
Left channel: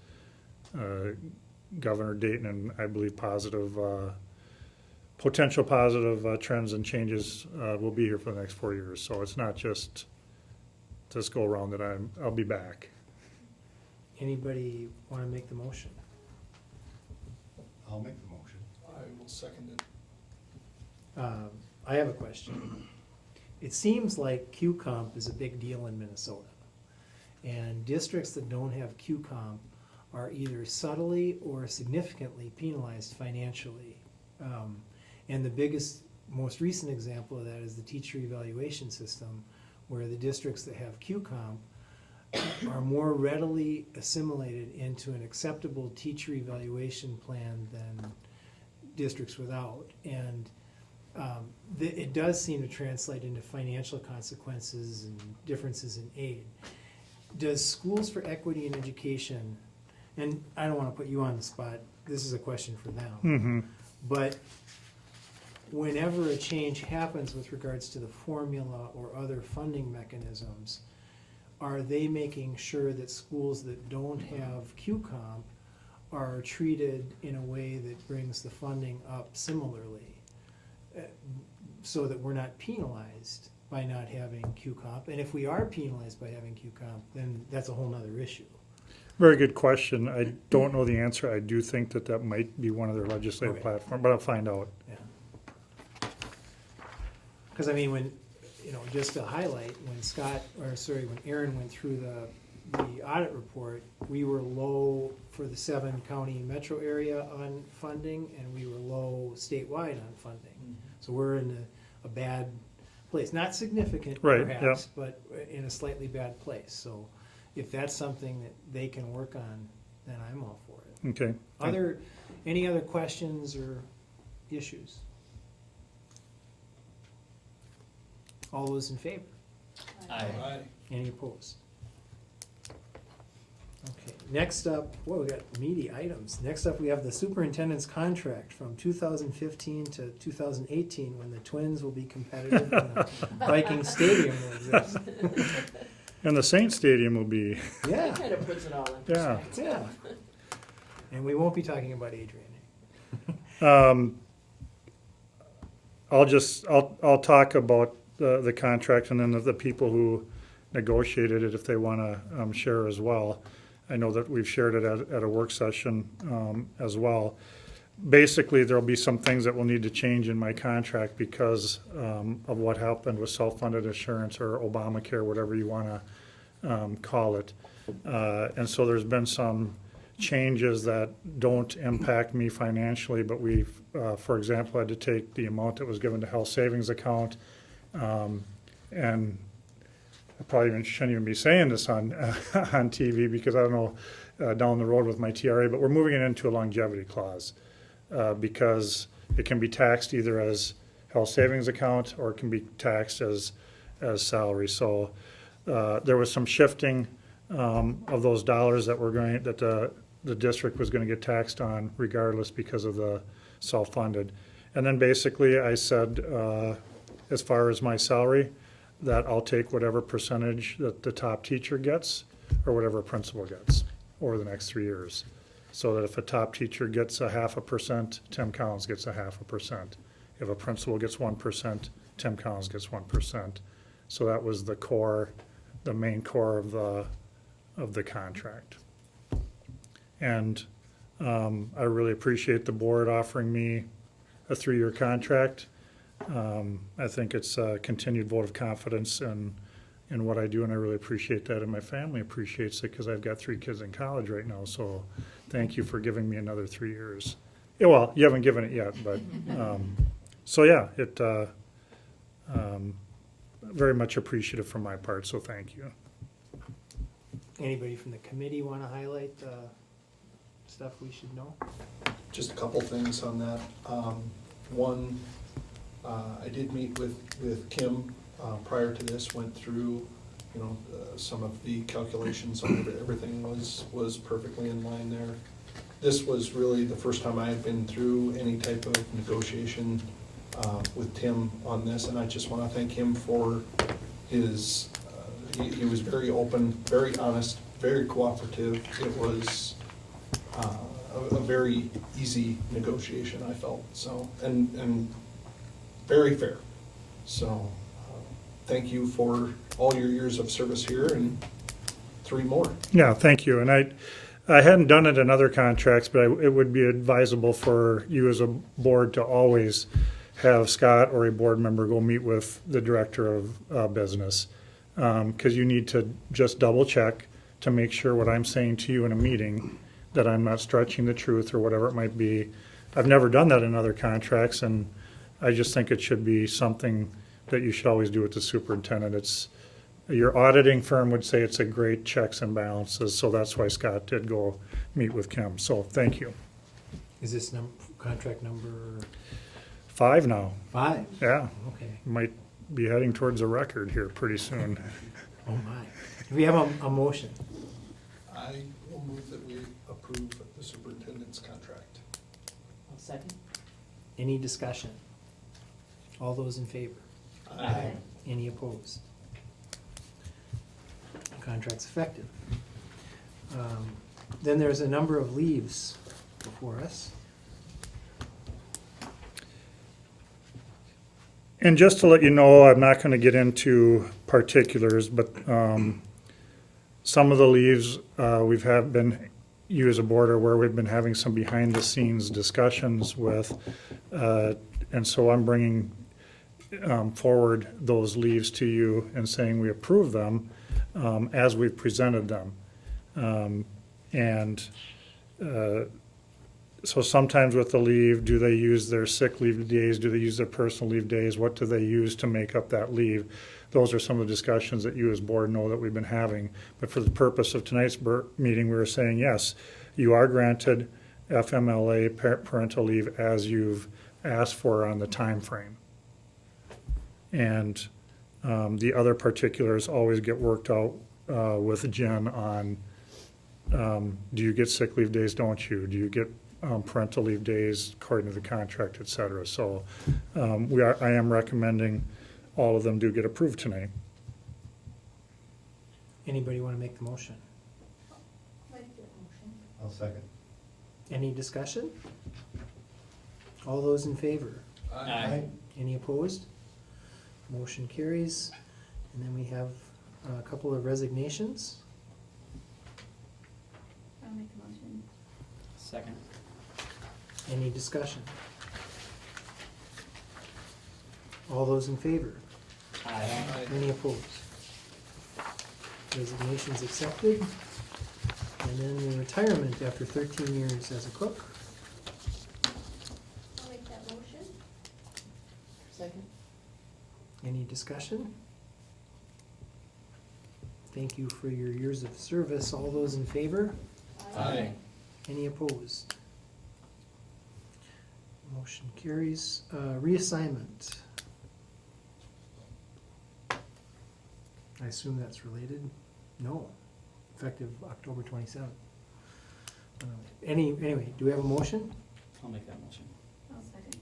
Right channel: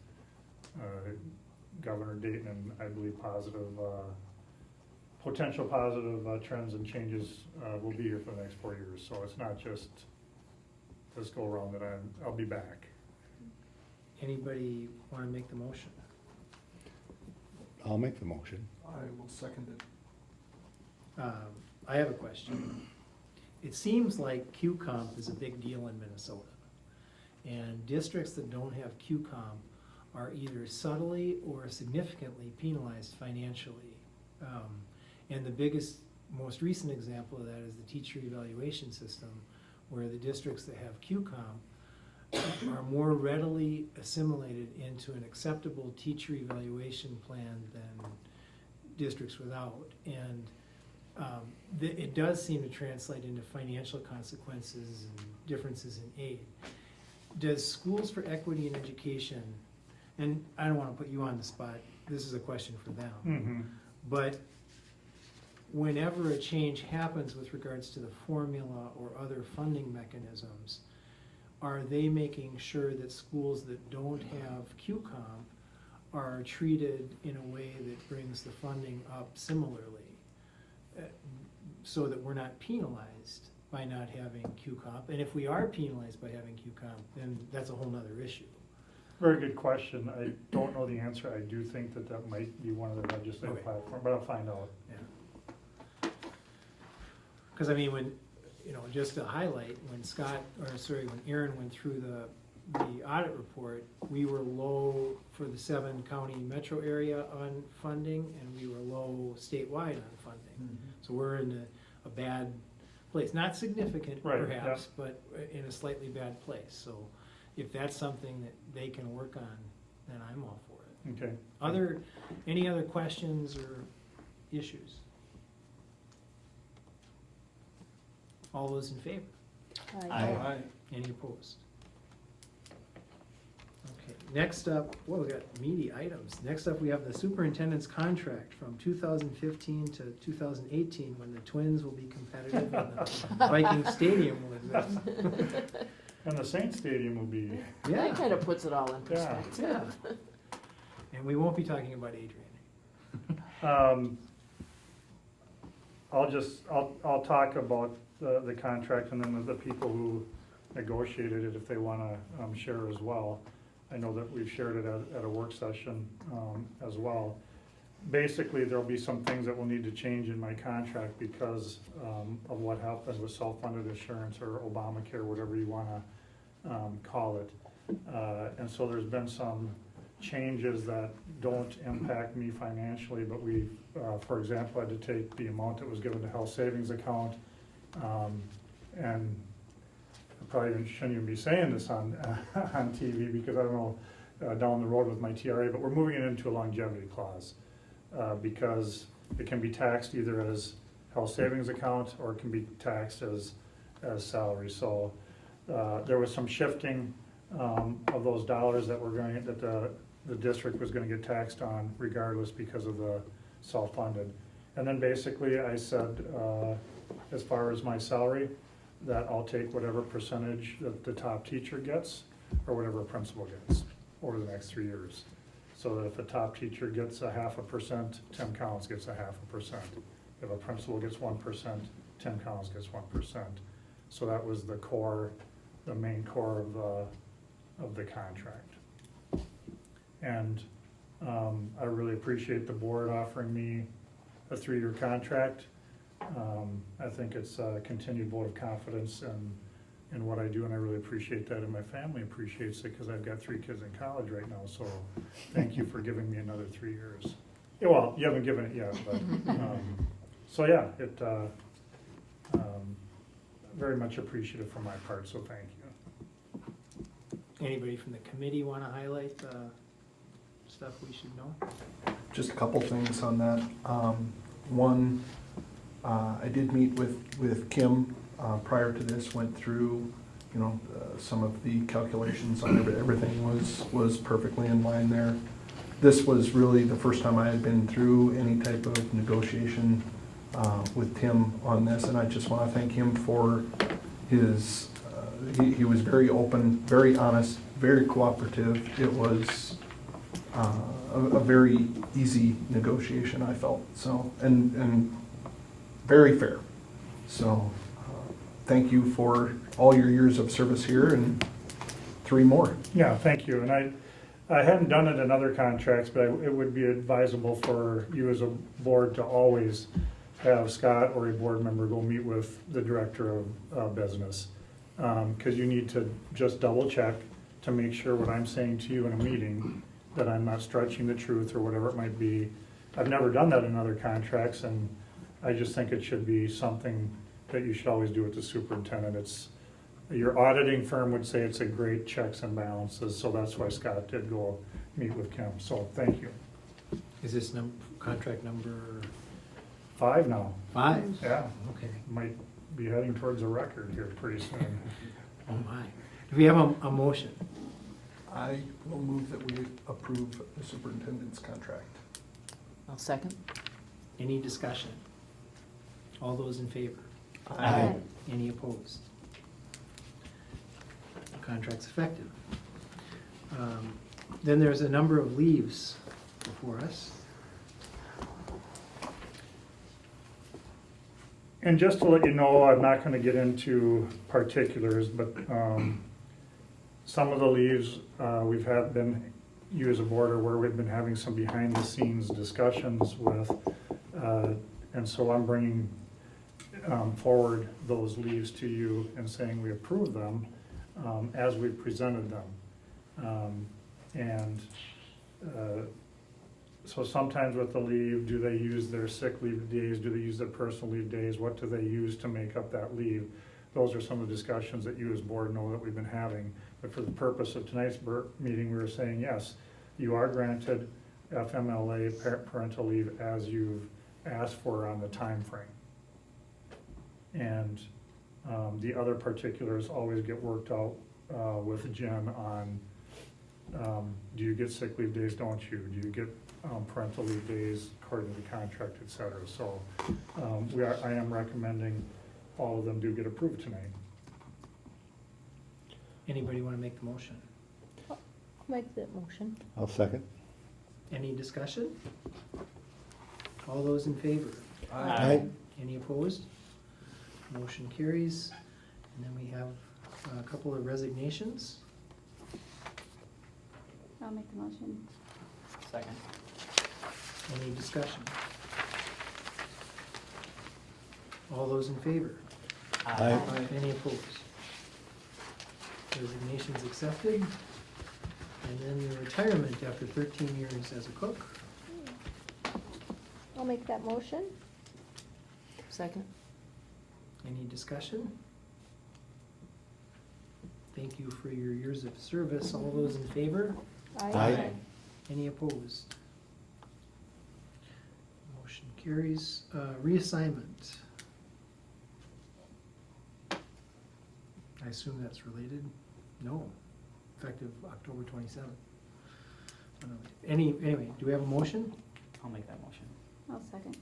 Governor Dayton and I believe potential positive trends and changes will be here for the next 4 years. So it's not just this go around that I'll be back. Anybody want to make the motion? I'll make the motion. I will second it. I have a question. It seems like QComp is a big deal in Minnesota. And districts that don't have QComp are either subtly or significantly penalized financially. And the most recent example of that is the teacher evaluation system, where the districts that have QComp are more readily assimilated into an acceptable teacher evaluation plan than districts without. And it does seem to translate into financial consequences and differences in aid. Does Schools for Equity in Education, and I don't want to put you on the spot, this is a question for them, Mm-hmm. but whenever a change happens with regards to the formula or other funding mechanisms, are they making sure that schools that don't have QComp are treated in a way that brings the funding up similarly, so that we're not penalized by not having QComp? And if we are penalized by having QComp, then that's a whole nother issue. Very good question. I don't know the answer. I do think that might be one of their legislative Okay. platforms, but I'll find out. Because I mean, when, just to highlight, when when Aaron went through the audit report, we were low for the 7-county metro area on funding, and we were low statewide on funding. So we're in a bad place, not significant Right, perhaps, but in a slightly bad place. So if that's something that they can work on, then I'm all for it. Okay. Any other questions or issues? All those in favor? Aye. Any opposed? Okay, next up, we got meaty items. Next up, we have the superintendent's contract from 2015 to 2018, when the Twins will be competitive and the Viking Stadium will exist. And the Saint Stadium will be, Yeah, That kind of puts it all in Yeah. perspective. yeah. And we won't be talking about Adrian. I'll talk about the contract and then the people who negotiated it, if they wanna, share as well. I know that we've shared it at a work session, as well. Basically, there'll be some things that will need to change in my contract because, of what happened with self-funded insurance or Obamacare, whatever you wanna, call it. And so there's been some changes that don't impact me financially, but we've, for example, had to take the amount that was given to health savings account, and I probably shouldn't even be saying this on, on TV because I don't know, down the road with my TRA, but we're moving it into a longevity clause, because it can be taxed either as health savings account or it can be taxed as salary. So, there was some shifting, of those dollars that the district was gonna get taxed on regardless because of the self-funded. And then basically I said, as far as my salary, that I'll take whatever percentage that the top teacher gets or whatever principal gets over the next 3 years. So that if a top teacher gets 0.5%, Tim Collins gets 0.5%. If a principal gets 1%, Tim Collins gets 1%. So that was the main core of the contract. And I really appreciate the board offering me a 3-year contract. I think it's a continued vote of confidence in what I do, and I really appreciate that, and my family appreciates it because I've got 3 kids in college right now, so thank you for giving me another 3 years. Yeah, well, you haven't given it yet, but, so yeah, very much appreciative from my part, so thank you. Anybody from the committee wanna highlight stuff we should know? Just a couple things on that. One, I did meet with Kim prior to this, went through, some of the calculations on it. Everything was perfectly in line there. This was really the first time I had been through any type of negotiation with Tim on this, and I just want to thank him for his, he was very open, very honest, very cooperative. It was a very easy negotiation, I felt, so, and very fair. So, thank you for all your years of service here and 3 more. Yeah, thank you, and I hadn't done it in other contracts, but it would be advisable for you as a board to always have Scott or a board member go meet with the director of business. Because you need to just double check to make sure what I'm saying to you in a meeting, that I'm not stretching the truth or whatever it might be. I've never done that in other contracts, and I just think it should be something that you should always do with the superintendent. Your auditing firm would say it's a great checks and balances, so that's why Scott did go meet with Kim, so thank you. Is this contract number 5 now, 5? yeah, Okay, might be heading towards a record here pretty soon. oh my. Do we have a motion? I will move that we approve the superintendent's contract. I'll second. Any discussion? All those in favor? Aye. Any opposed? Contract's effective. Then there's a number of leaves before us. And just to let you know, I'm not gonna get into particulars, but some of the leaves you as a board are where we've been having some behind the scenes discussions with. And so I'm bringing forward those leaves to you and saying we approve them as we've presented them. And so sometimes with the leave, do they use their sick leave days? Do they use their personal leave days? What do they use to make up that leave? Those are some of the discussions that you as board know that we've been having. But for the purpose of tonight's meeting, we were saying, yes, you are granted FMLA parental leave as you've asked for on the time frame. And the other particulars always get worked out with Jen on, do you get sick leave days, don't you? Do you get parental leave days according to the contract, et cetera? So I am recommending all of them do get approved tonight. Anybody wanna make the motion? Make that motion. I'll second. Any discussion? All those in favor? Aye. Any opposed? Motion carries. And then we have a couple of resignations. I'll make the motion. Second. Any discussion? All those in favor? Aye. Any opposed? Resignations accepted. And then the retirement after 13 years as a cook. I'll make that motion. Second. Any discussion? Thank you for your years of service. All those in favor? Aye. Any opposed? Motion carries. Reassignment. I assume that's related? No, effective October 27th. Anyway, do we have a motion? I'll make that motion. I'll second.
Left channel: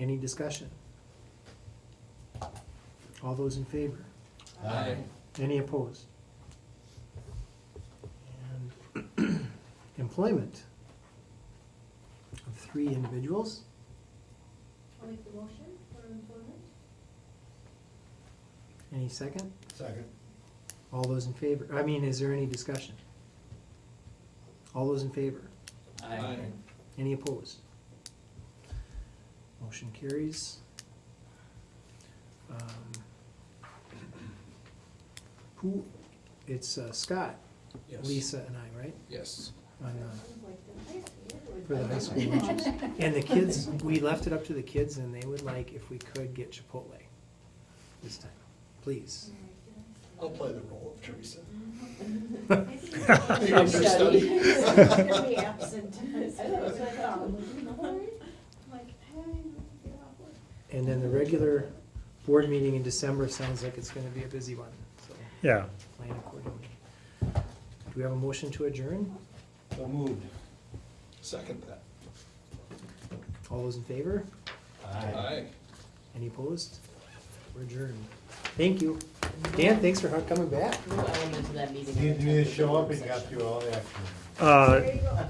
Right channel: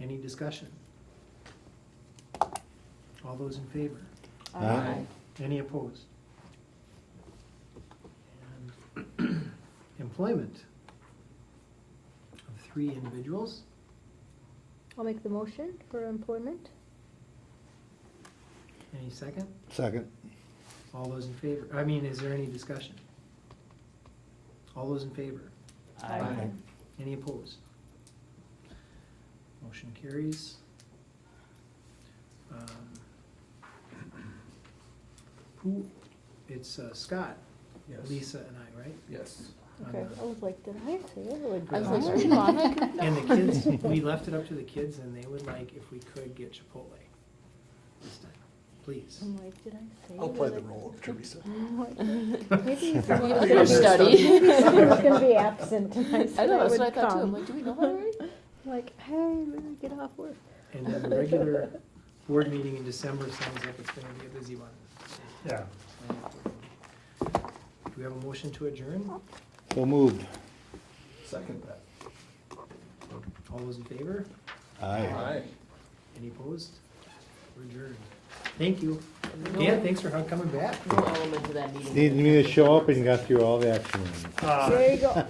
Any discussion? All those in favor? Aye. Any opposed? And employment of 3 individuals. I'll make the motion for employment. Any second? Second. All those in favor? I mean, is there any discussion? All those in favor? Aye. Any opposed? Motion carries. Who, it's Scott, Yes. Lisa and I, right? Yes. On Okay, the- I was like, did I say it? Or For the did high I school. say it? And the kids, we left it up to the kids and they would like if we could get Chipotle this time, please. I'm like, did I say it? I'll play Or the did I- role of Teresa. Maybe it's You'll study. gonna be absent tonight, so I know, I that's what I would thought too. I'm come. like, do we know that already? Like, hey, we're gonna get off work. And then the regular board meeting in December sounds like it's gonna be a busy one. So Yeah. plan accordingly. Do we have a motion to adjourn? So moved. Second that. All those in favor? Aye. Any opposed? We're adjourned. Thank you. Dan, thanks for coming back. No element to that meeting. Needed me to show up and got through all the action. Uh, There you go.